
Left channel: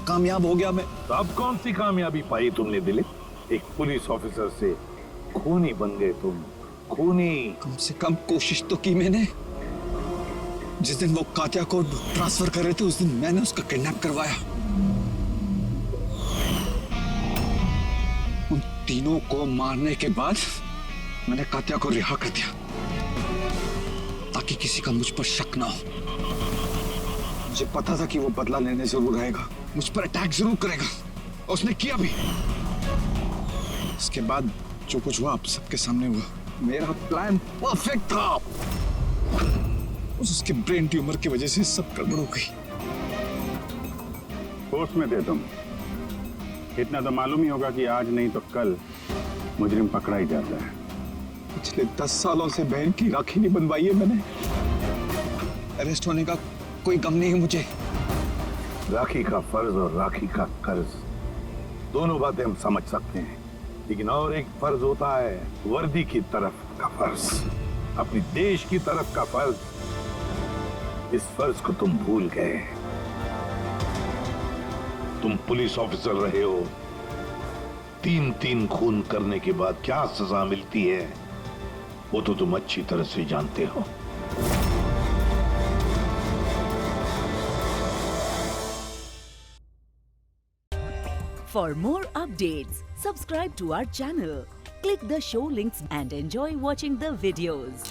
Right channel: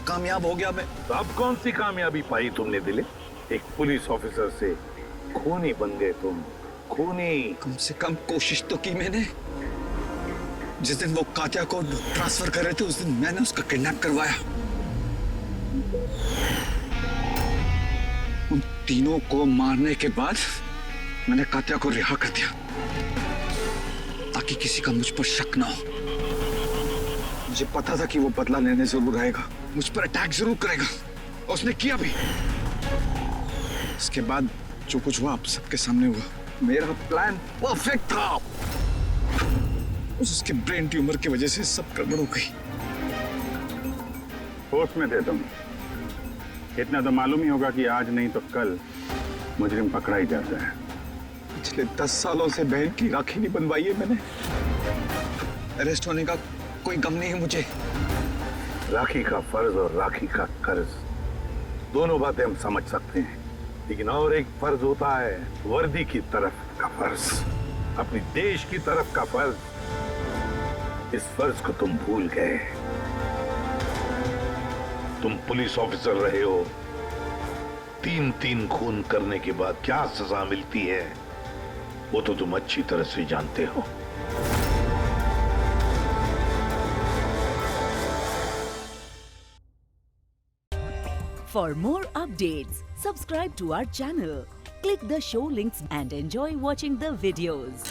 कामयाब हो गया मैं। तो अब कौन सी कामयाबी पाई तुमने दिलीप? एक पुलिस ऑफिसर से खूनी बन गए तुम, खूनी। कम से कम कोशिश तो की मैंने। जिस दिन वो कात्या को ट्रांसफर कर रहे थे उस दिन मैंने उसका किडनैप करवाया। उन तीनों को मारने के बाद मैंने कात्या को रिहा कर दिया ताकि किसी का मुझ पर शक ना हो। मुझे पता था कि वो बदला लेने जरूर आएगा, मुझ पर अटैक जरूर करेगा, और उसने किया भी। इसके बाद जो कुछ हुआ आप सबके सामने हुआ। मेरा प्लान परफेक्ट था, उसके ब्रेन ट्यूमर की वजह से सब गड़बड़ हो गई। होश में थे तुम, इतना तो मालूम ही होगा कि आज नहीं तो कल मुजरिम पकड़ा ही जाता है। पिछले 10 सालों से बहन की राखी नहीं बनवाई है मैंने। अरेस्ट होने का कोई गम नहीं है मुझे। राखी का फर्ज और राखी का कर्ज दोनों बातें हम समझ सकते हैं, लेकिन और एक फर्ज होता है वर्दी की तरफ का फर्ज, अपनी देश की तरफ का फर्ज। इस फर्ज को तुम भूल गए। तुम पुलिस ऑफिसर रहे हो, 3 खून करने के बाद क्या सजा मिलती है वो तो तुम अच्छी तरह से जानते हो। For more updates, subscribe to our channel, click the show links and enjoy watching the videos.